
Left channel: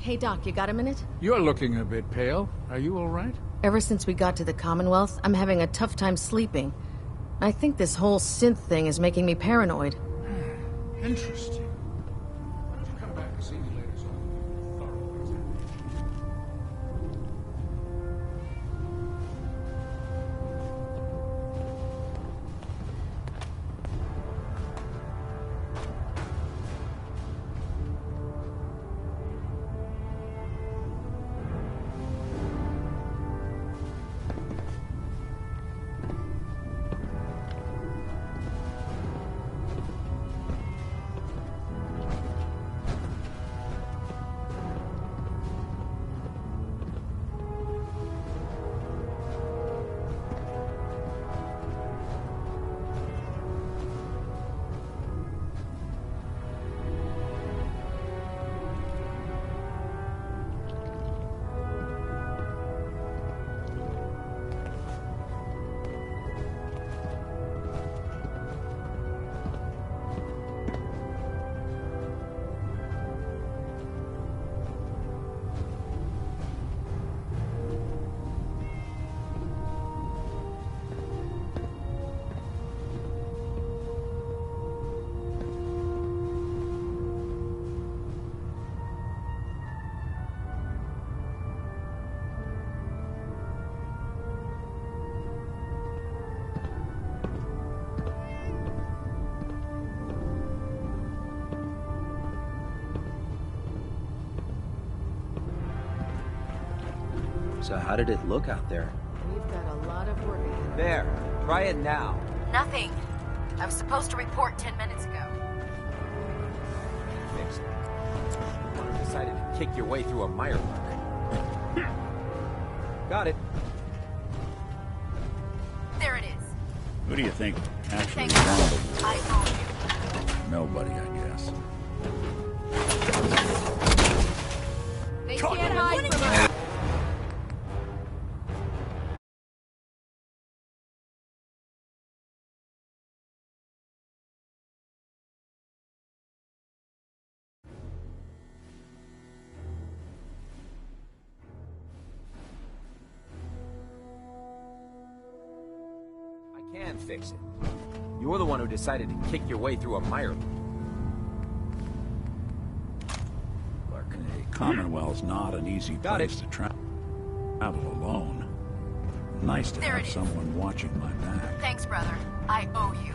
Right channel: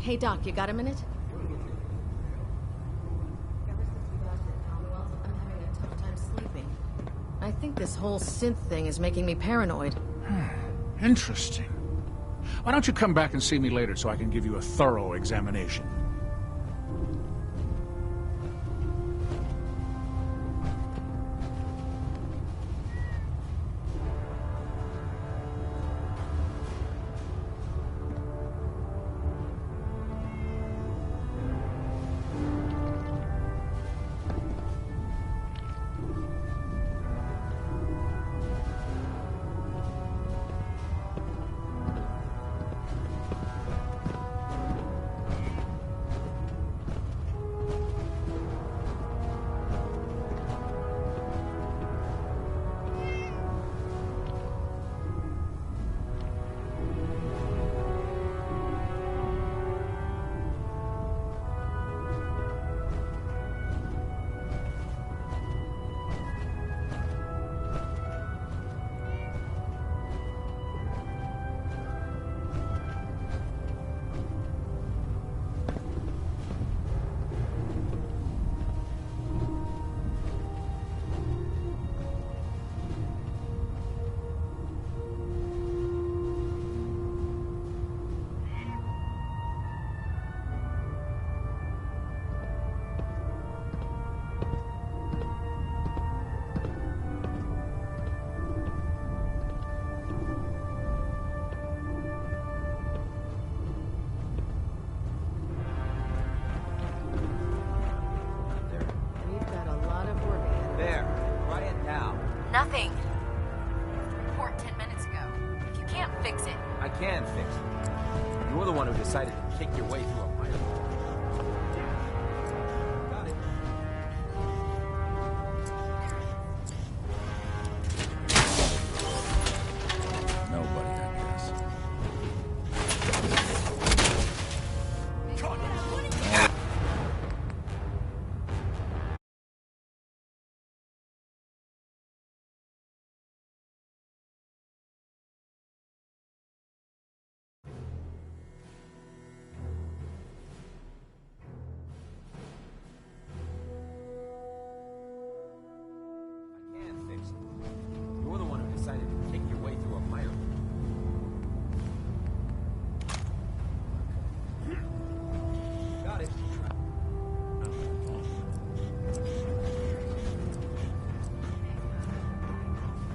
Hey, Doc, you got a minute? You're looking a bit pale. Are you all right? Ever since we got to the Commonwealth, I'm having a tough time sleeping. I think this whole synth thing is making me paranoid. Interesting. Why don't you come back and see me later so I can give you a thorough examination? So how did it look out there? We've got a lot of work ahead. There. Try it now. Nothing. I was supposed to report 10 minutes ago. If you can't fix it. I can fix it. You're the one who decided to kick your way through a mire pit. Got it. There it is. Who do you think actually Thank wanted it? Nobody, I guess. They can't hide from us. Can fix it. You're the one who decided to kick your way through a mire pit. Clarke, Commonwealth's not an easy place to travel alone. Nice to have someone watching my back. Thanks, brother. I owe you.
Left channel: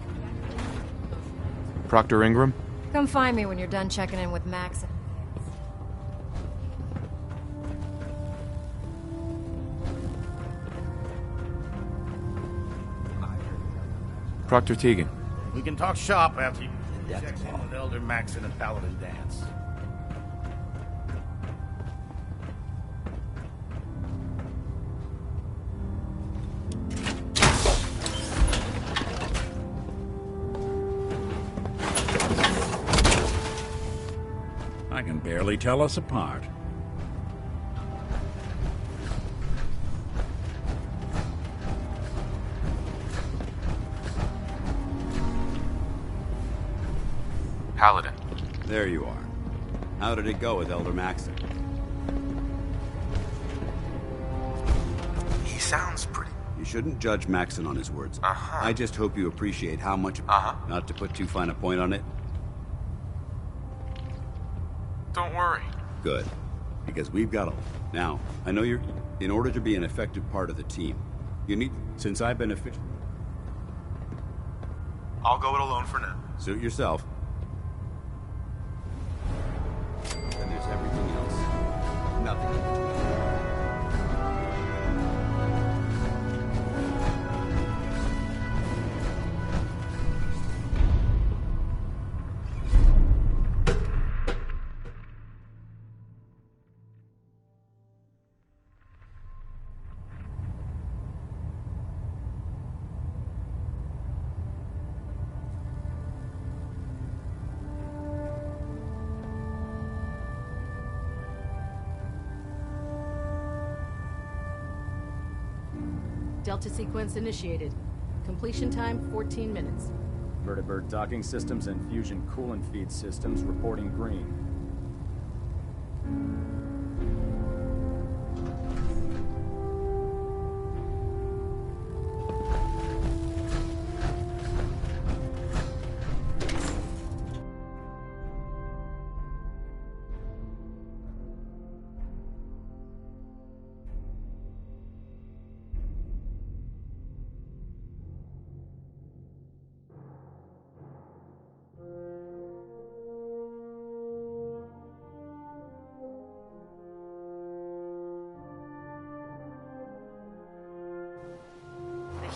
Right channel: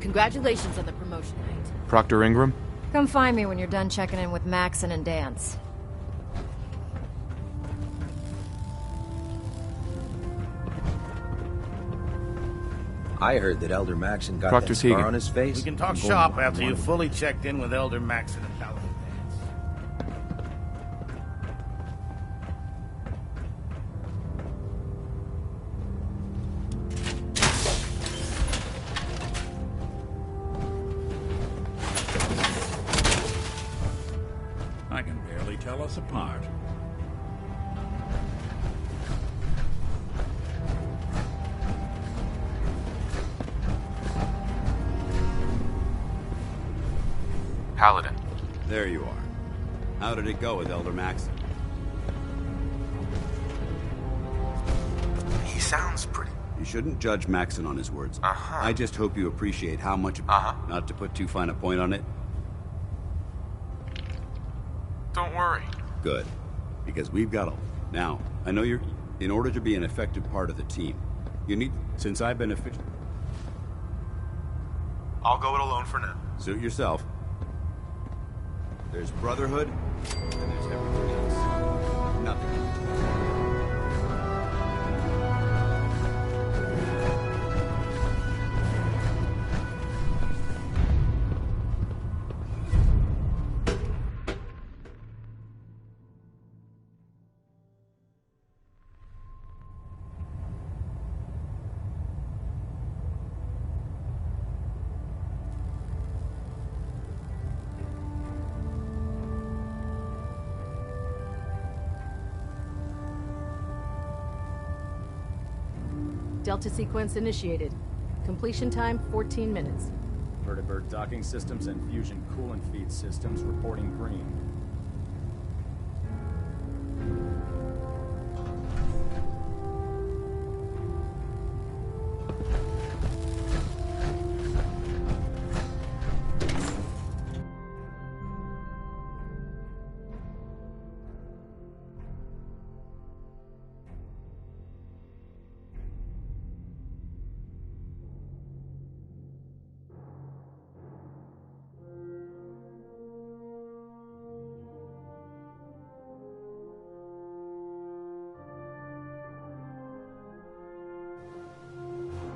Congratulations on the promotion night. Proctor Ingram? Come find me when you're done checking in with Maxon and Dance. I heard that Elder Maxon got Proctor that scar Teagan. on his face. We can talk shop after you've fully checked in with Elder Maxon and Paladin Dance. I can barely tell us apart. Paladin. There you are. How did it go with Elder Maxon? He sounds pretty... You shouldn't judge Maxon on his words. I just hope you appreciate how much... Not to put too fine a point on it. Don't worry. Good. Because we've got a... Now, I know you're... In order to be an effective part of the team, you need... Since I've been official... I'll go it alone for now. Suit yourself. There's Brotherhood, and there's everything else. Nothing in between. Delta sequence initiated. Completion time 14 minutes. Vertibird docking systems and fusion coolant feed systems reporting green.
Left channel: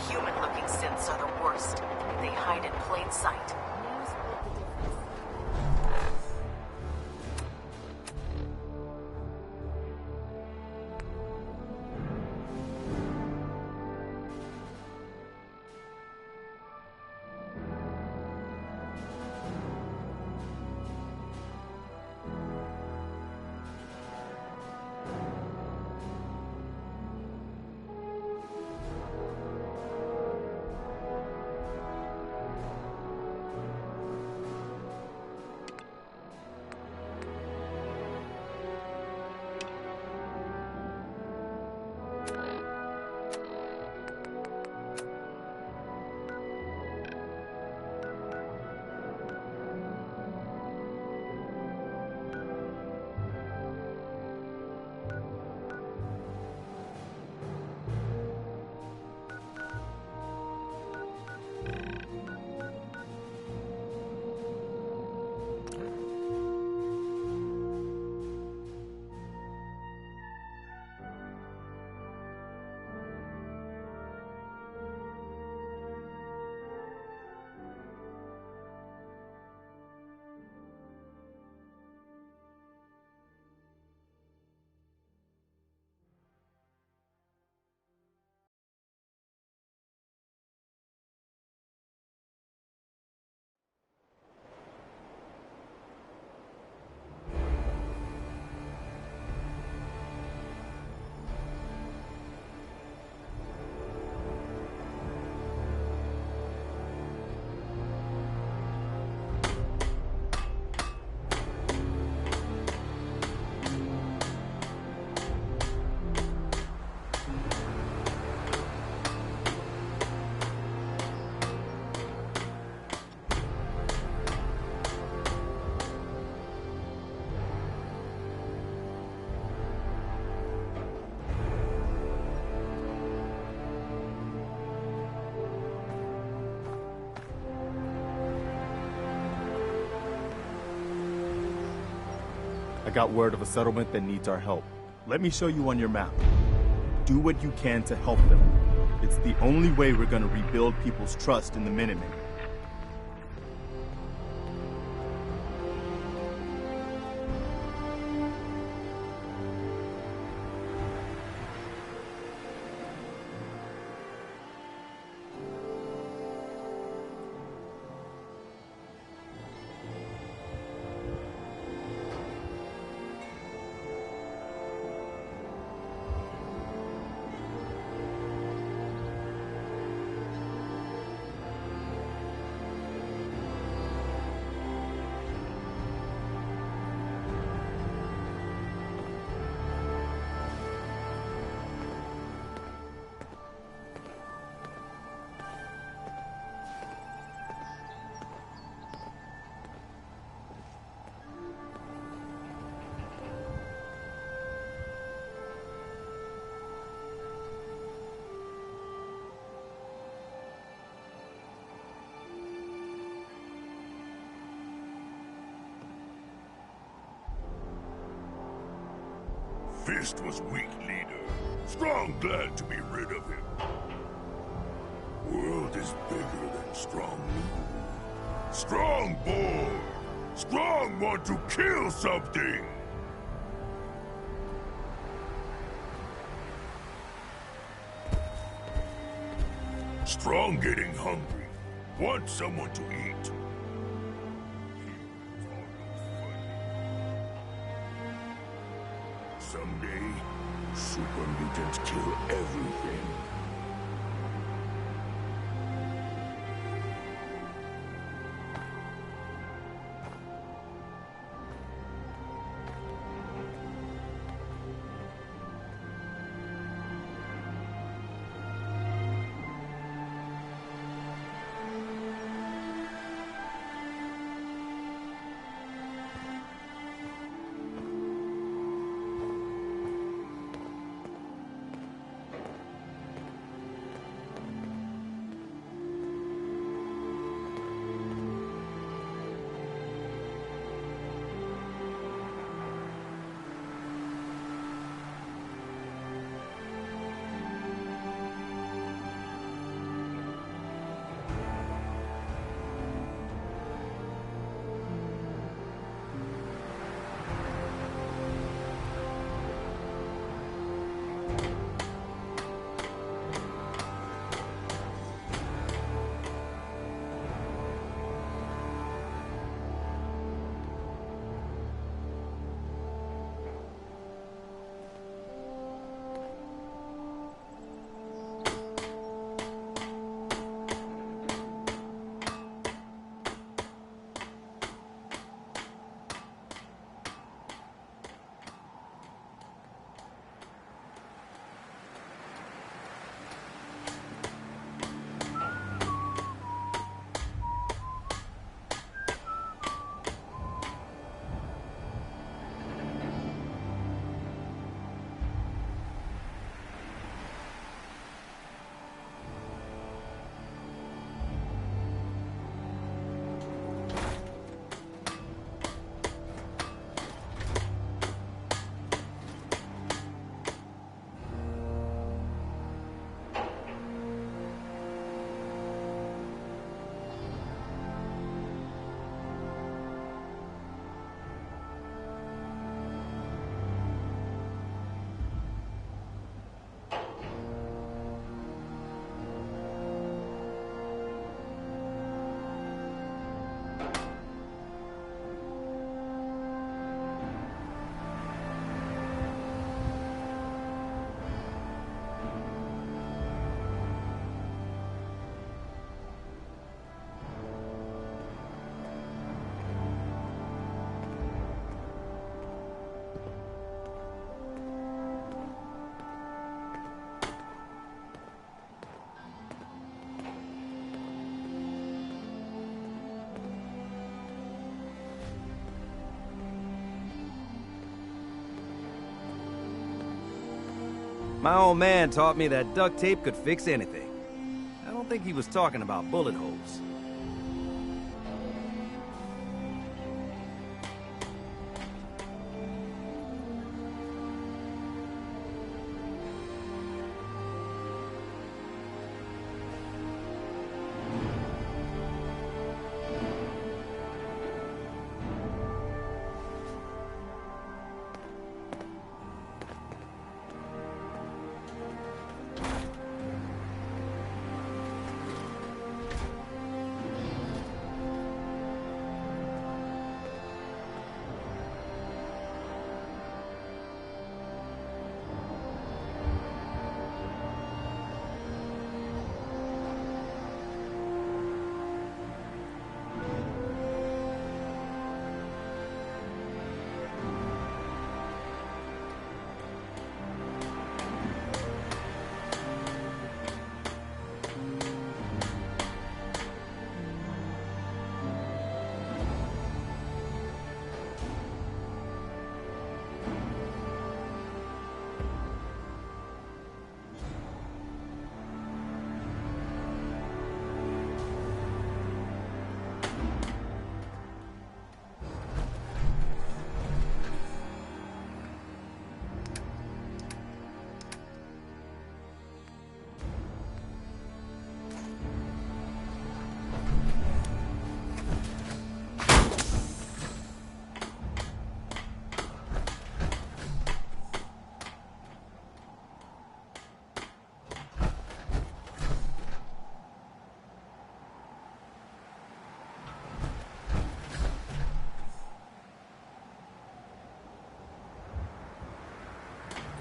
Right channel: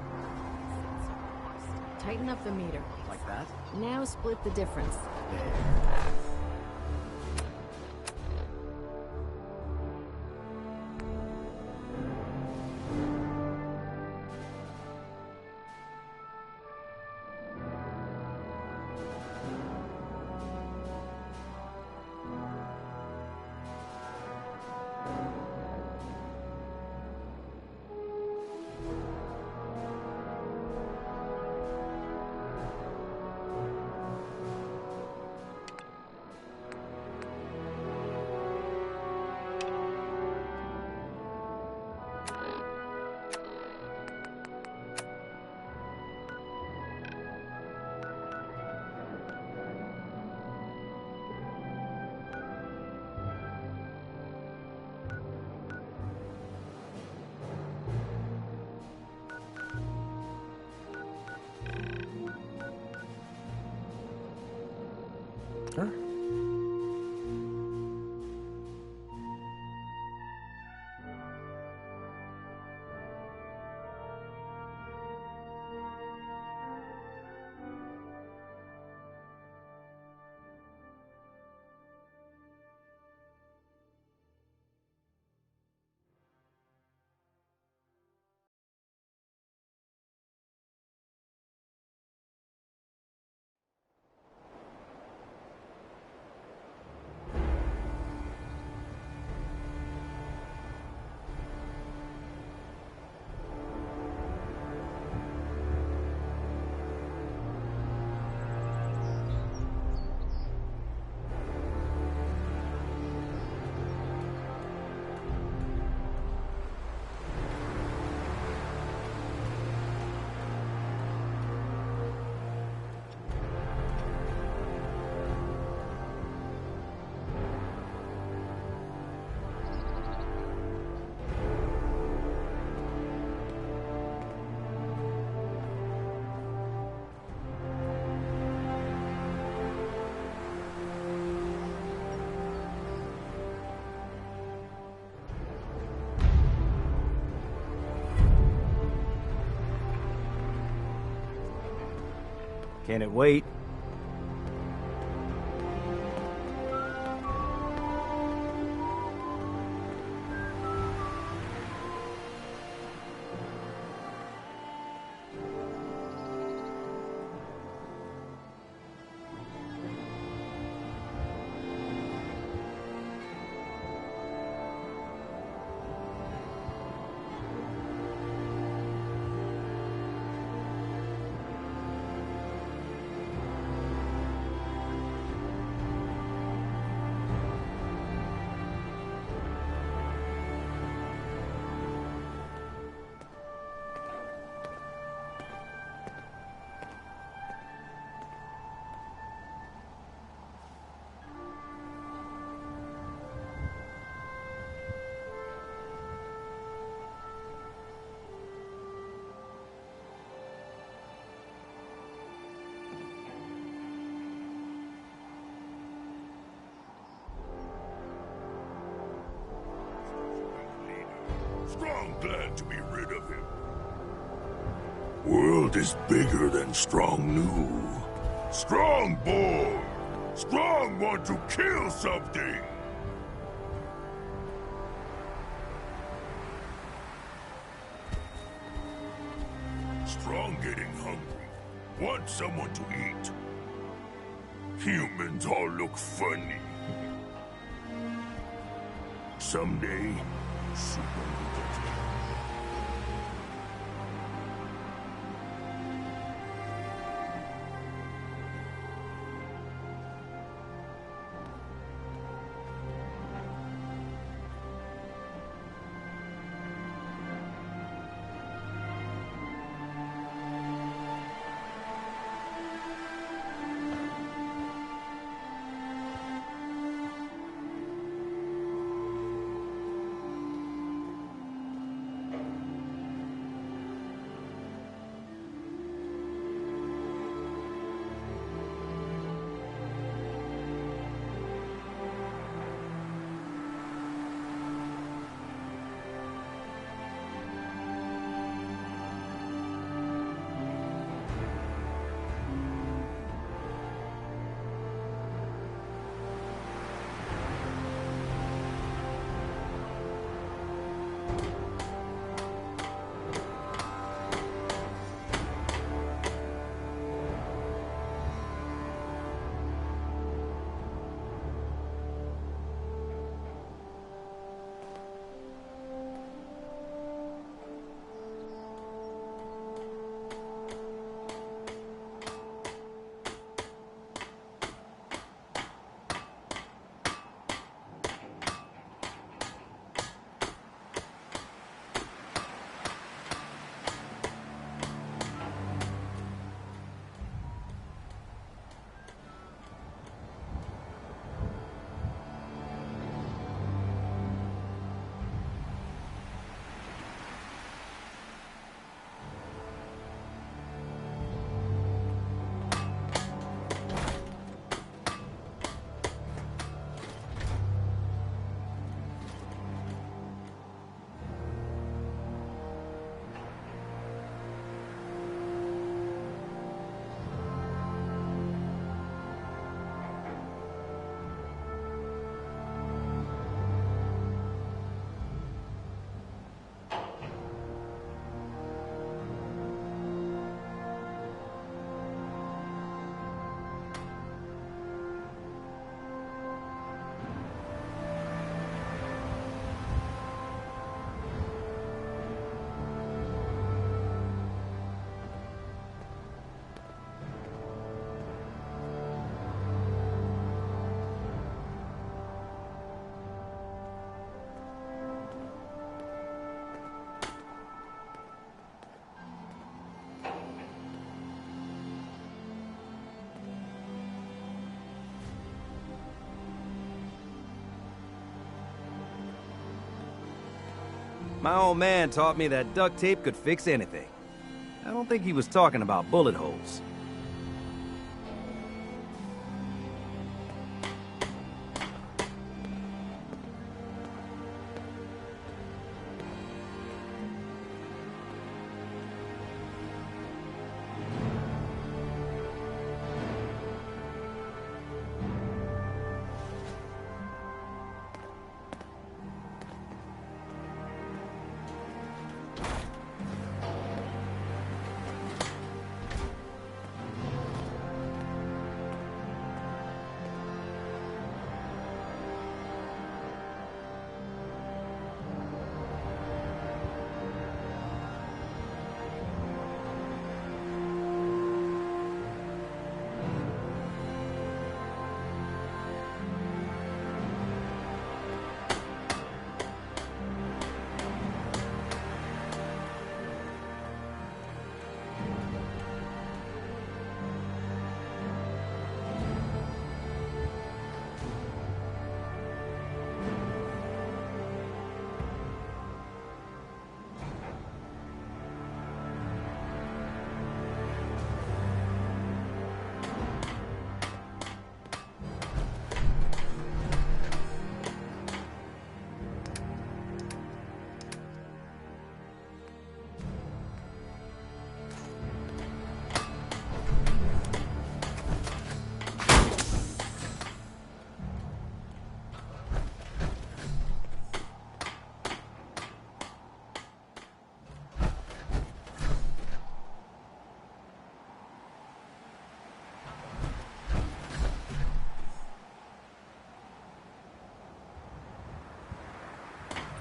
Human-looking synths are the worst. They hide in plain sight. Now split the difference. I got word of a settlement that needs our help. Let me show you on your map. Do what you can to help them. It's the only way we're gonna rebuild people's trust in the Minutemen. Can it wait? Fist was weak leader. Strong glad to be rid of him. World is bigger than Strong knew. Strong bored. Strong want to kill something. Strong getting hungry. Want someone to eat. Humans all look funny. Someday, super mutants kill everything. My old man taught me that duct tape could fix anything. I don't think he was talking about bullet holes.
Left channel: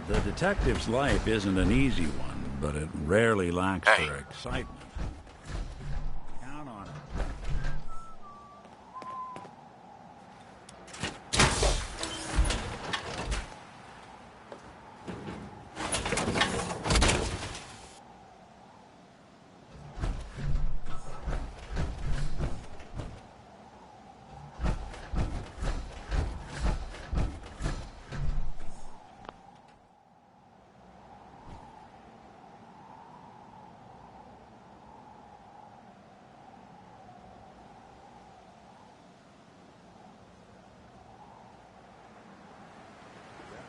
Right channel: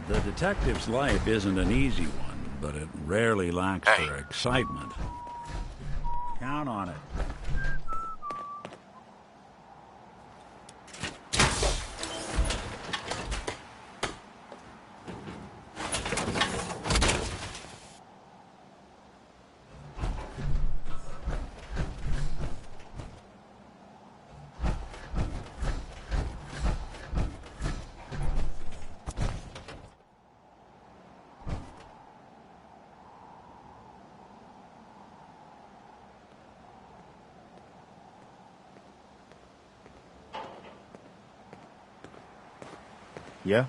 The detective's life isn't an easy one, but it rarely lacks for excitement. Count on it. Yeah?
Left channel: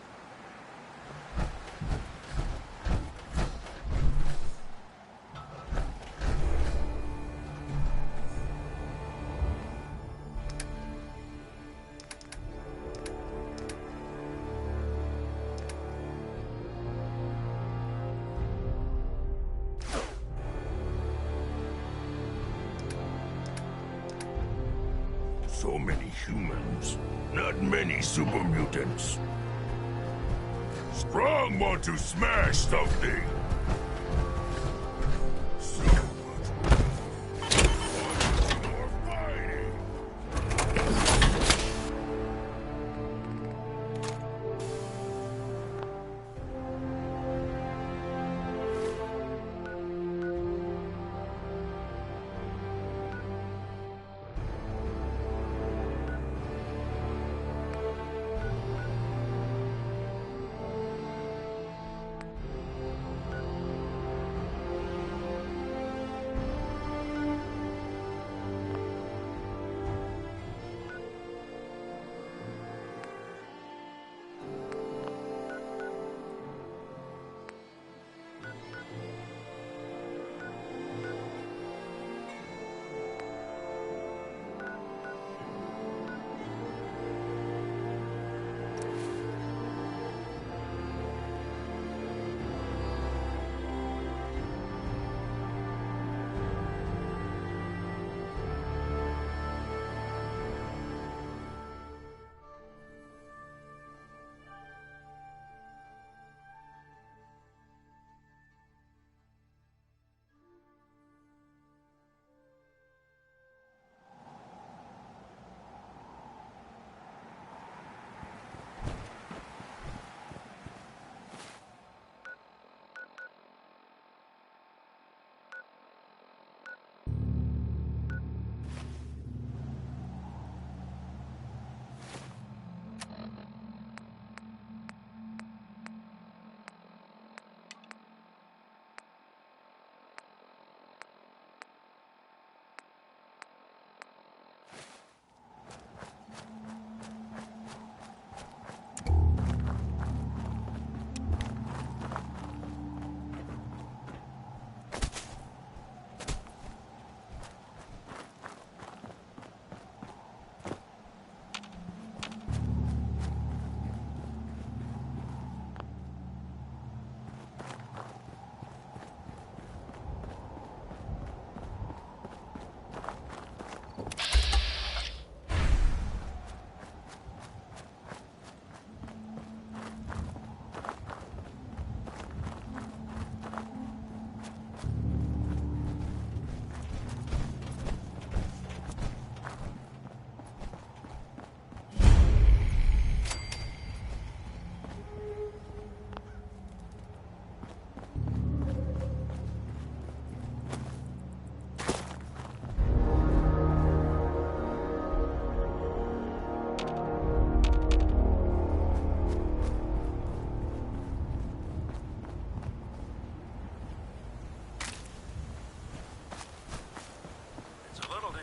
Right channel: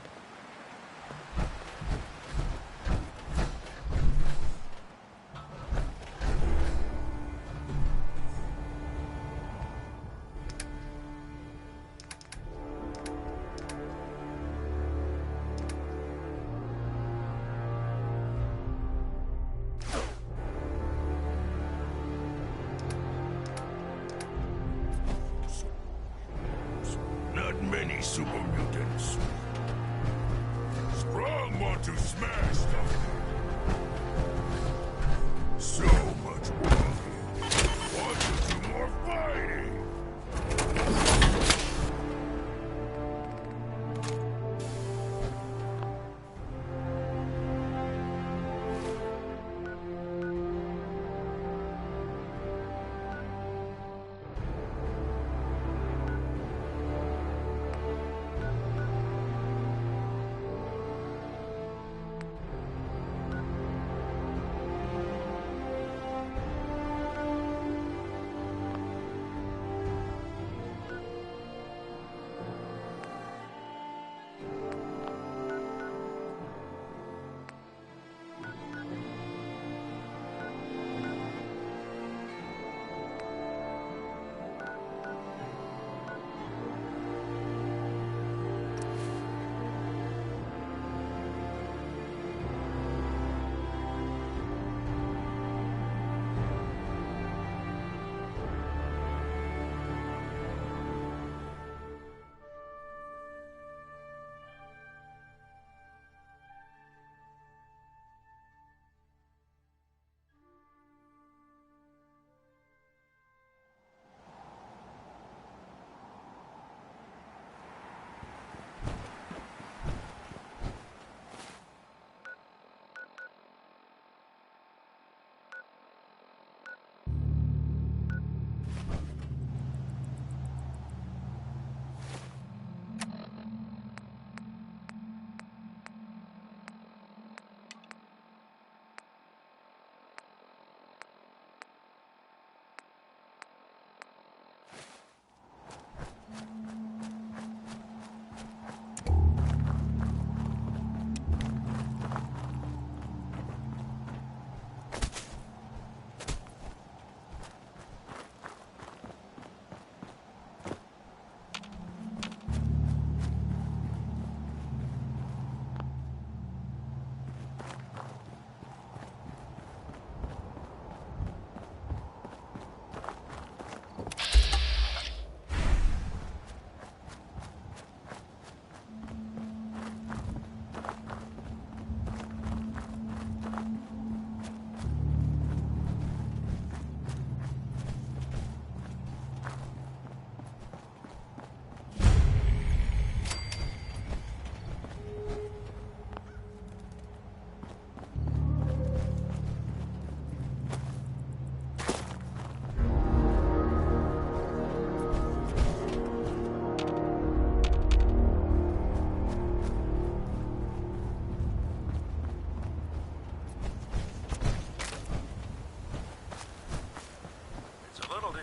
So many humans, not many super mutants. Strong want to smash something. So much walking. Want to do more fighting.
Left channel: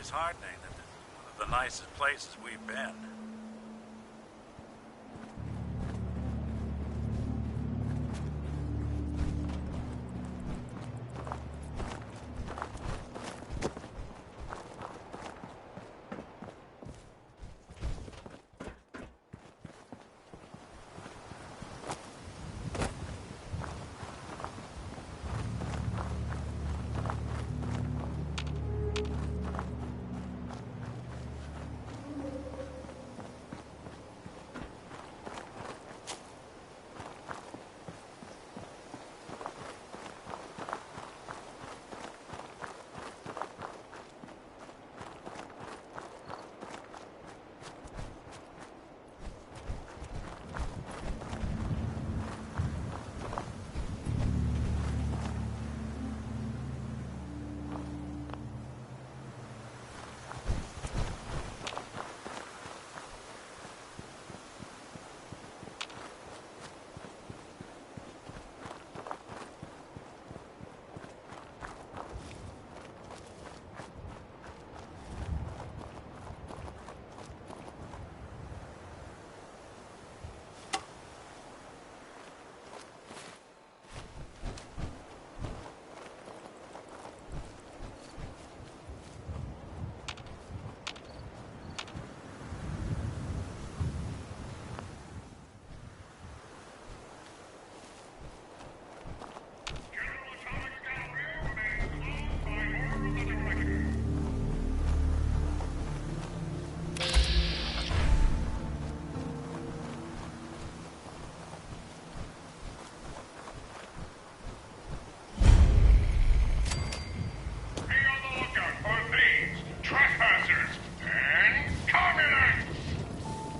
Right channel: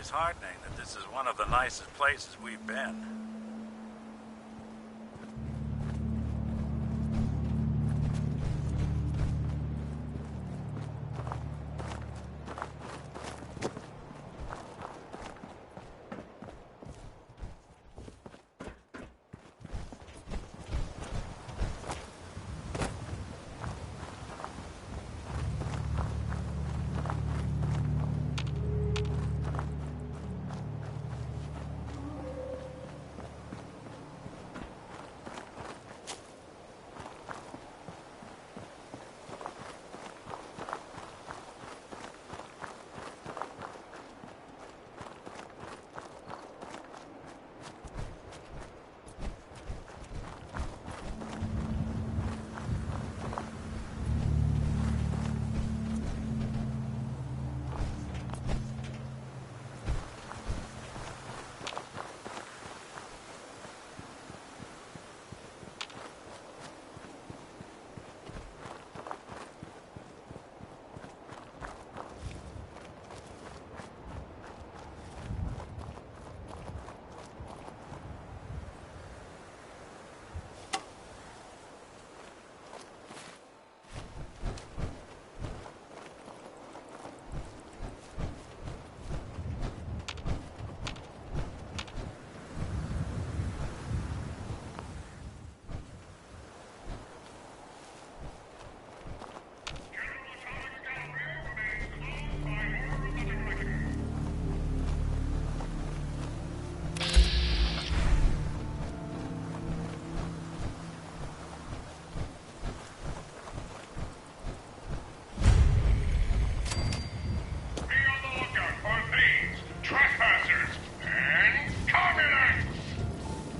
disheartening that this is one of the nicest places we've been.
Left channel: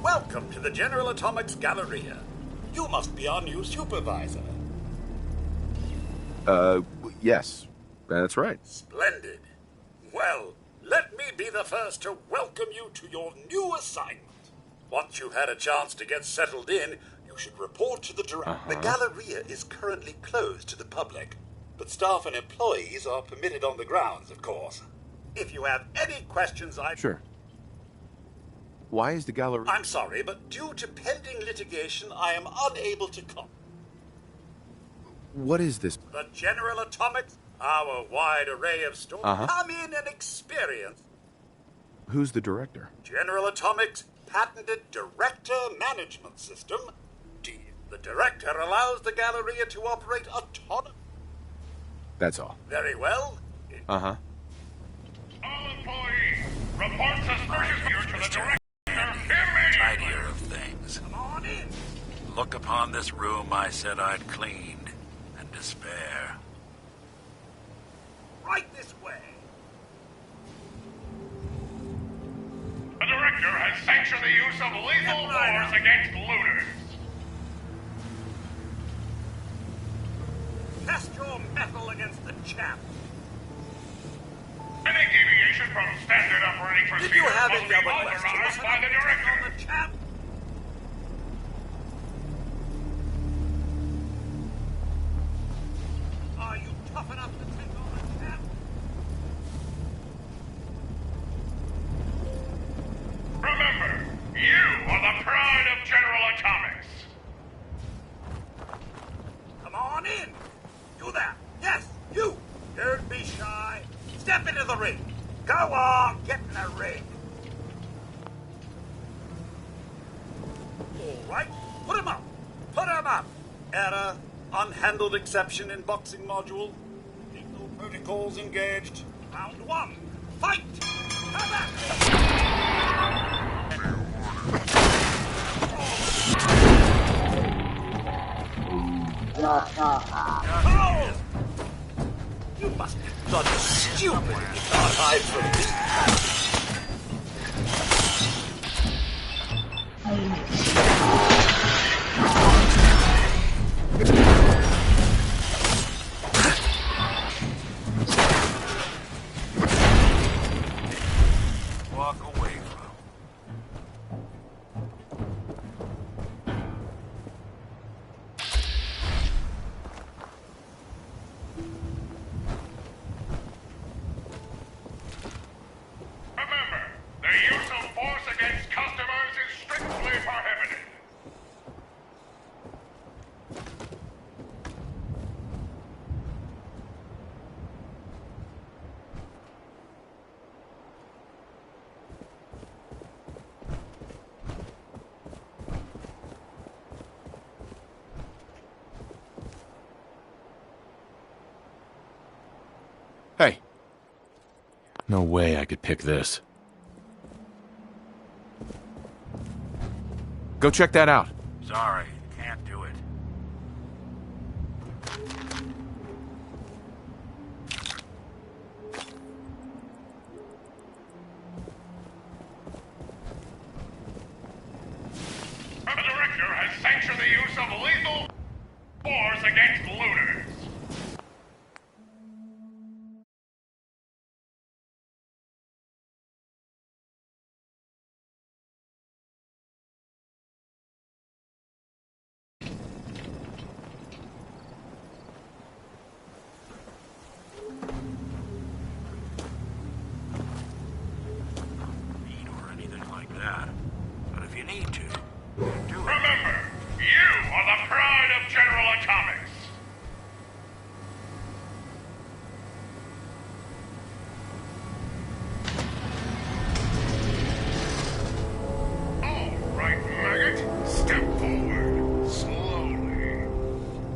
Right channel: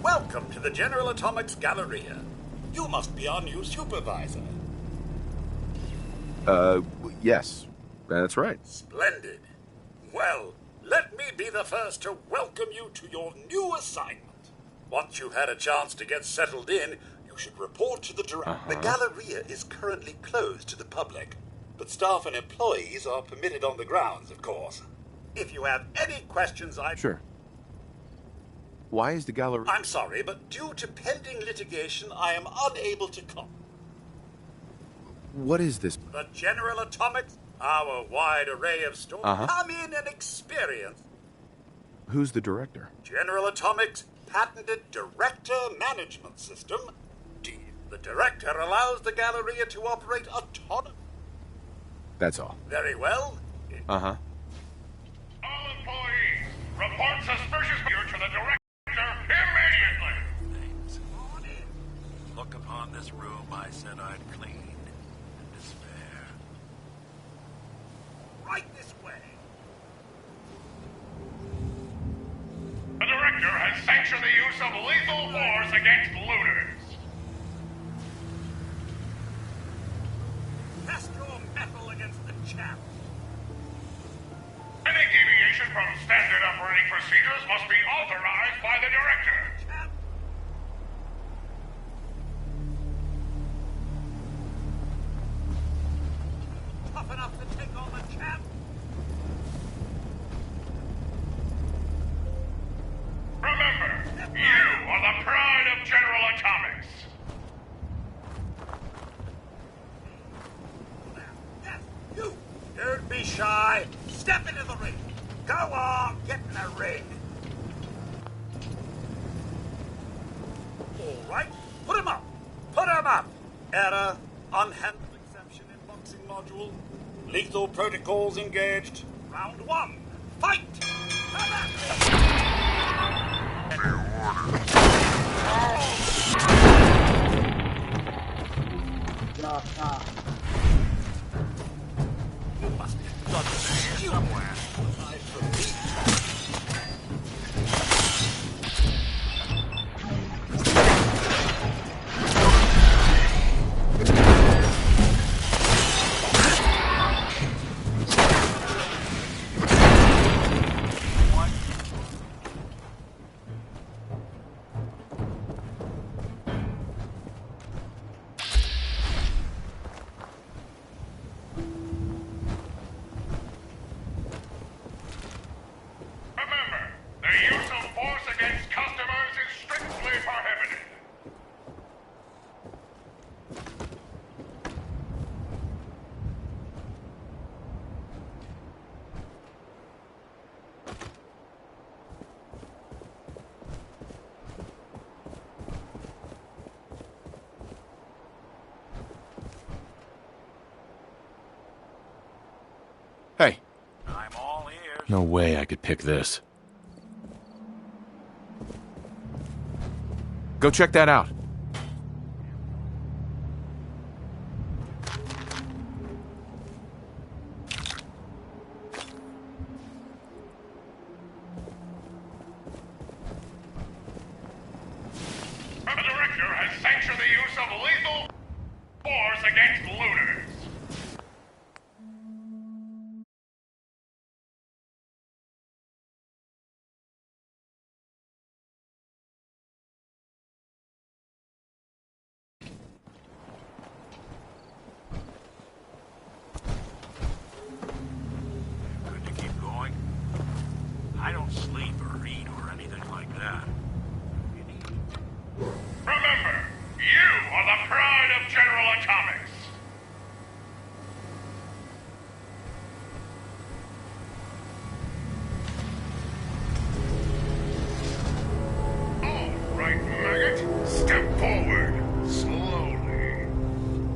Welcome to the General Atomics Galleria. You must be our new supervisor. Yes. That's right. Splendid. Well, let me be the first to welcome you to your new assignment. Once you've had a chance to get settled in, you should report to the director. The Galleria is currently closed to the public, but staff and employees are permitted on the grounds, of course. If you have any questions, Sure. Why is the gallery... I'm sorry, but due to pending litigation, I am unable to come. What is this? The General Atomics, our wide array of stores. Come in and experience. Who's the director? General Atomics' patented Director Management System. The Director allows the Galleria to operate autonomously. That's all. Very well. All employees, report suspicious view to the Director immediately. Of things. Come on in. Look upon this room I said I'd cleaned, and despair. Right this way. The Director has sanctioned the use of lethal force against looters. Test your metal against the champ. Any deviation from standard operating procedures must be authorized by the Director. Are you tough enough to take on the champ? Remember, you are the pride of General Atomics. Come on in. Do that. Yes, you. Don't be shy. Step into the ring. Go on, get in the ring. All right, put him up. Put him up. Error. Unhandled exception in boxing module. Lethal protocols engaged. Round one. Fight! Come at me! You must be bloody stupid. You can't hide from me. Walk away Hey. No way I could pick this. Go check that out. Sorry, can't do it. The Director has sanctioned the use of lethal force against looters. Good to keep going. I don't sleep or eat or anything like that. But if you need to, Remember, you are the pride of General Atomics. All right, maggot. Step forward. Slowly.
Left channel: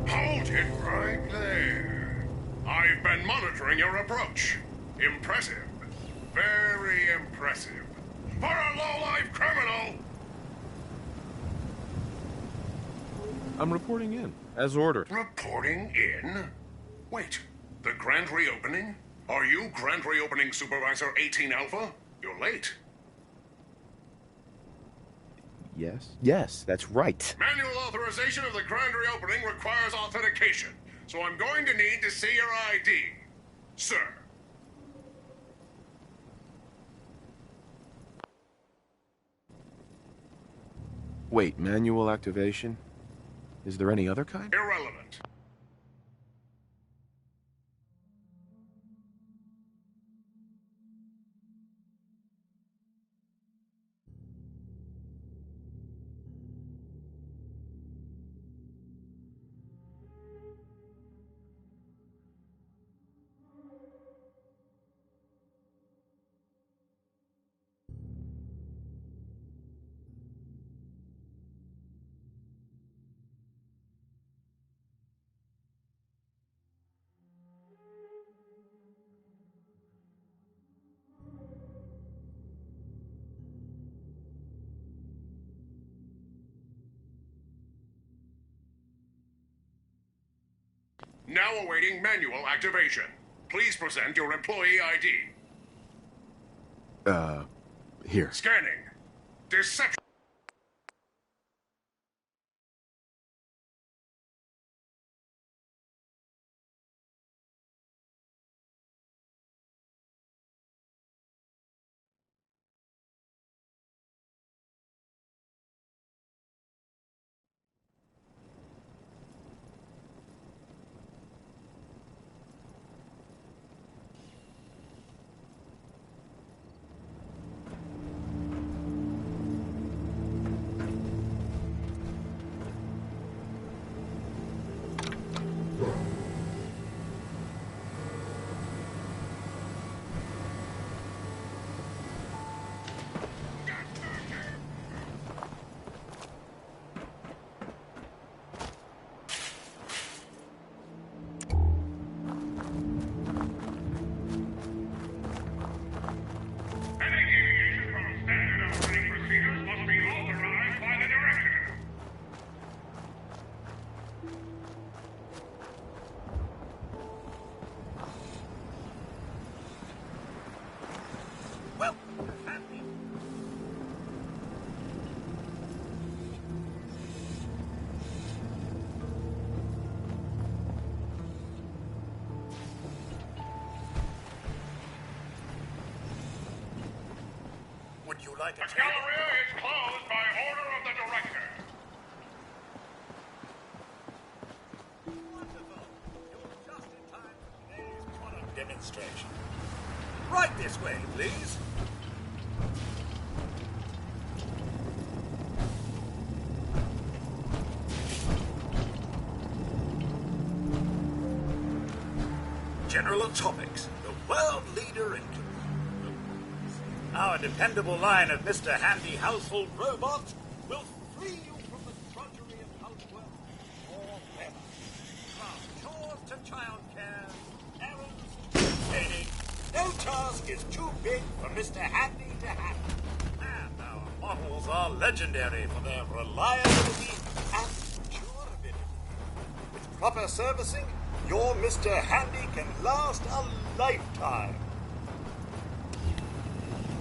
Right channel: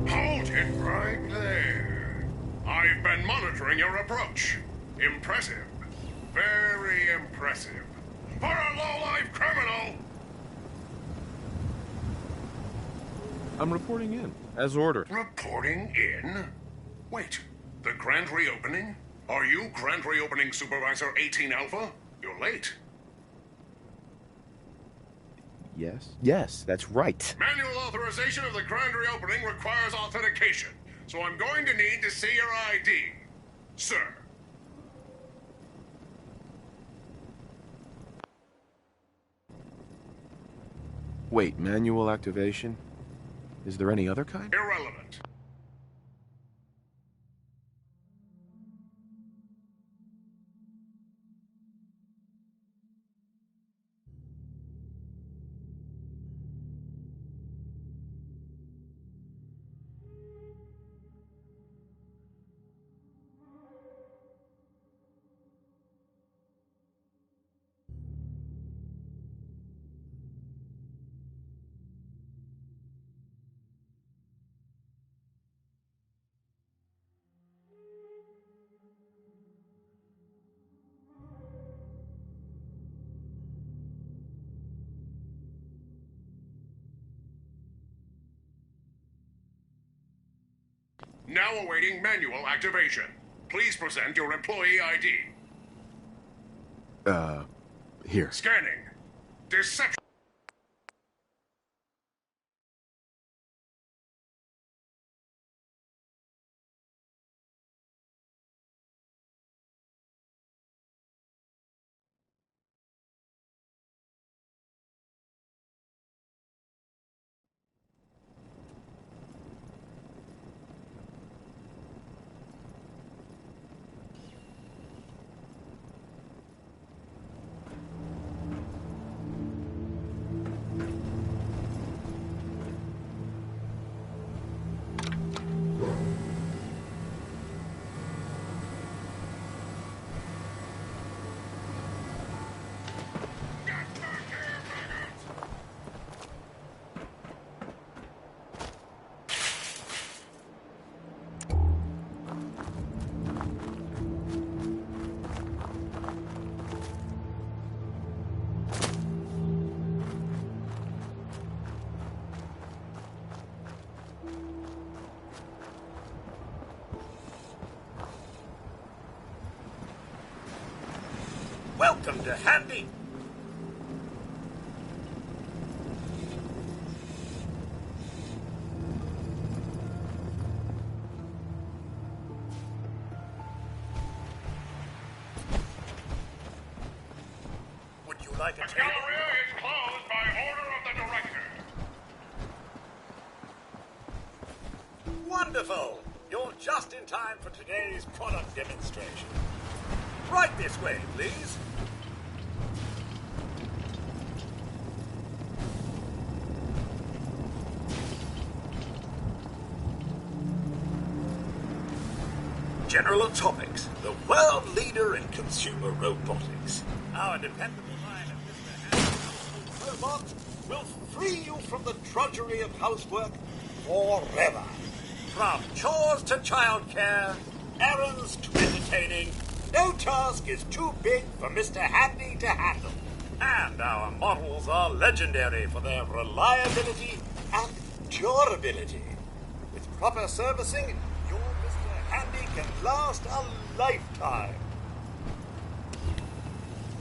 Hold it right there. I've been monitoring your approach. Impressive. Very impressive. For a low-life criminal! I'm reporting in, as ordered. Reporting in? Wait, the grand reopening? Are you Grand Reopening Supervisor 18 Alpha? You're late. Yes, that's right. Manual authorization of the grand reopening requires authentication, so I'm going to need to see your ID. Sir. Wait, manual activation? Is there any other kind? Irrelevant. Now awaiting manual activation. Please present your employee ID. Here. Scanning. Deception. Welcome to Handy. Would you like a The table? Galleria is closed by order of the Director. Wonderful! You're just in time for today's product demonstration. Right this way, please. General Atomics, the world leader in consumer robotics. Our dependable line of Mr. Handy household robots will free you from the drudgery of housework forever. From chores to childcare, errands to entertaining, no task is too big for Mr. Handy to handle. And our models are legendary for their reliability and durability. With proper servicing, your Mr. Handy can last a lifetime.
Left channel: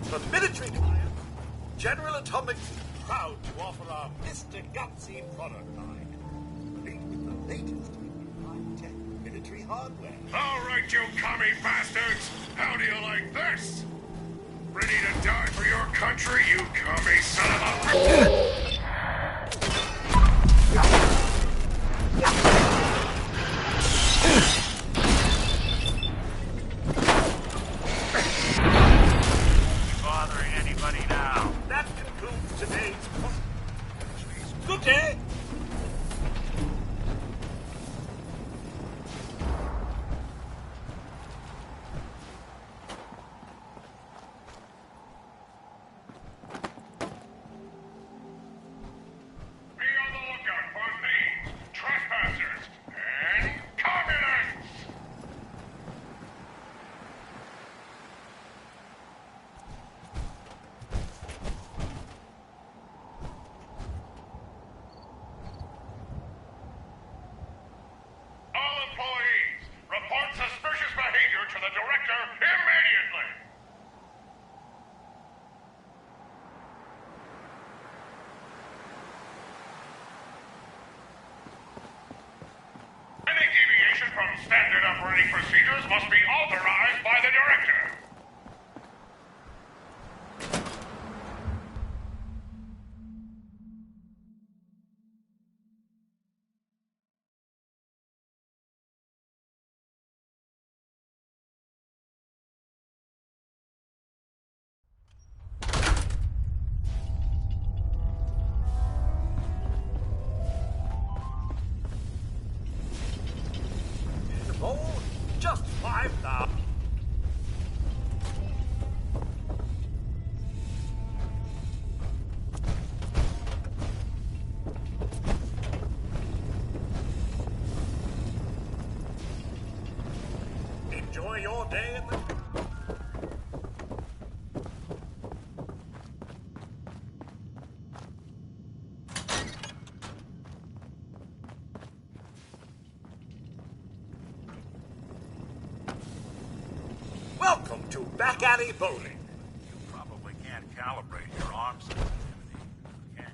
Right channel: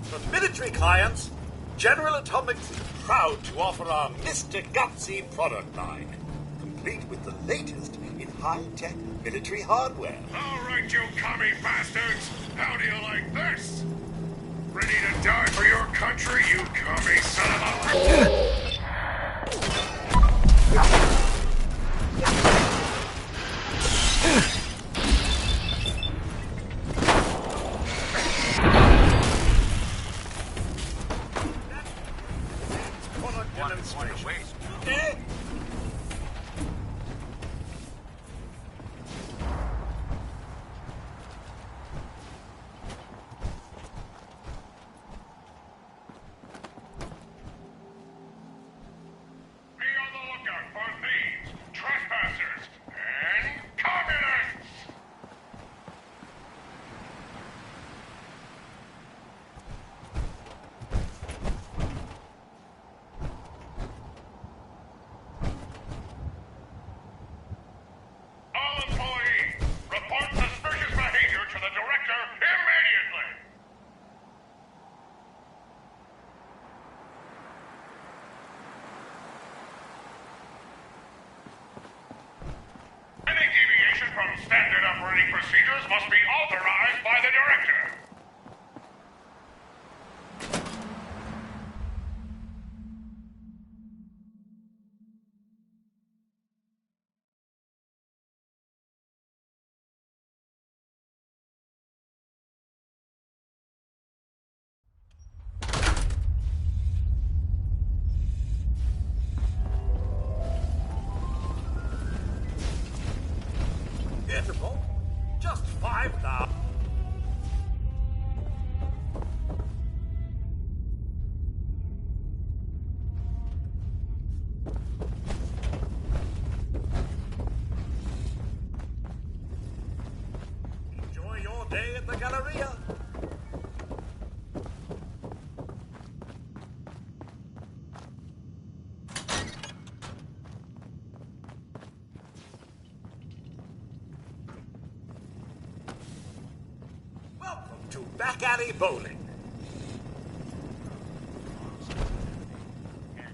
For military clients, General Atomics is proud to offer our Mr. Gutsy product line, complete with the latest in high-tech military hardware. All right, you commie bastards! How do you like this? Ready to die for your country, you commie son of a... Bothering anybody now? That concludes today's product demonstration. Good day! Standard operating procedures must be authorized by the director. Just 5,000. Enjoy your day at the Galleria. Welcome to Back Alley Bowling. Probably can't calibrate your arm sensitivity, can you?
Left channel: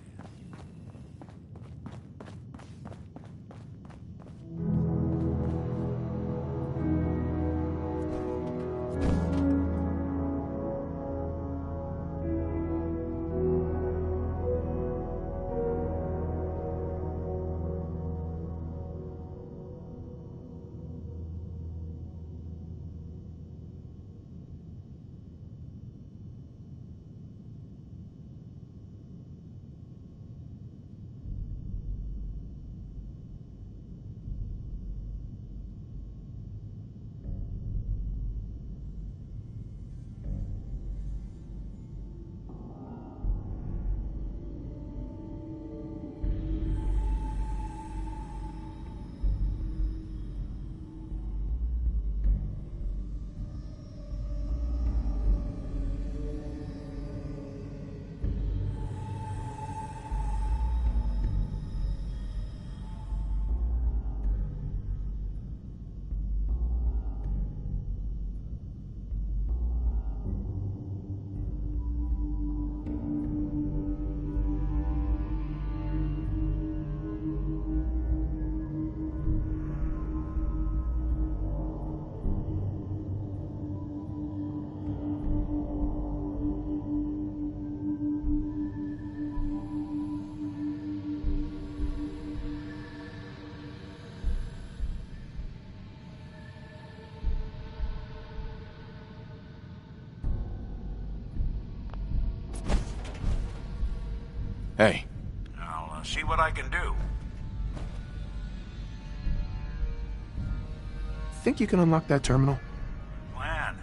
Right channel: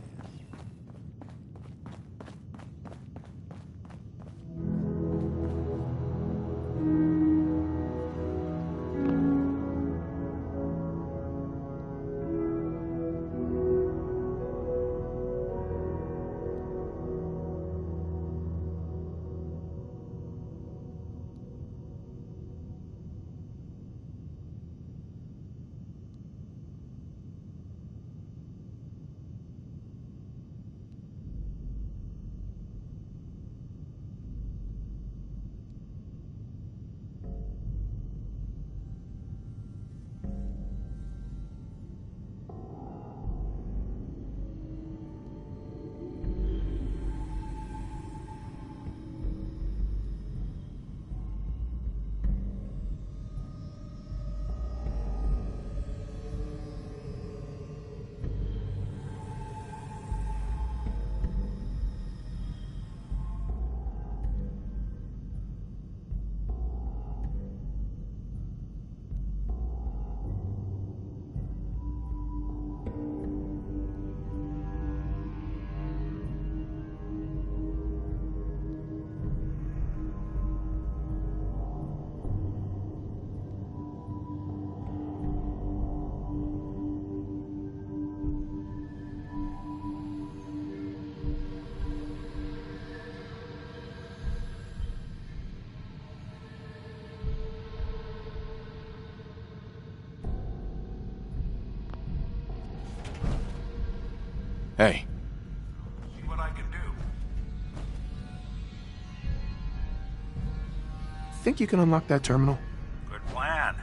Hey. I'll see what I can do. think you can unlock that terminal? Good plan.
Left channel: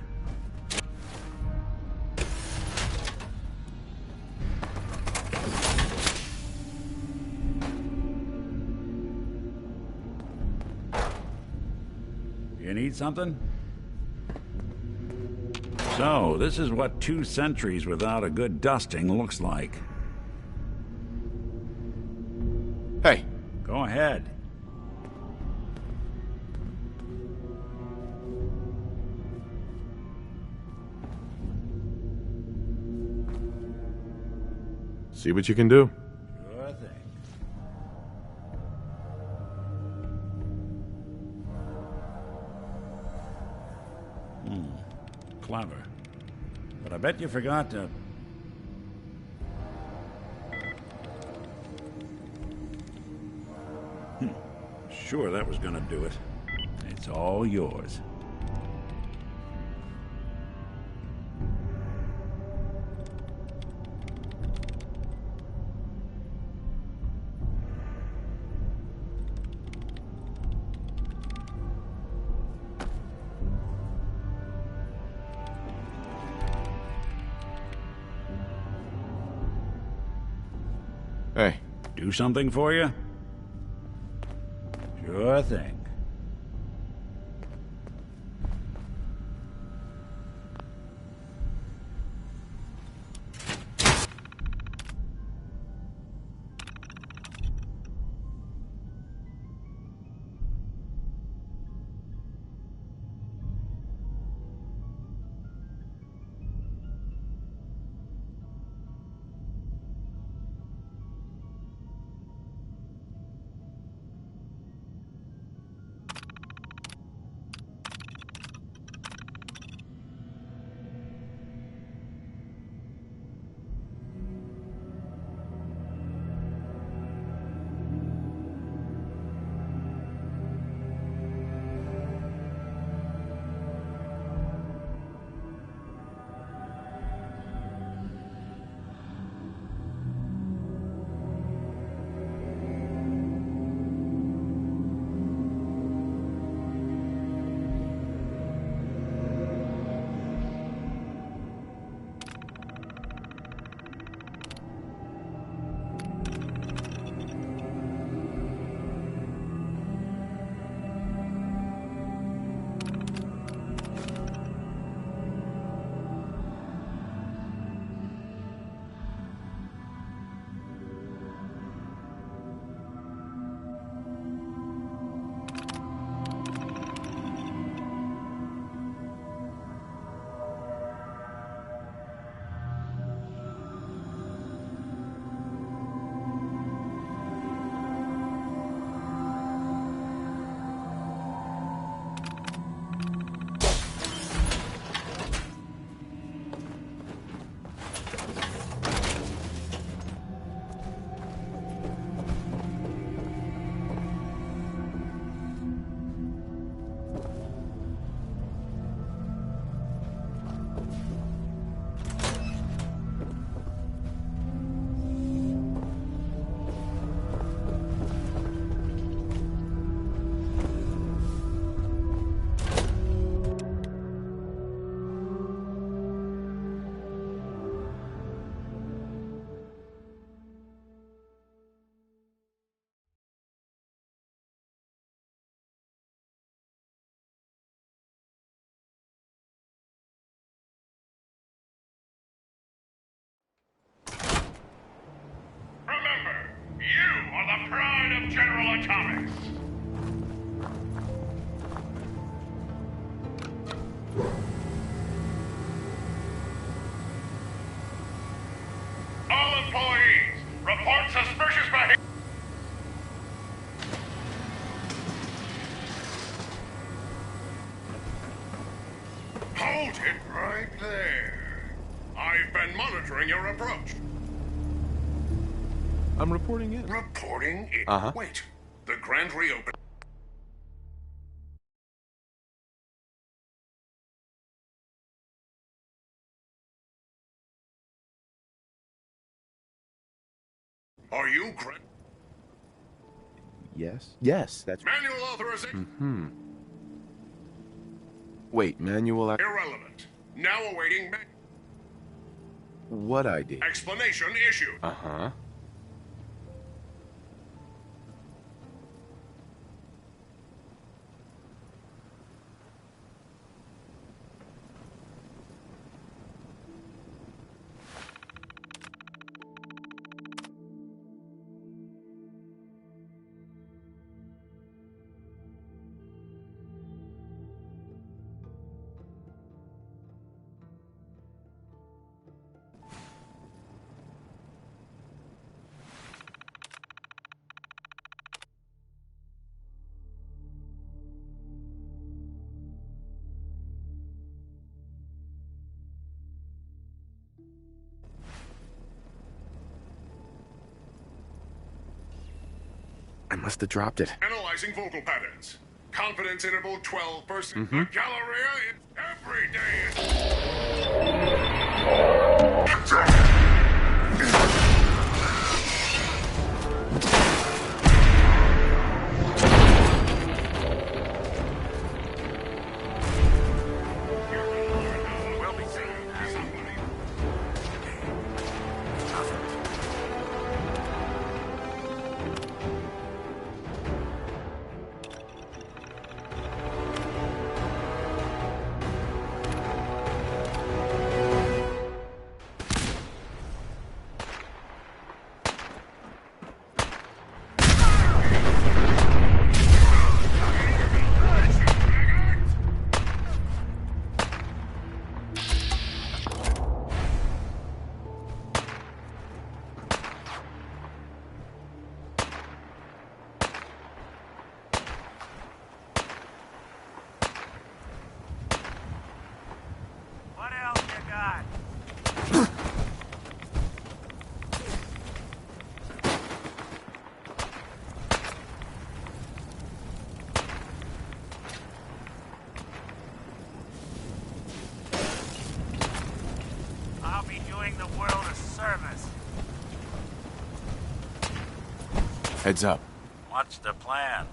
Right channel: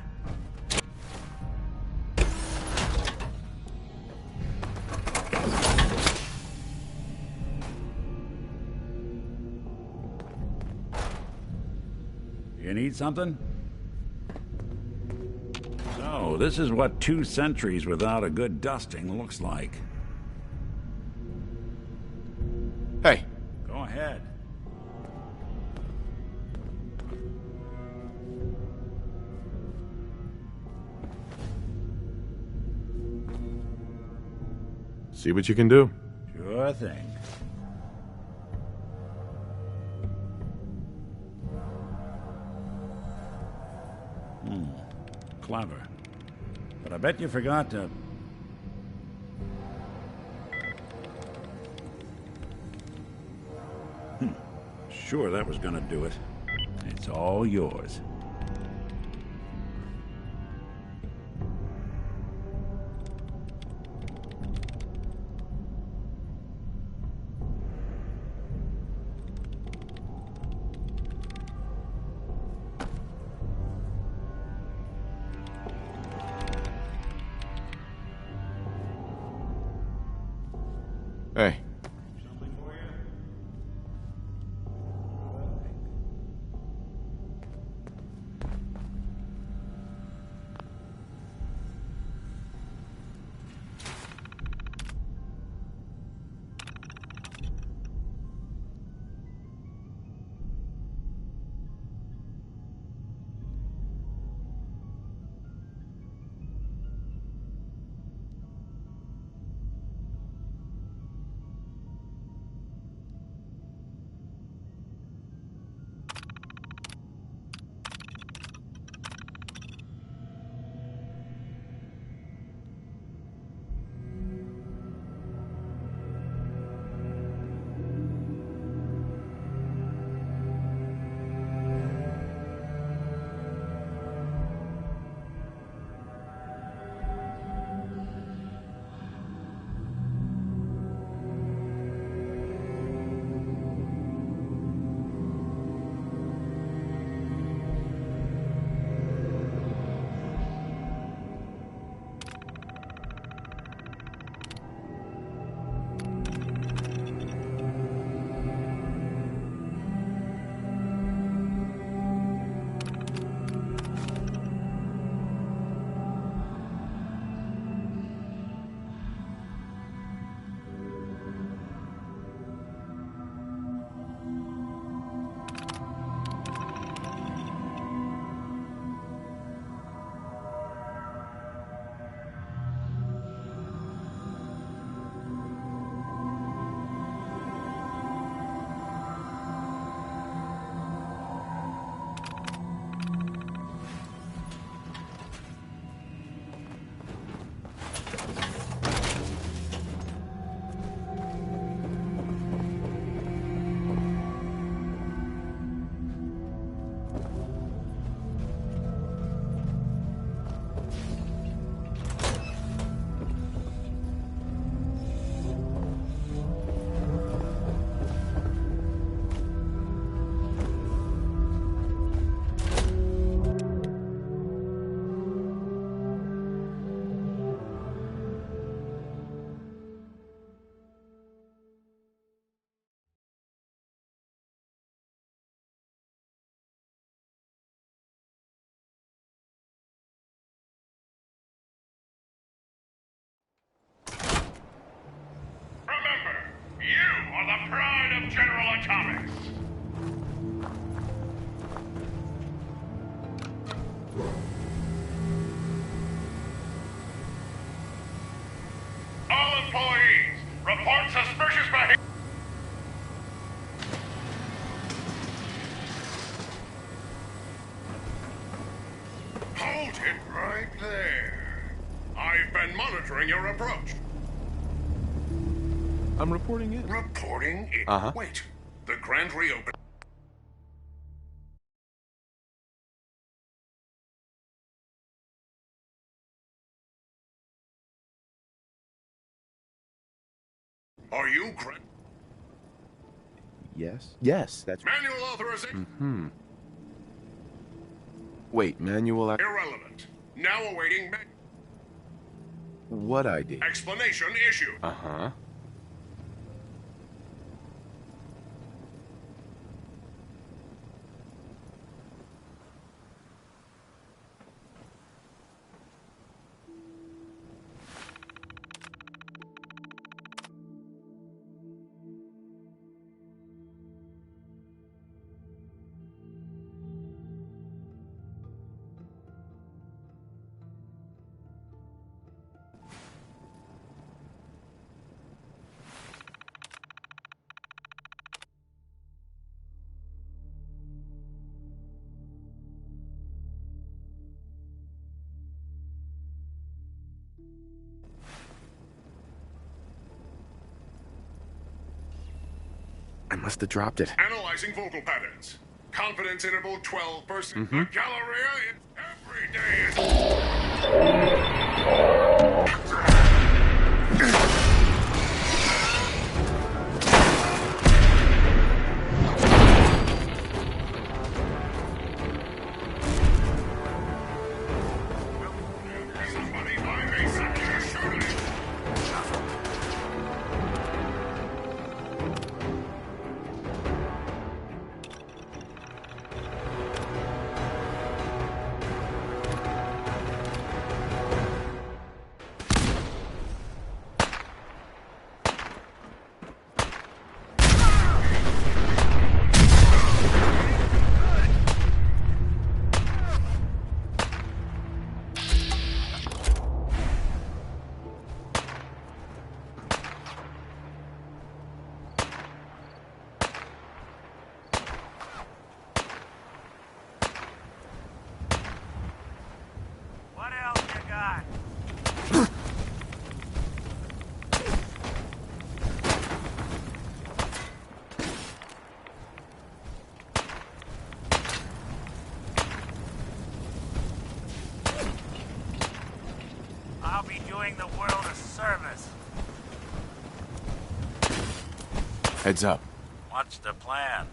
You need something? So, this is what 2 centuries without a good dusting looks like. Hey. Go ahead. See what you can do. Sure thing. Clever. But I bet you forgot to... Sure, that was gonna do it. It's all yours. Hey. Do something for you? Sure thing. You are the pride of General Atomics! All employees, report suspicious behavior. Hold it right there. I've been monitoring your approach. I'm reporting in. Reporting in? Uh-huh. Wait. The grand reopening. Are you Yes. Yes, that's... Manual authorization. Mm-hmm. Wait, manual... Irrelevant. Now awaiting What ID? explanation issued. Uh-huh. I must have dropped it. Analyzing vocal patterns. Confidence interval 12%. The Galleria is every day. What else you got? I'll be doing the world a service. Heads up. What's the plan?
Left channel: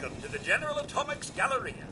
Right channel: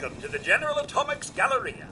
Welcome to the General Atomics Galleria.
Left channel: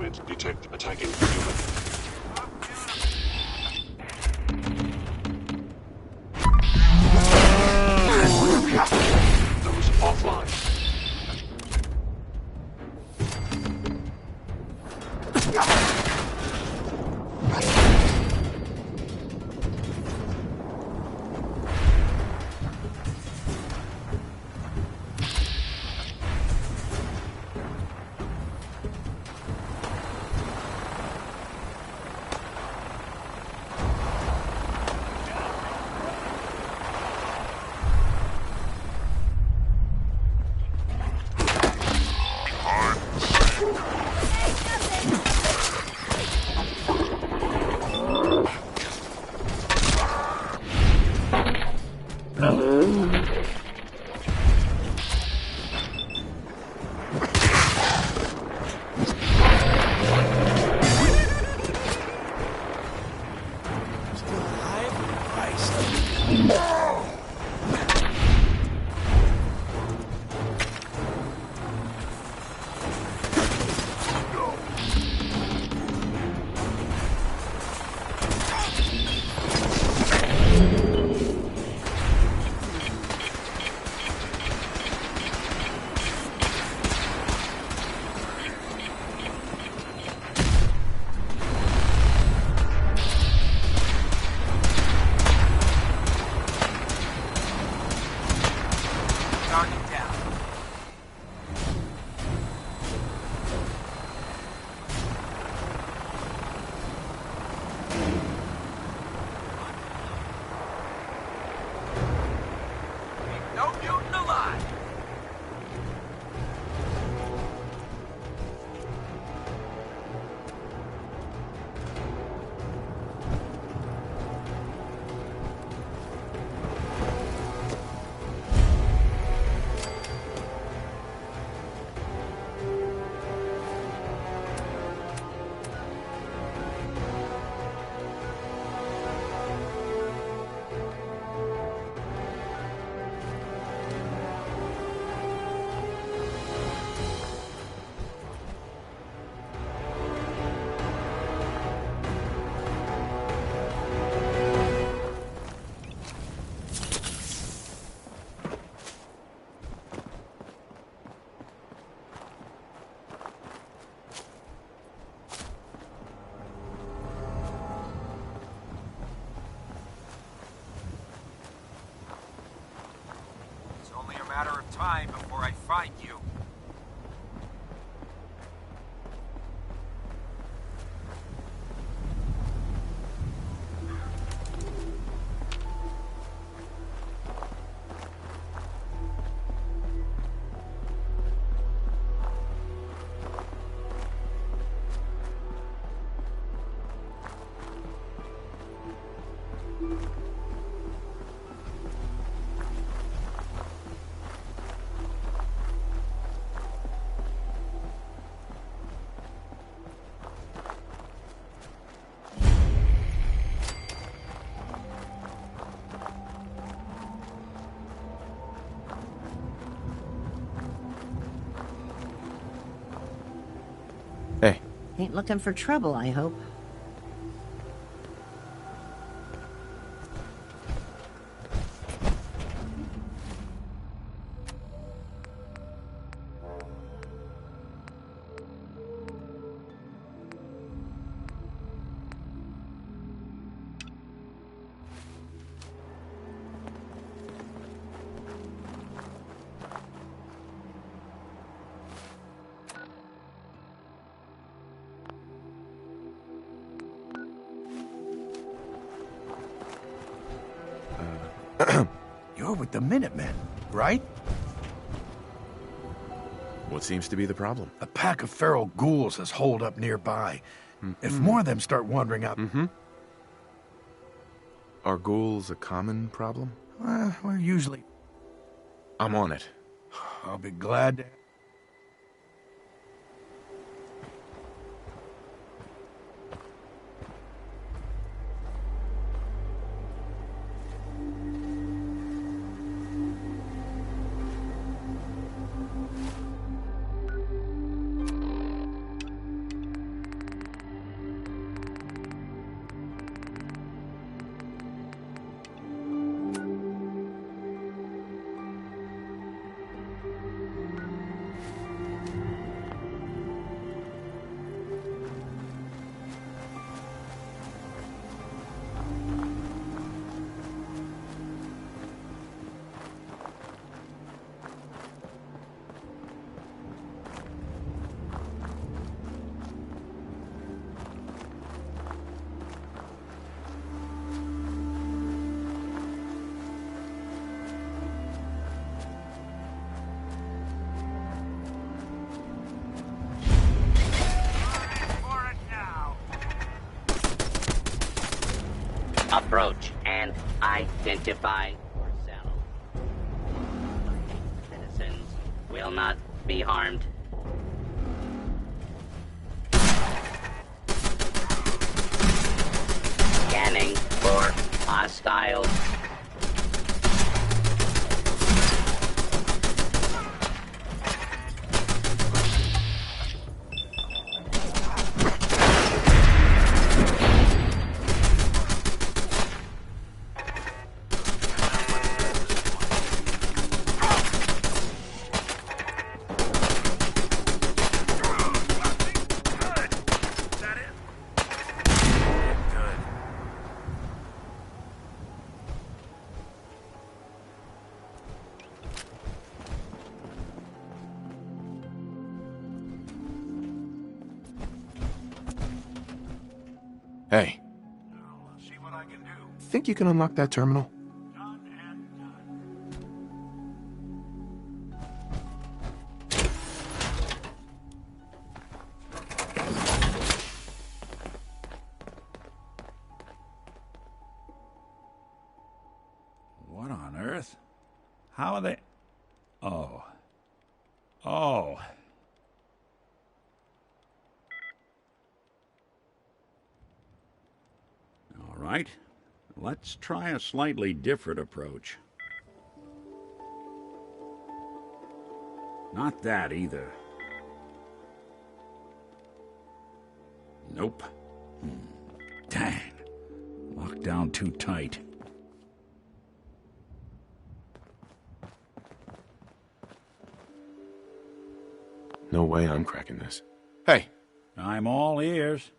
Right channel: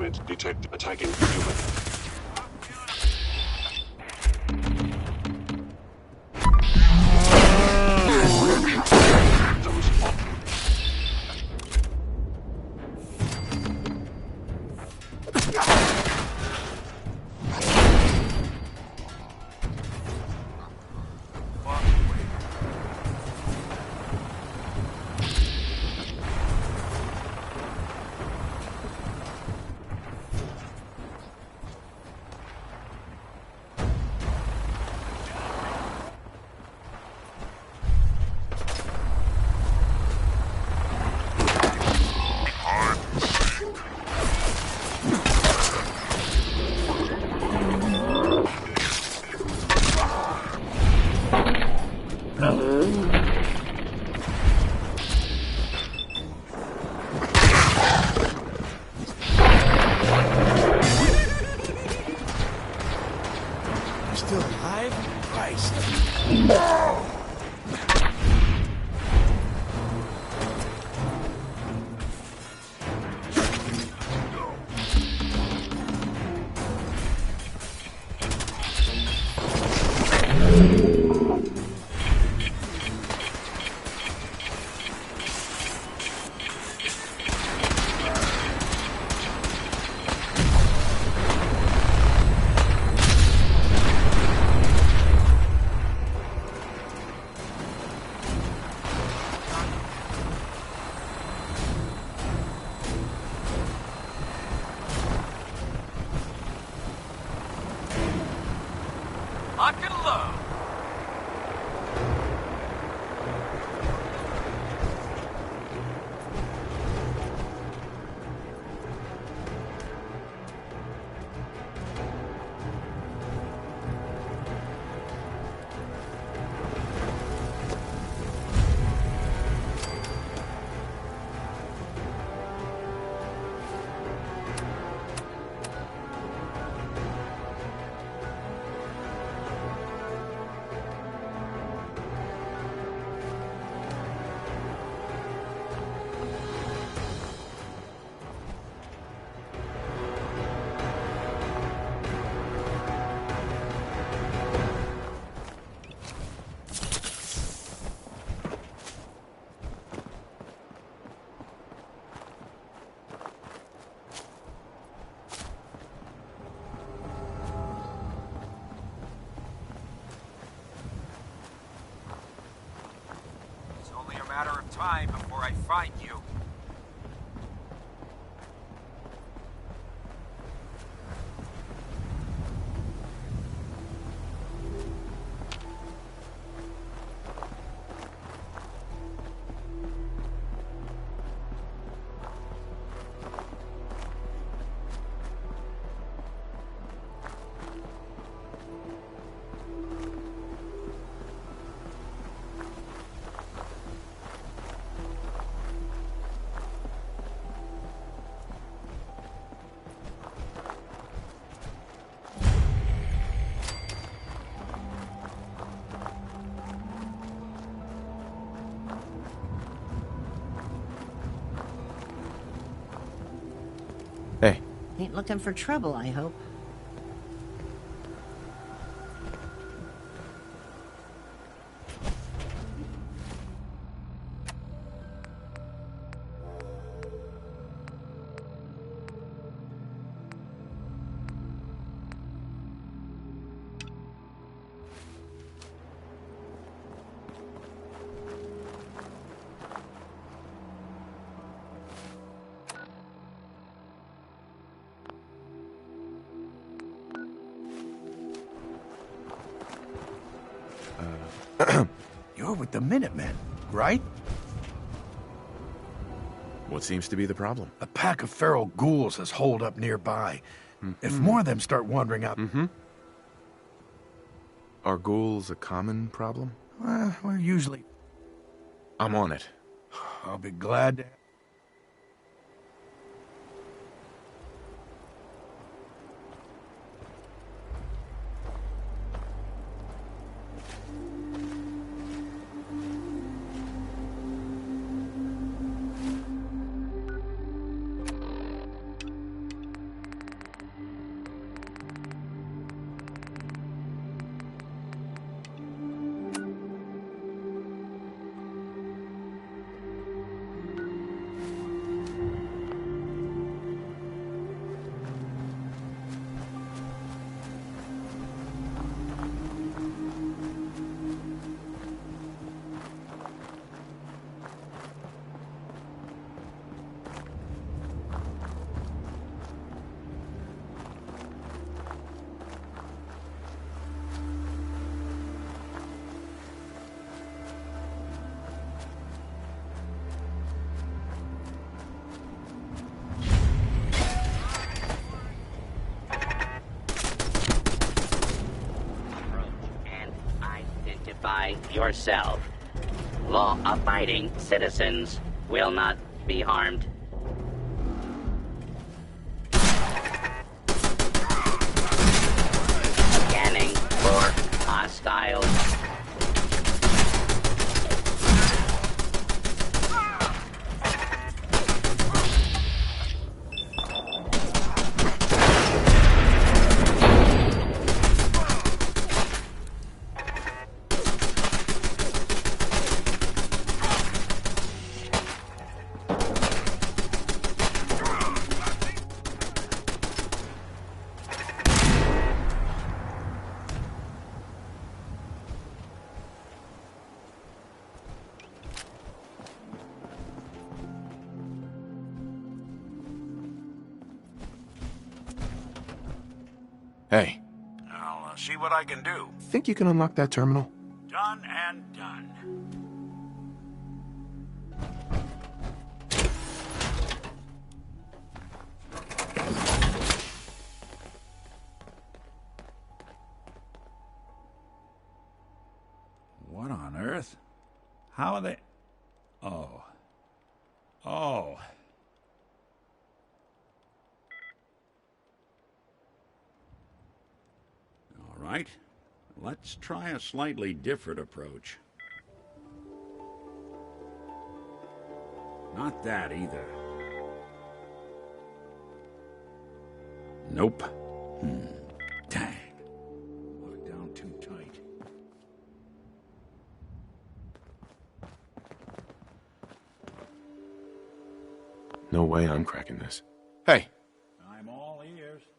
movement detected attacking human. Those offline. Still alive? Christ. Lock and load. No mutant alive. It's only a matter of time before I find you. Hey. Ain't looking for trouble, I hope. You're with the Minutemen, right? What seems to be the problem? A pack of feral ghouls has holed up nearby. If more of them start wandering out... Are ghouls a common problem? We're usually... I'm on it. I'll be glad to... Identify yourself. Law-abiding citizens will not be harmed. Scanning for hostiles. Hey, I'll see what I can do. think you can unlock that terminal? Done and done. What on earth? How are they... Oh. Oh. All right. Let's try a slightly different approach. Not that either. Nope. Dang. Locked down too tight. No way I'm cracking this. Hey! I'm all ears.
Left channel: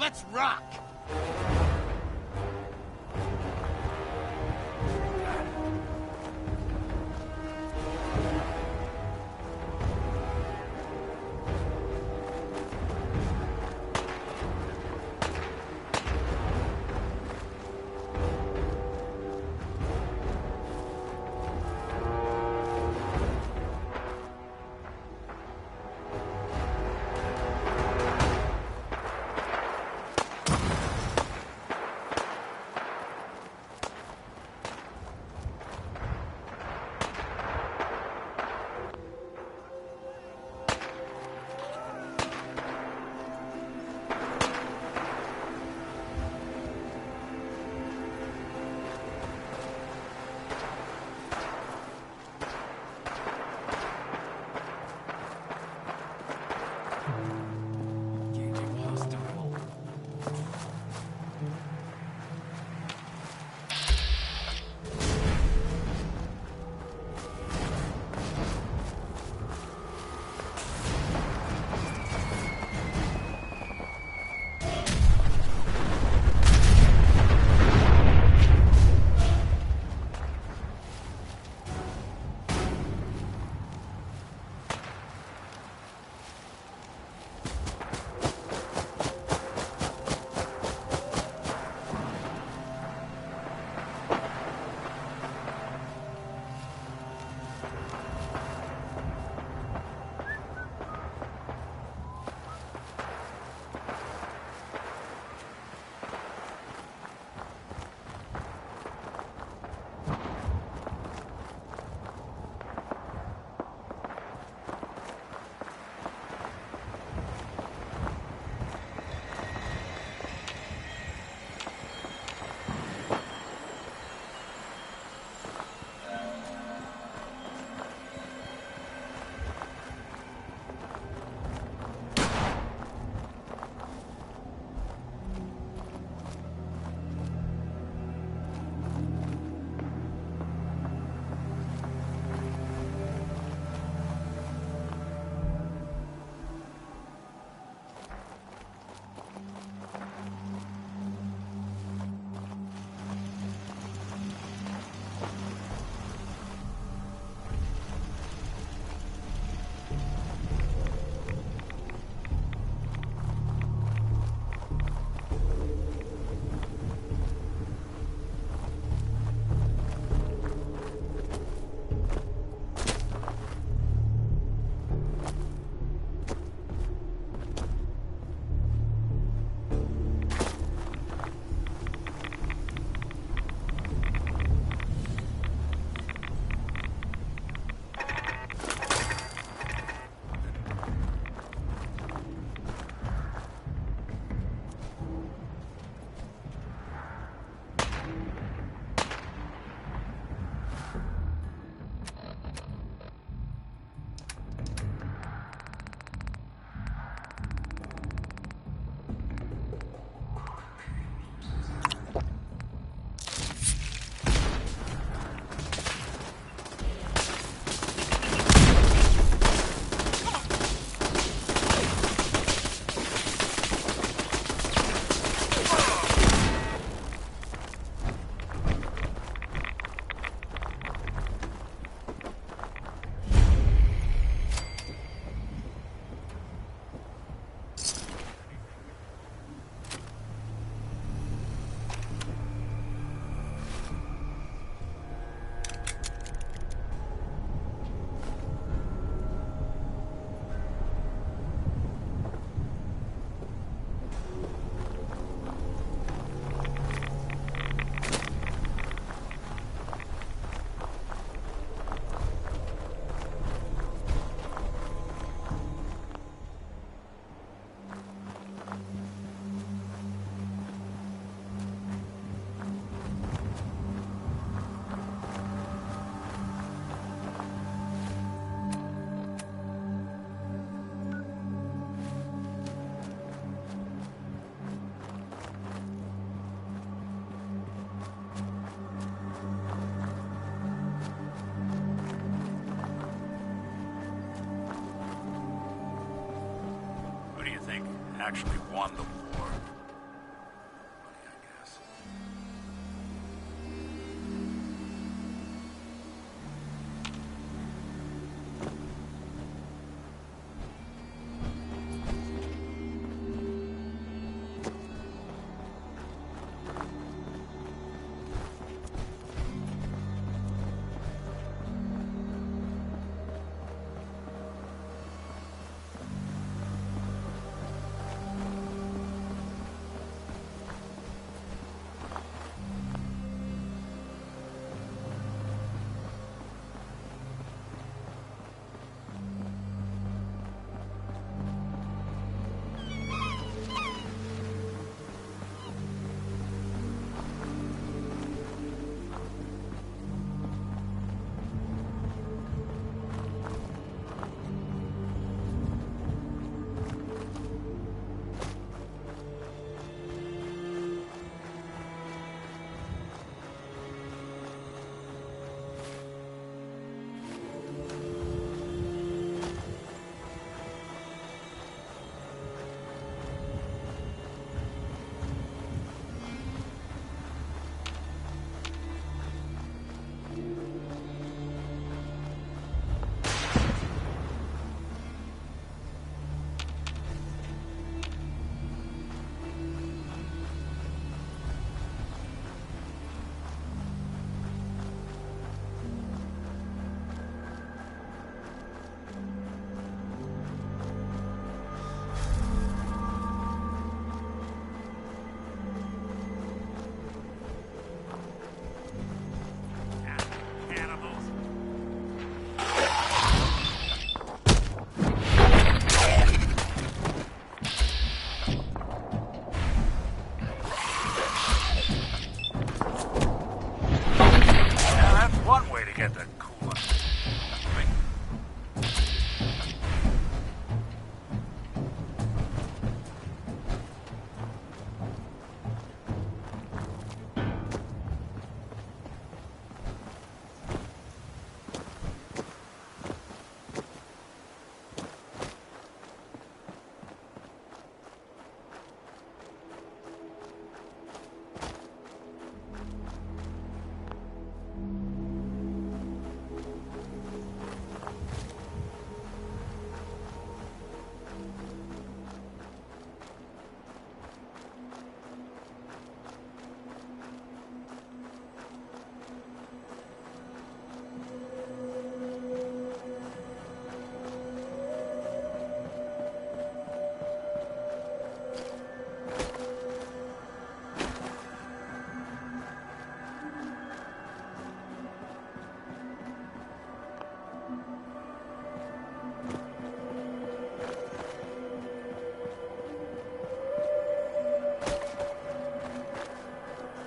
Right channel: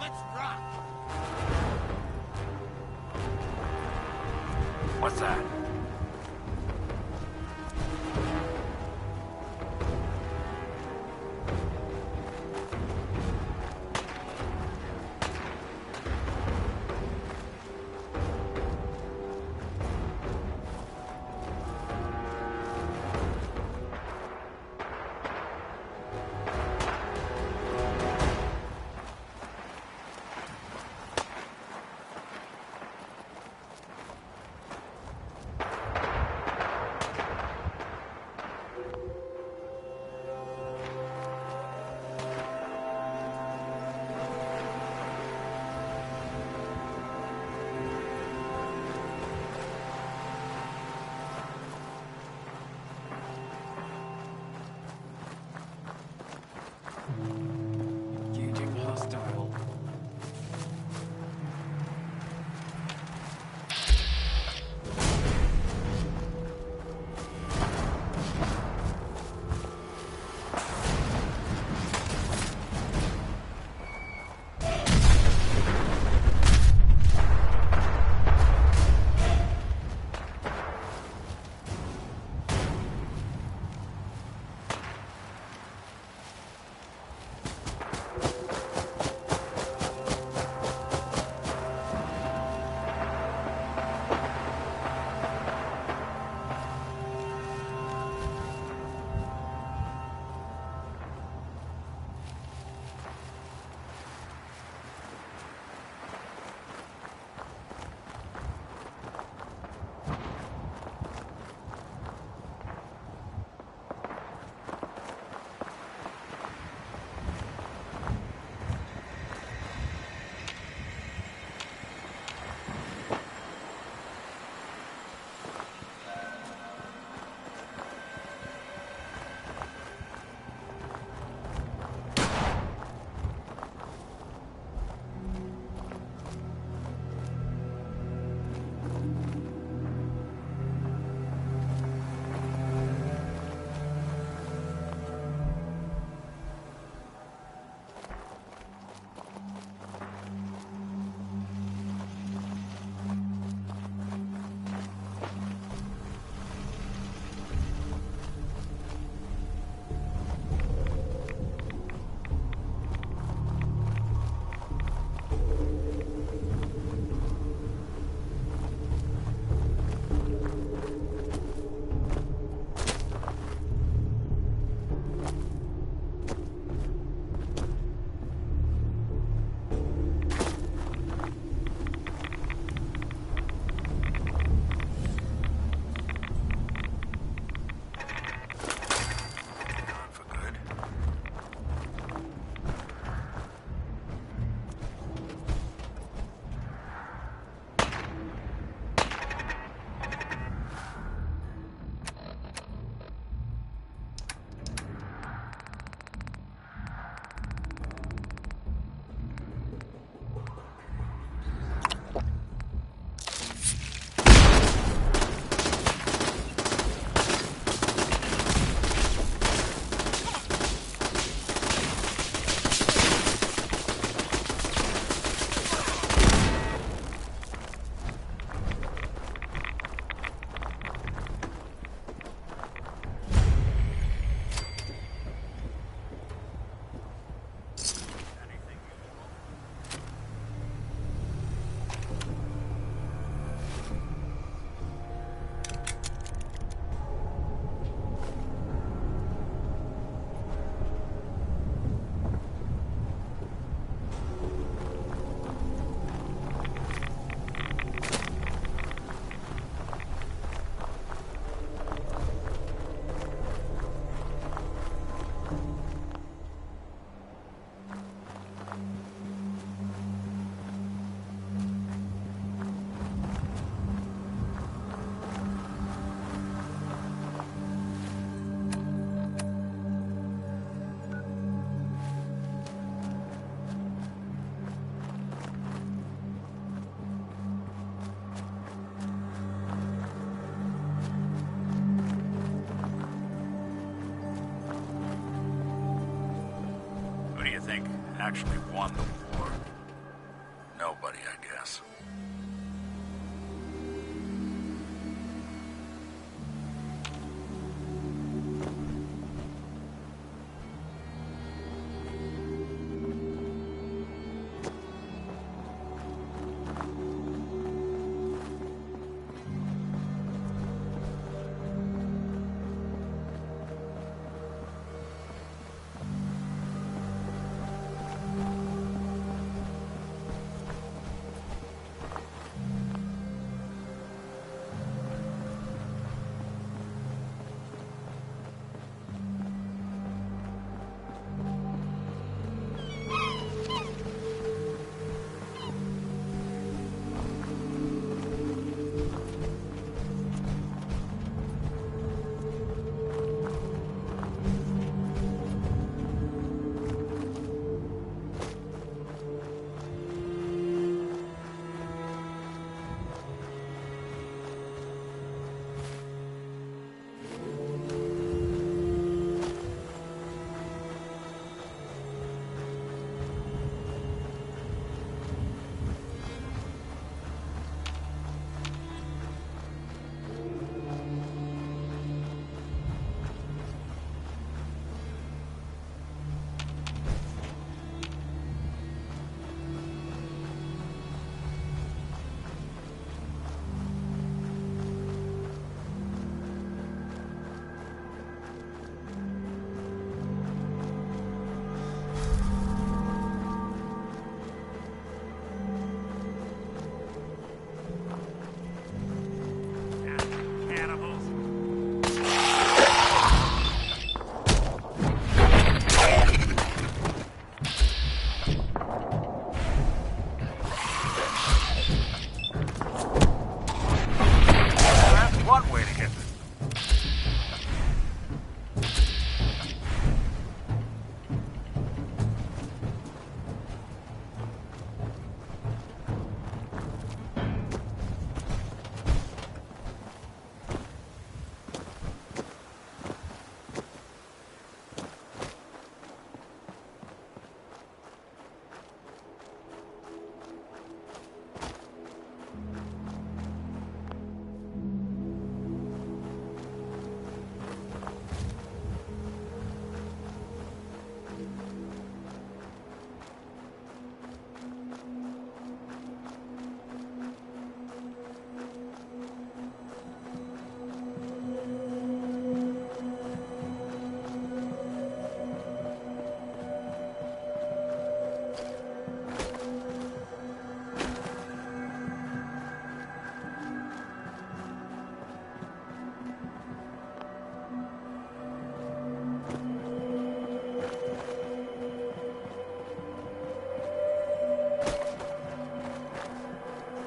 Let's rock! What's that? actually won the war? Nobody, I guess.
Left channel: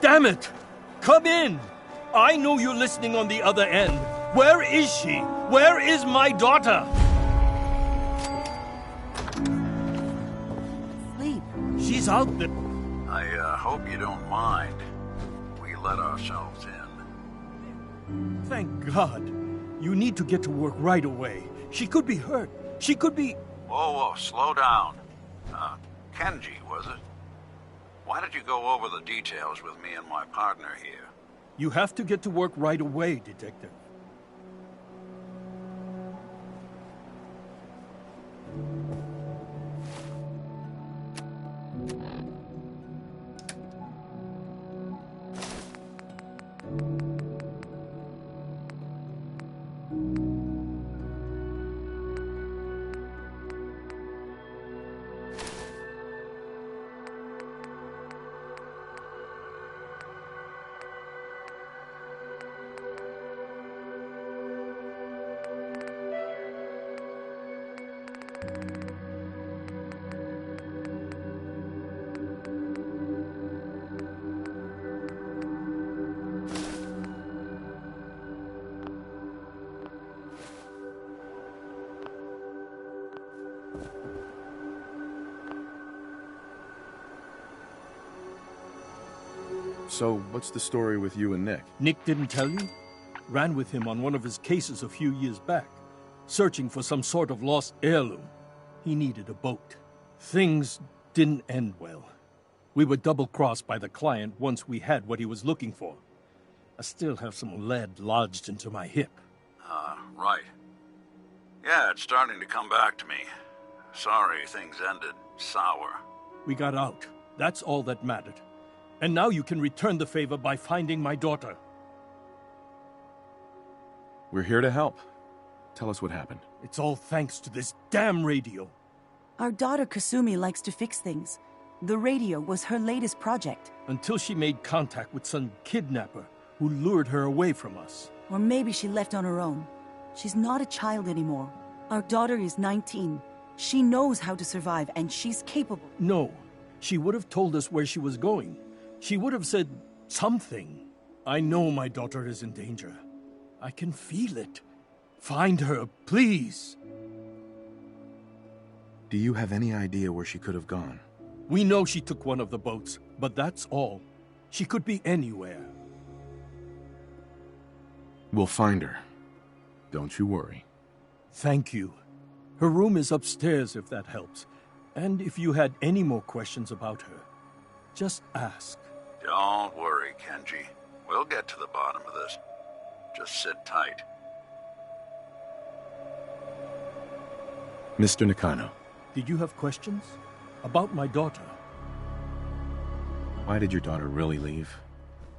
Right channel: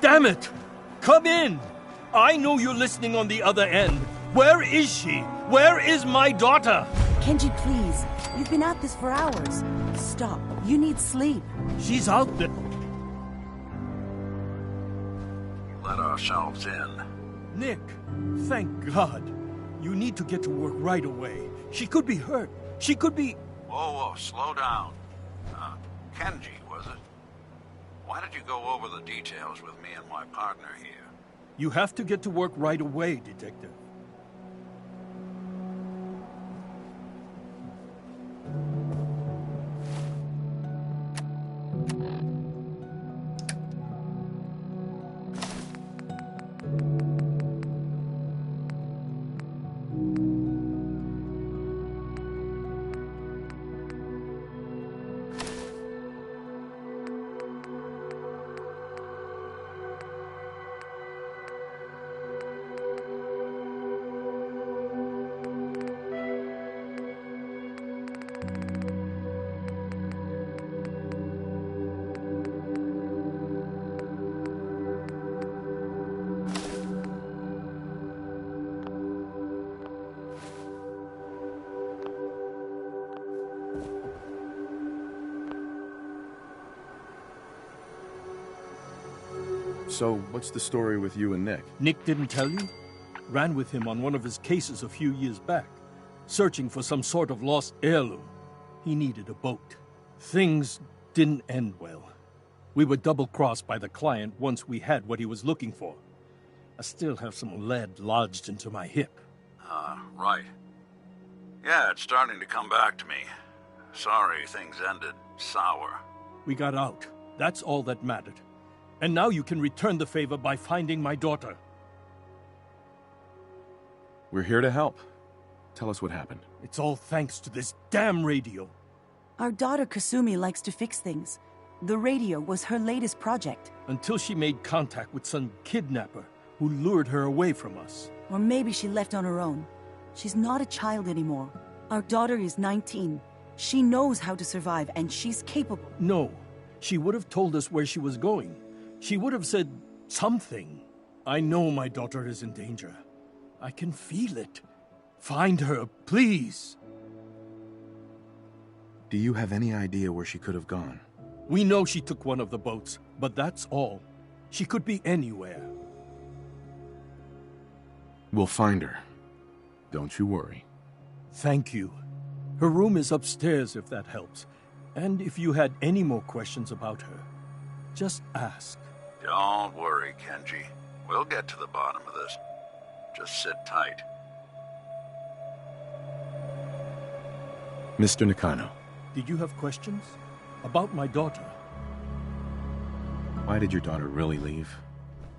Damn it! Come in! I know you're listening on the other end. Where is she? Where is my daughter? Kenji, please. We've been at this for hours. Stop. You need sleep. She's out there. I hope you don't mind. We let ourselves in. Nick, thank God. You need to get to work right away. She could be hurt. She could be... Whoa, slow down. Kenji, was it? Why don't you go over the details with me and my partner here? You have to get to work right away, Detective. So, what's the story with you and Nick? Nick didn't tell you? Ran with him on one of his cases a few years back, searching for some sort of lost heirloom. He needed a boat. Things didn't end well. We were double-crossed by the client once we had what he was looking for. I still have some lead lodged into my hip. Right. Yeah, it's starting to come back to me. Sorry things ended sour. We got out. That's all that mattered. And now you can return the favor by finding my daughter. We're here to help. Tell us what happened. It's all thanks to this damn radio. Our daughter Kasumi likes to fix things. The radio was her latest project. Until she made contact with some kidnapper who lured her away from us. Or maybe she left on her own. She's not a child anymore. Our daughter is 19. She knows how to survive, and she's capable. No. She would have told us where she was going. She would have said something. I know my daughter is in danger. I can feel it. Find her, please. Do you have any idea where she could have gone? We know she took one of the boats, but that's all. She could be anywhere. We'll find her. Don't you worry. Thank you. Her room is upstairs if that helps. And if you had any more questions about her, just ask. Don't worry, Kenji. We'll get to the bottom of this. Just sit tight. Mr. Nakano. Did you have questions? About my daughter? Why did your daughter really leave?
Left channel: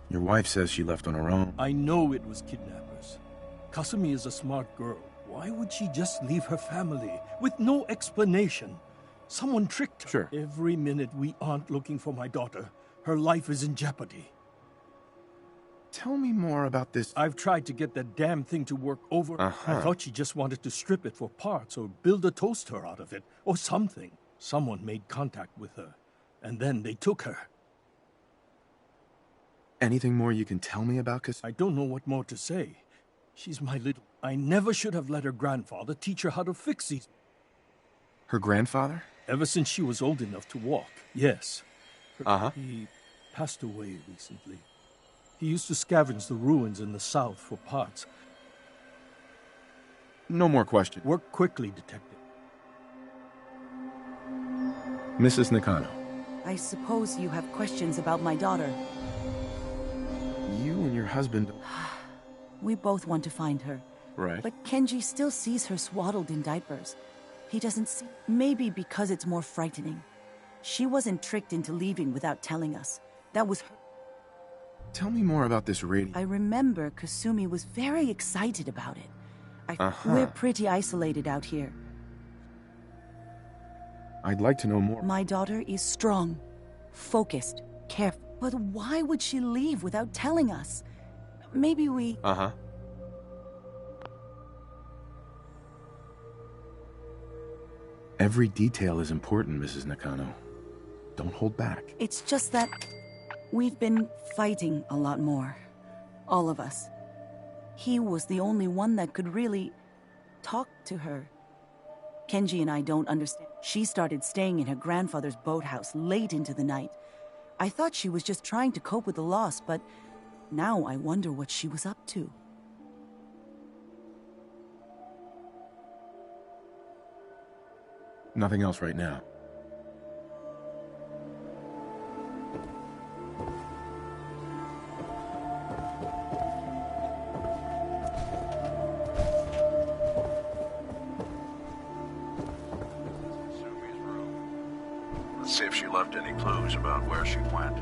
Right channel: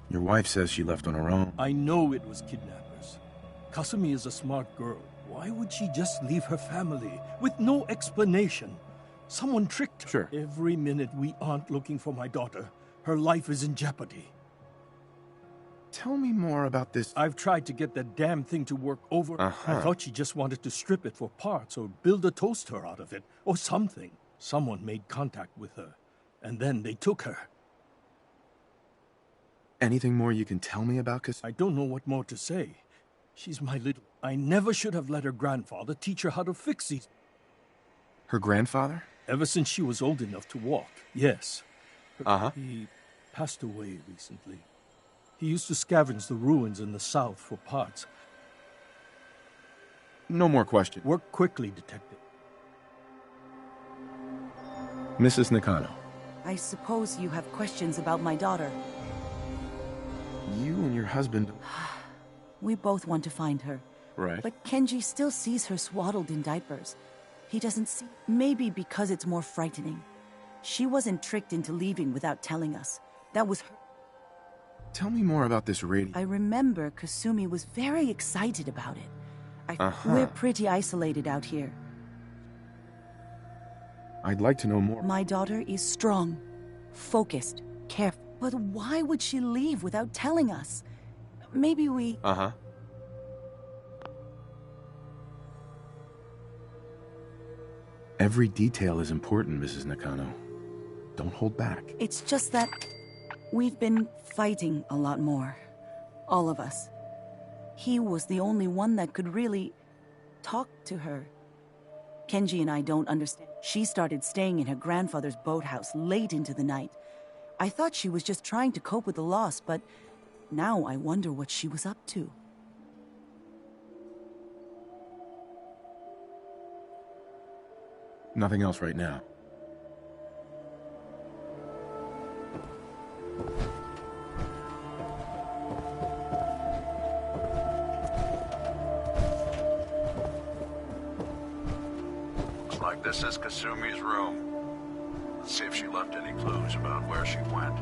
Your wife says she left on her own. I know it was kidnappers. Kasumi is a smart girl. Why would she just leave her family with no explanation? Someone tricked her. Sure. Every minute we aren't looking for my daughter, her life is in jeopardy. Tell me more about this. I've tried to get that damn thing to work over. I thought she just wanted to strip it for parts or build a toaster out of it or something. Someone made contact with her, and then they took her. Anything more you can tell me about Kasumi? I don't know what more to say. She's my little... I never should have let her grandfather teach her how to fix these... Her grandfather? Ever since she was old enough to walk, yes. He passed away recently. He used to scavenge the ruins in the south for parts. No more questions. Work quickly, Detective. Mrs. Nakano. I suppose you have questions about my daughter. You and your husband... We both want to find her. Right. But Kenji still sees her swaddled in diapers. He doesn't see... Maybe because it's more frightening. She wasn't tricked into leaving without telling us. That was her... Tell me more about this radio. I remember Kasumi was very excited about it. We're pretty isolated out here. I'd like to know more. My daughter is strong, focused, careful. But why would she leave without telling us? Maybe we... Every detail is important, Mrs. Nakano. Don't hold back. It's just that we've been fighting a lot more. All of us. He was the only one that could really talk to her. Kenji and I don't understand. She started staying in her grandfather's boathouse late into the night. I thought she was just trying to cope with the loss, but now I wonder what she was up to. Nothing else right now. Looks like this is Kasumi's room. Let's see if she left any clues about where she went.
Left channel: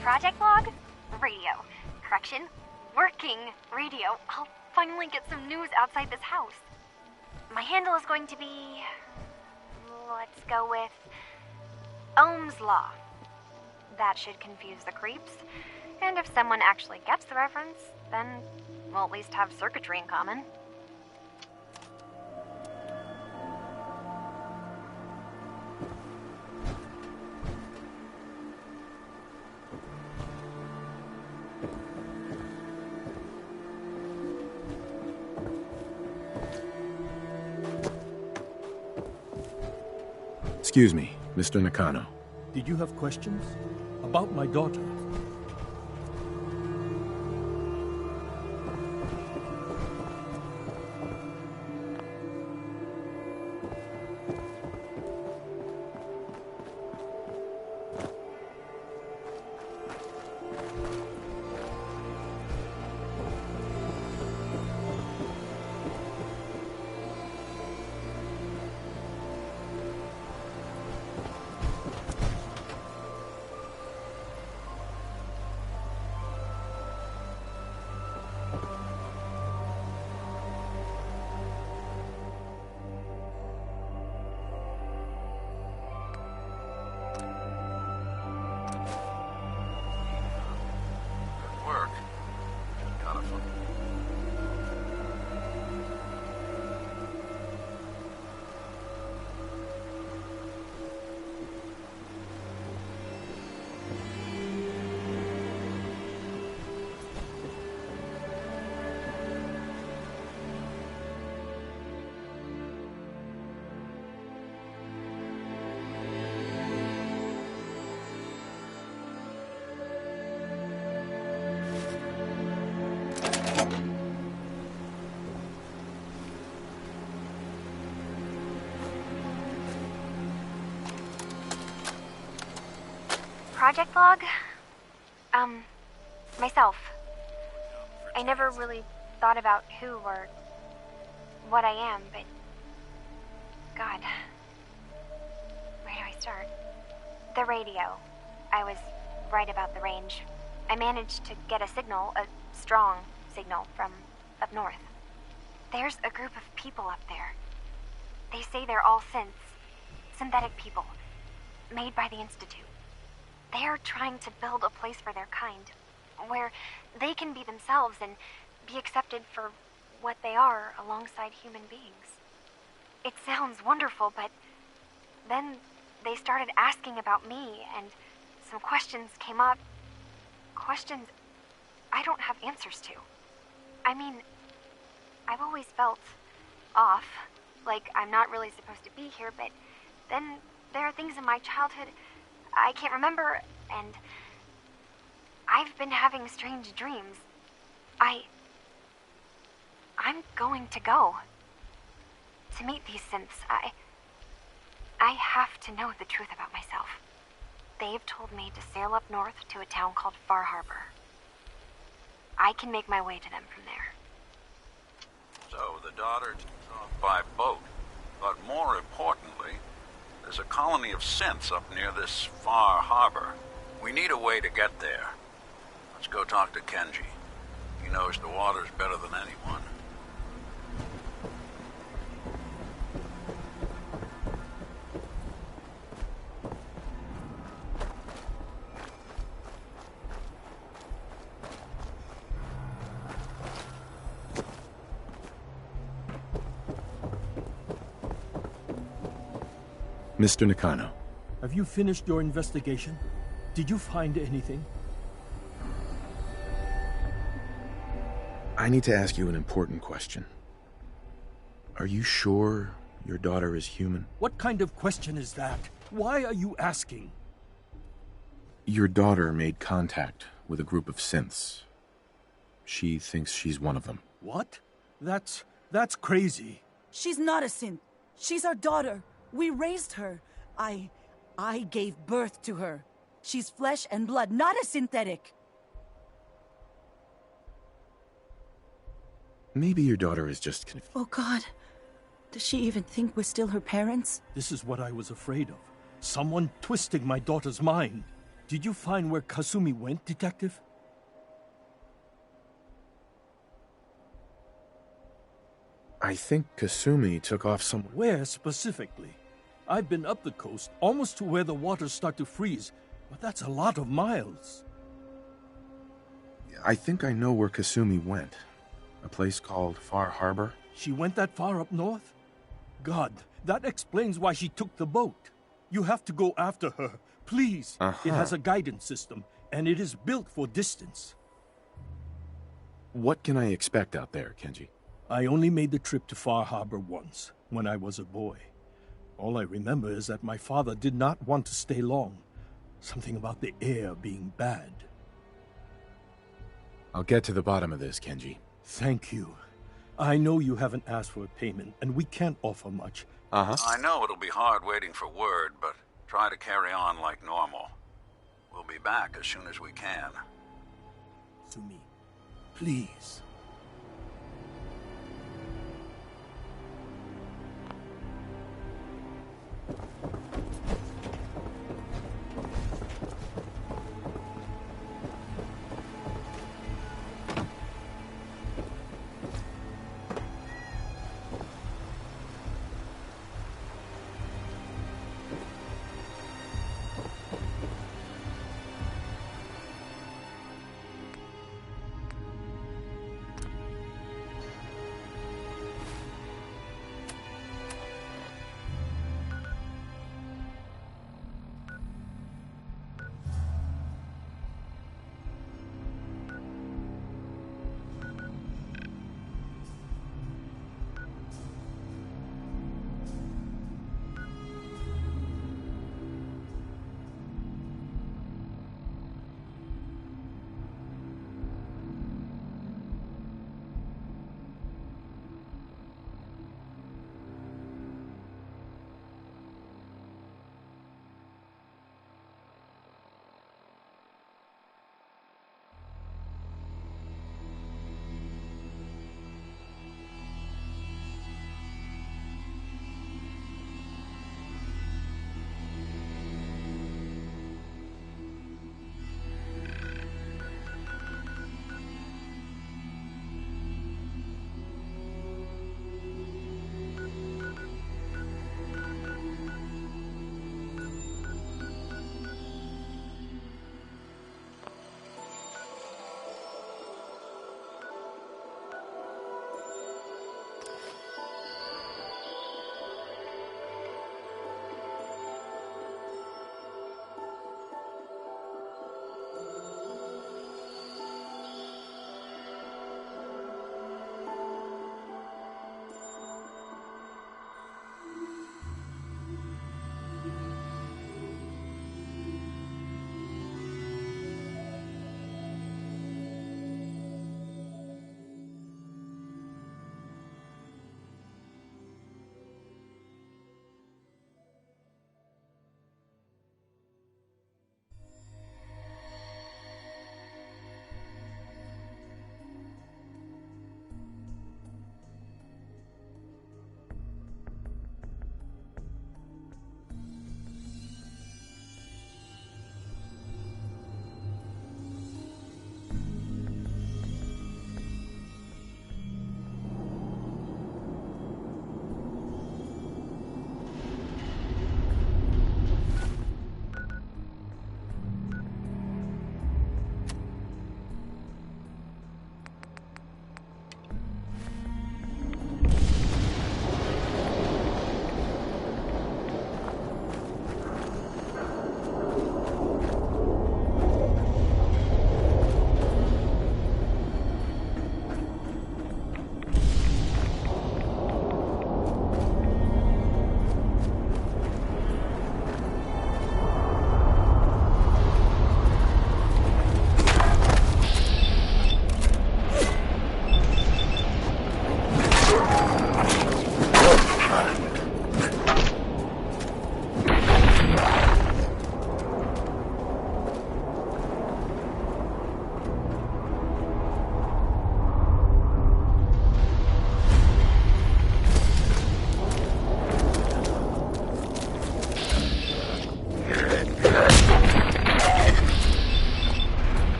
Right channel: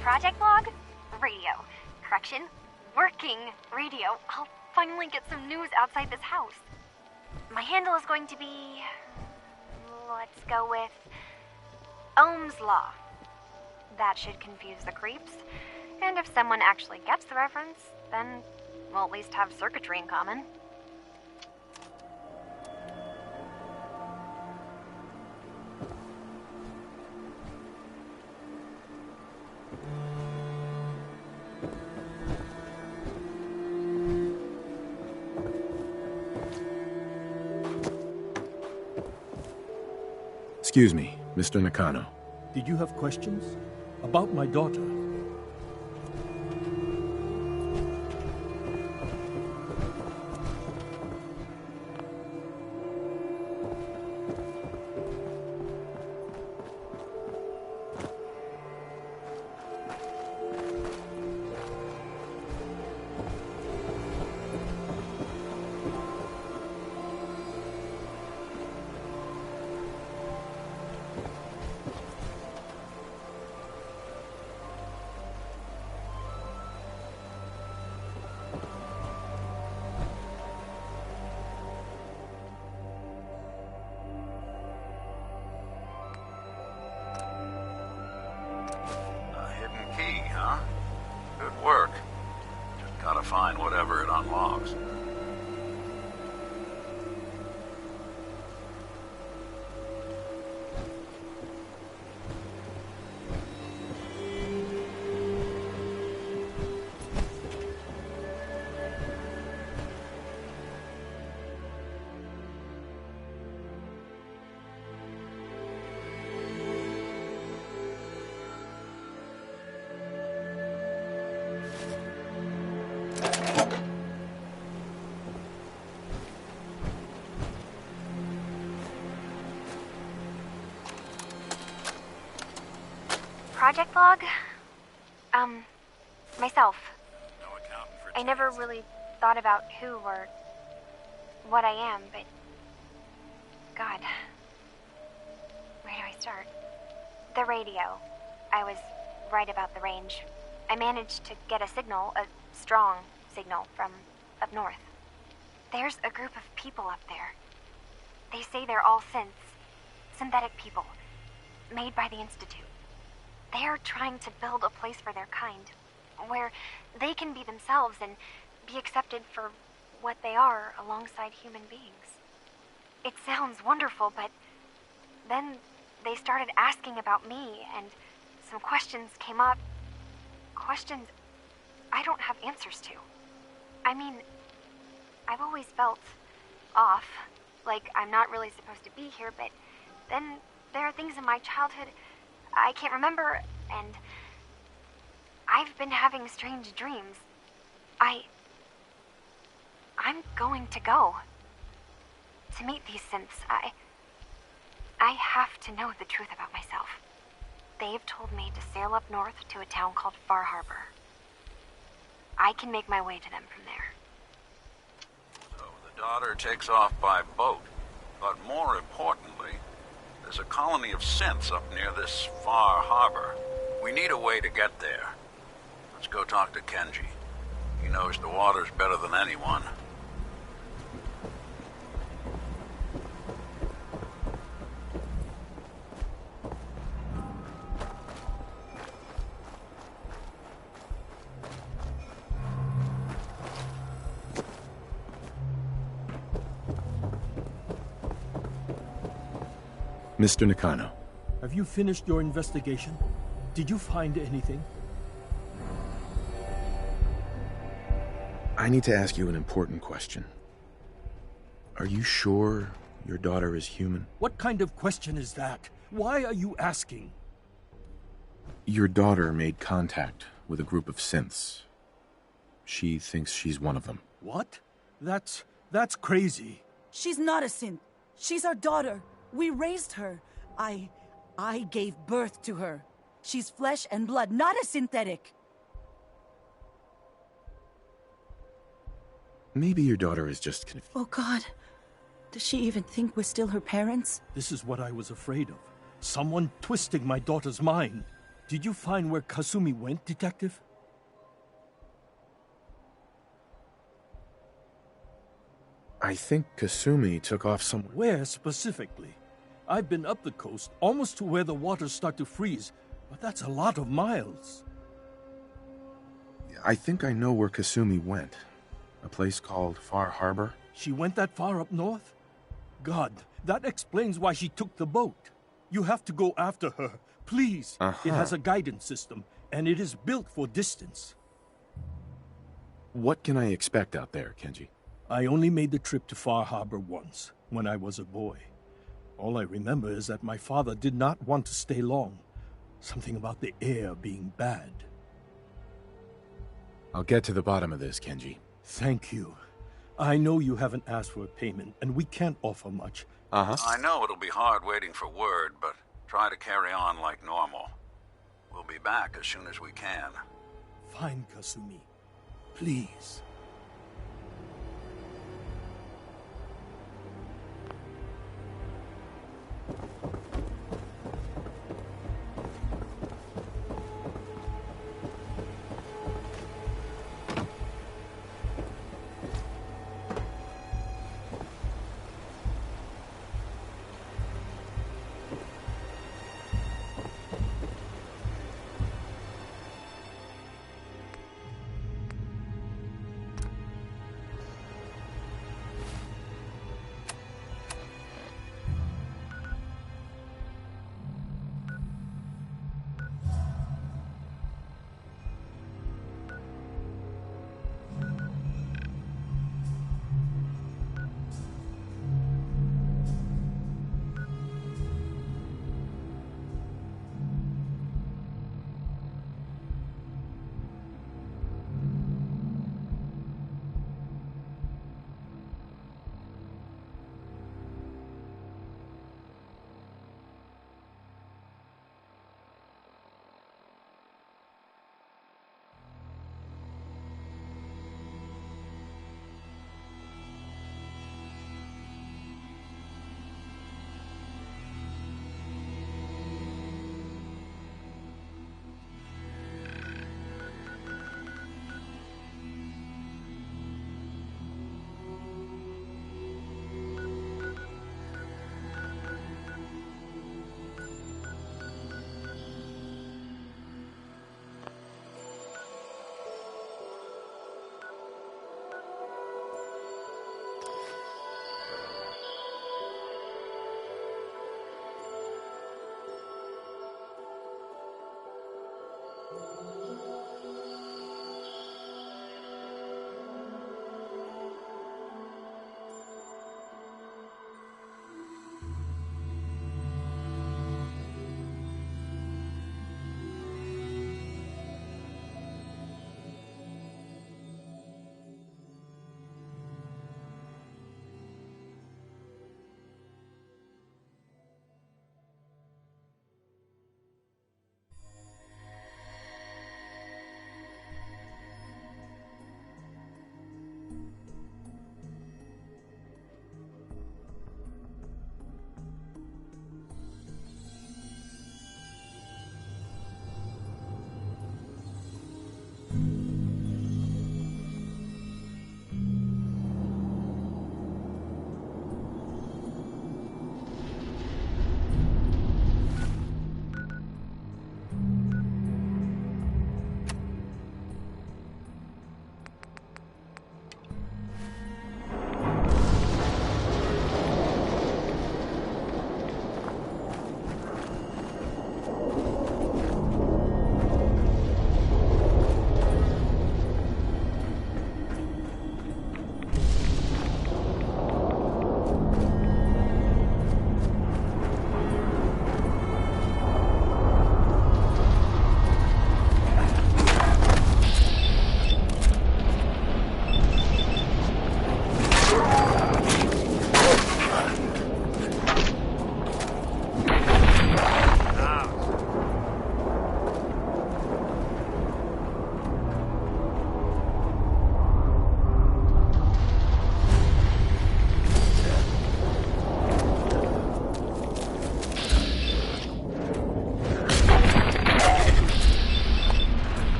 Project log? Radio. Correction? Working radio. I'll finally get some news outside this house. My handle is going to be... let's go with... Ohm's Law. That should confuse the creeps. And if someone actually gets the reference, then we'll at least have circuitry in common. Excuse me, Mr. Nakano. Did you have questions? About my daughter? Find whatever it unlocks. Project log? Myself. I never really thought about who or what I am, but... God. Where do I start? The radio. I was right about the range. I managed to get a signal, a strong signal, from up north. There's a group of people up there. They say they're all synthetic people, made by the Institute. They are trying to build a place for their kind, where they can be themselves and be accepted for what they are alongside human beings. It sounds wonderful, but then they started asking about me, and some questions came up. Questions I don't have answers to. I mean, I've always felt off, like I'm not really supposed to be here, but then there are things in my childhood I can't remember, and I've been having strange dreams. I'm going to go. To meet these synths, I have to know the truth about myself. They've told me to sail up north to a town called Far Harbor. I can make my way to them from there. So the daughter takes off by boat, but more importantly, there's a colony of synths up near this Far Harbor. We need a way to get there. Let's go talk to Kenji. He knows the waters better than anyone. Mr. Nakano. Have you finished your investigation? Did you find anything? I need to ask you an important question. Are you sure your daughter is human? What kind of question is that? Why are you asking? Your daughter made contact with a group of synths. She thinks she's one of them. What? That's crazy. She's not a synth. She's our daughter. We raised her. I gave birth to her. She's flesh and blood, not a synthetic. Maybe your daughter is just confused. Oh, God. Does she even think we're still her parents? This is what I was afraid of. Someone twisting my daughter's mind. Did you find where Kasumi went, Detective? I think Kasumi took off somewhere. Where specifically? I've been up the coast, almost to where the waters start to freeze, but that's a lot of miles. I think I know where Kasumi went. A place called Far Harbor. She went that far up north? God, that explains why she took the boat. You have to go after her, please. It has a guidance system, and it is built for distance. What can I expect out there, Kenji? I only made the trip to Far Harbor once, when I was a boy. All I remember is that my father did not want to stay long. Something about the air being bad. I'll get to the bottom of this, Kenji. Thank you. I know you haven't asked for a payment, and we can't offer much. I know it'll be hard waiting for word, but try to carry on like normal. We'll be back as soon as we can. Fine, Kasumi. Please.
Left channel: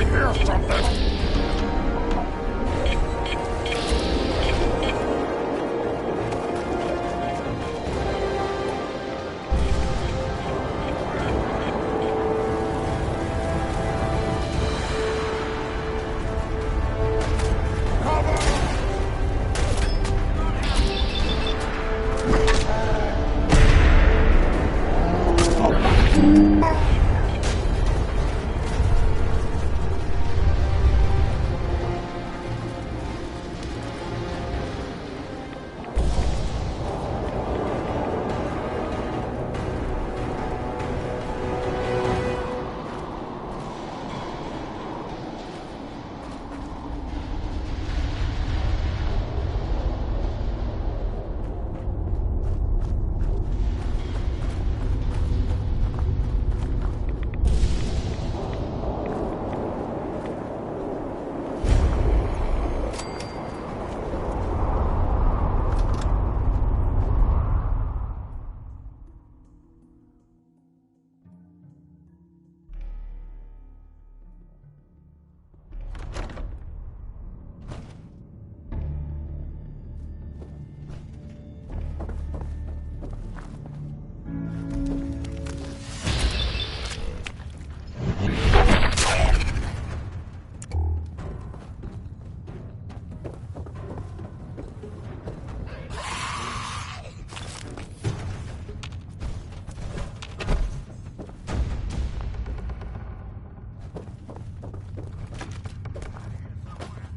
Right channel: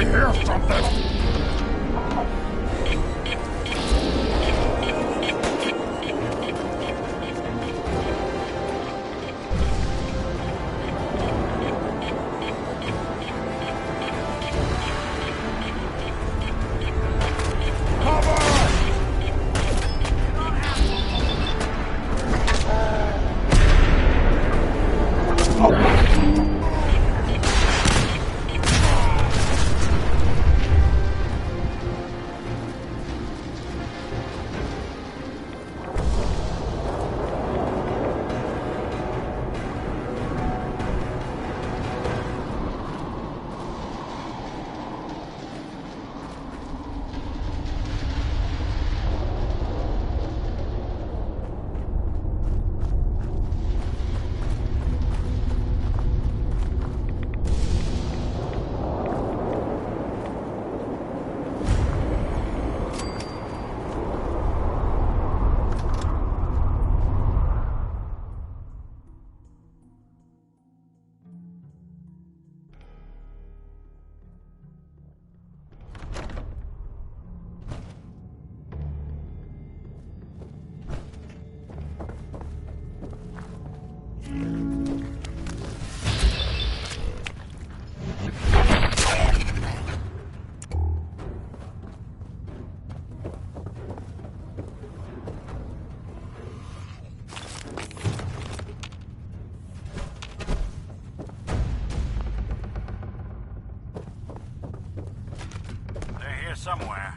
I hear something! Somewhere.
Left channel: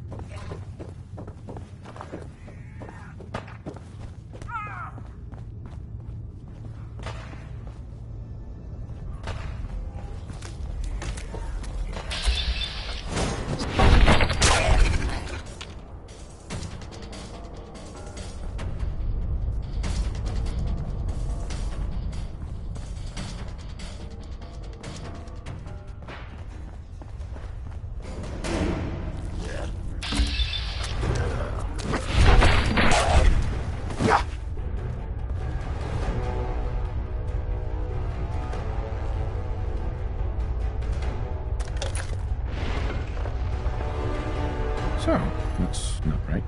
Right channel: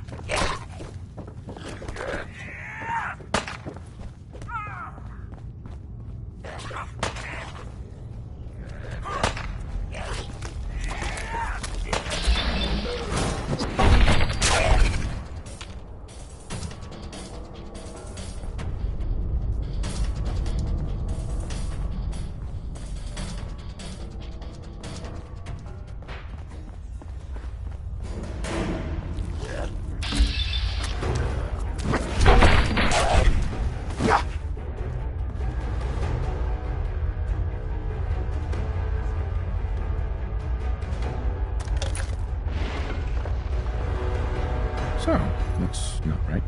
So, that's not right.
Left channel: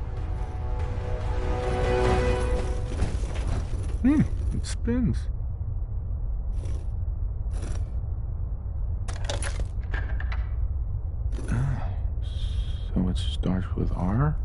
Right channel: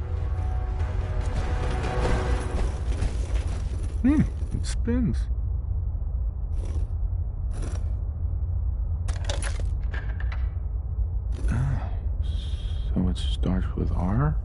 It spins. So it starts with R?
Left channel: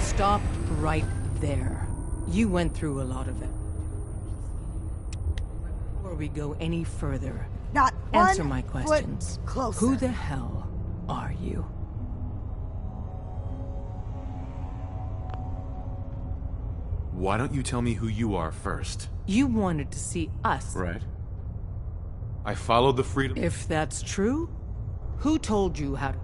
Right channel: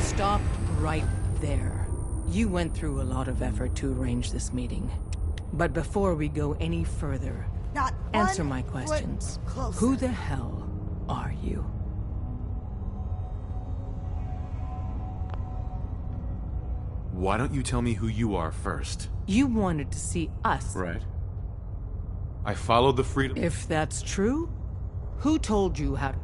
Stop right there. You went through a lot of effort to arrange this meeting. But before we go any further, Not answer one my questions. foot closer. Who the hell are you? Why don't you tell me who you are first? You wanted to see us. Right. I followed the freedom... If that's true, who told you how to...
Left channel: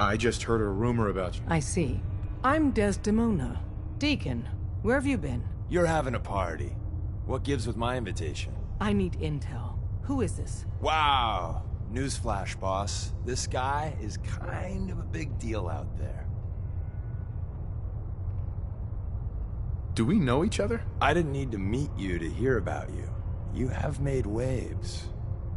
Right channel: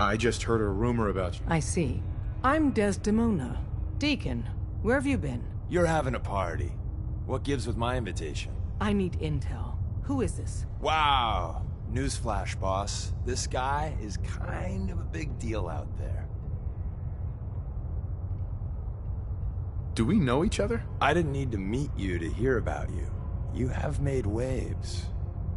I just heard a rumor about you. I see. I'm Desdemona. Deacon, where have you been? You're having a party. What gives with my invitation? I need intel. Who is this? Wow. Newsflash, boss. This guy is kind of a big deal out there. Do we know each other? I didn't need to meet you to hear about you. You have made waves.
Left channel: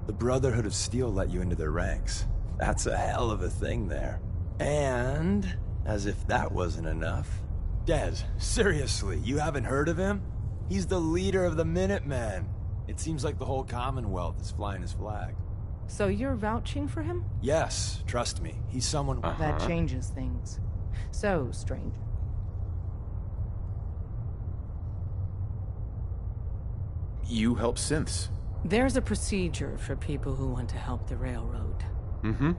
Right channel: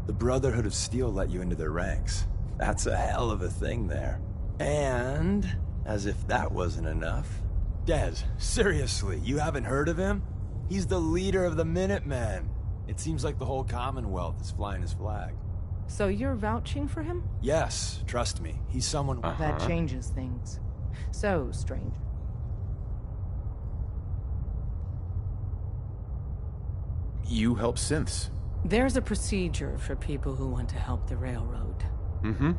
The Brotherhood of Steel let you into their ranks. That's a hell of a thing there. And, as if that wasn't enough, Des, seriously, you haven't heard of him? He's the leader of the Minutemen. It seems like the whole Commonwealth is flying his flag. So you're vouching for him? Yes, trust me. He's someone... That changes things. So, stranger. You help synths. There's a procedure for people who want to help the railroad. Mm-hmm.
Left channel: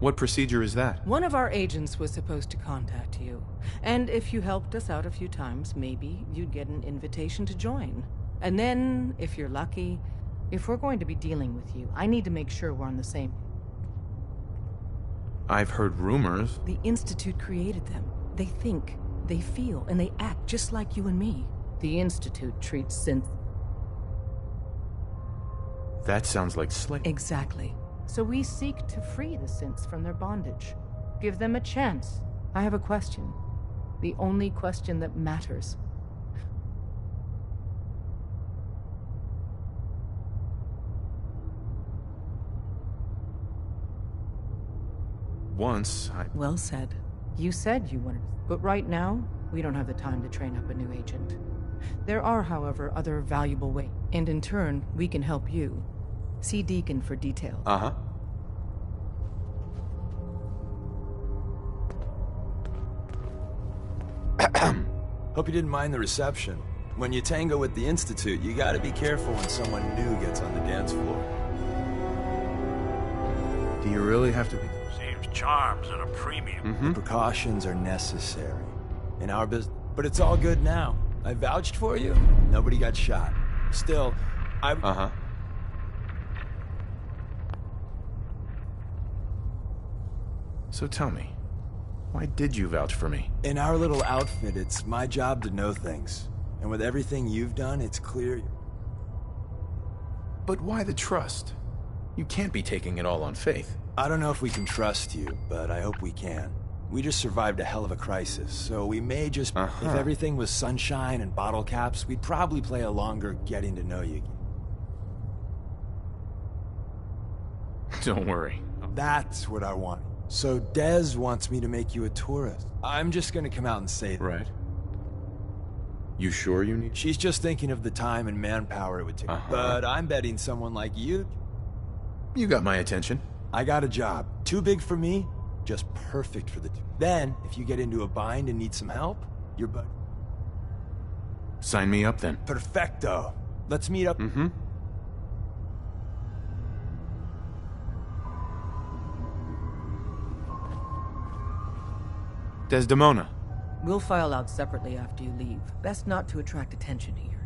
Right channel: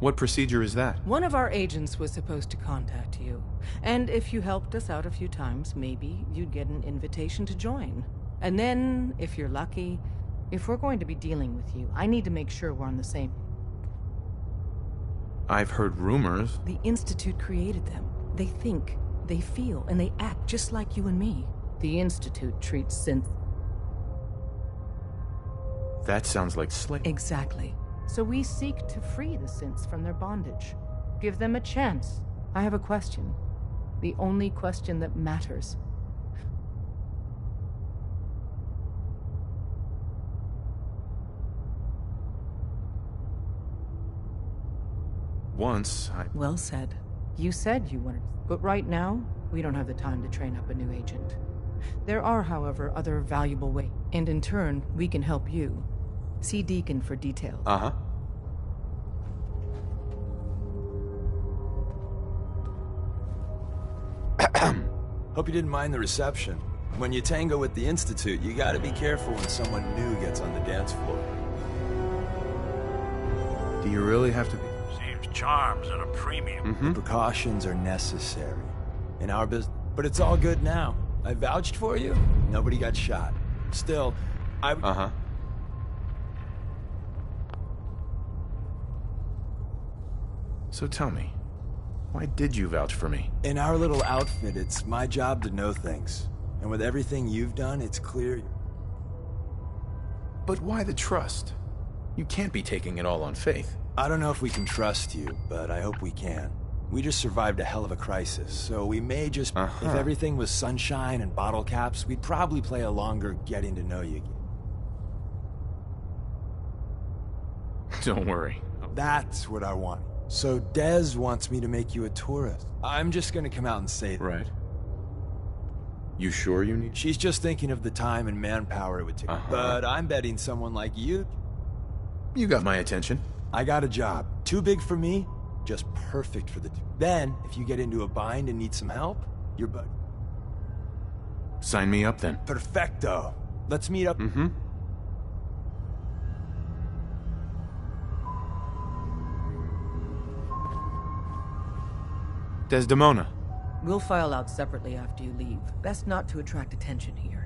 What procedure is that? One of our agents was supposed to contact you. And if you helped us out a few times, maybe you'd get an invitation to join. And then, if you're lucky, if we're going to be dealing with you, I need to make sure we're on the same... I've heard rumors. The Institute created them. They think, they feel, and they act just like you and me. The Institute treats synths... That sounds like slavery. Exactly. So we seek to free the synths from their bondage. Give them a chance. I have a question. The only question that matters. Once, Well said. You said you wanted... But right now, we don't have the time to train up a new agent. There are, however, other valuable ways. And in turn, we can help you. See Deacon for details. Uh-huh. Hope you didn't mind the reception. When you tango with the Institute, you gotta be careful when someone new gets on the dance floor. Do you really have to be... Seems charms at a premium. The precautions are necessary. In our business... But it's all good now. I vouched for you. Nobody got shot. Still, I... Uh-huh. So tell me, why did you vouch for me? In our little outfit, it's my job to know things. And with everything you've done, it's clear... But why the trust? You can't be taking it all on faith. I don't know if we can trust you, but I hope we can. We just survived a hell of a crisis, so we may just... If everything was sunshine and bottle caps, we'd probably play a longer getting to know you game. Don't worry. That's what I want. So Des wants me to make you a tourist. I'm just gonna come out and say that. Right. You sure you need... She's just thinking of the time and manpower it would take. But I'm betting someone like you... You got my attention. I got a job. Too big for me, just perfect for the two. Then, if you get into a bind and need some help, you're bud. Sign me up then. Perfecto. Let's meet up. Desdemona. We'll file out separately after you leave. Best not to attract attention here.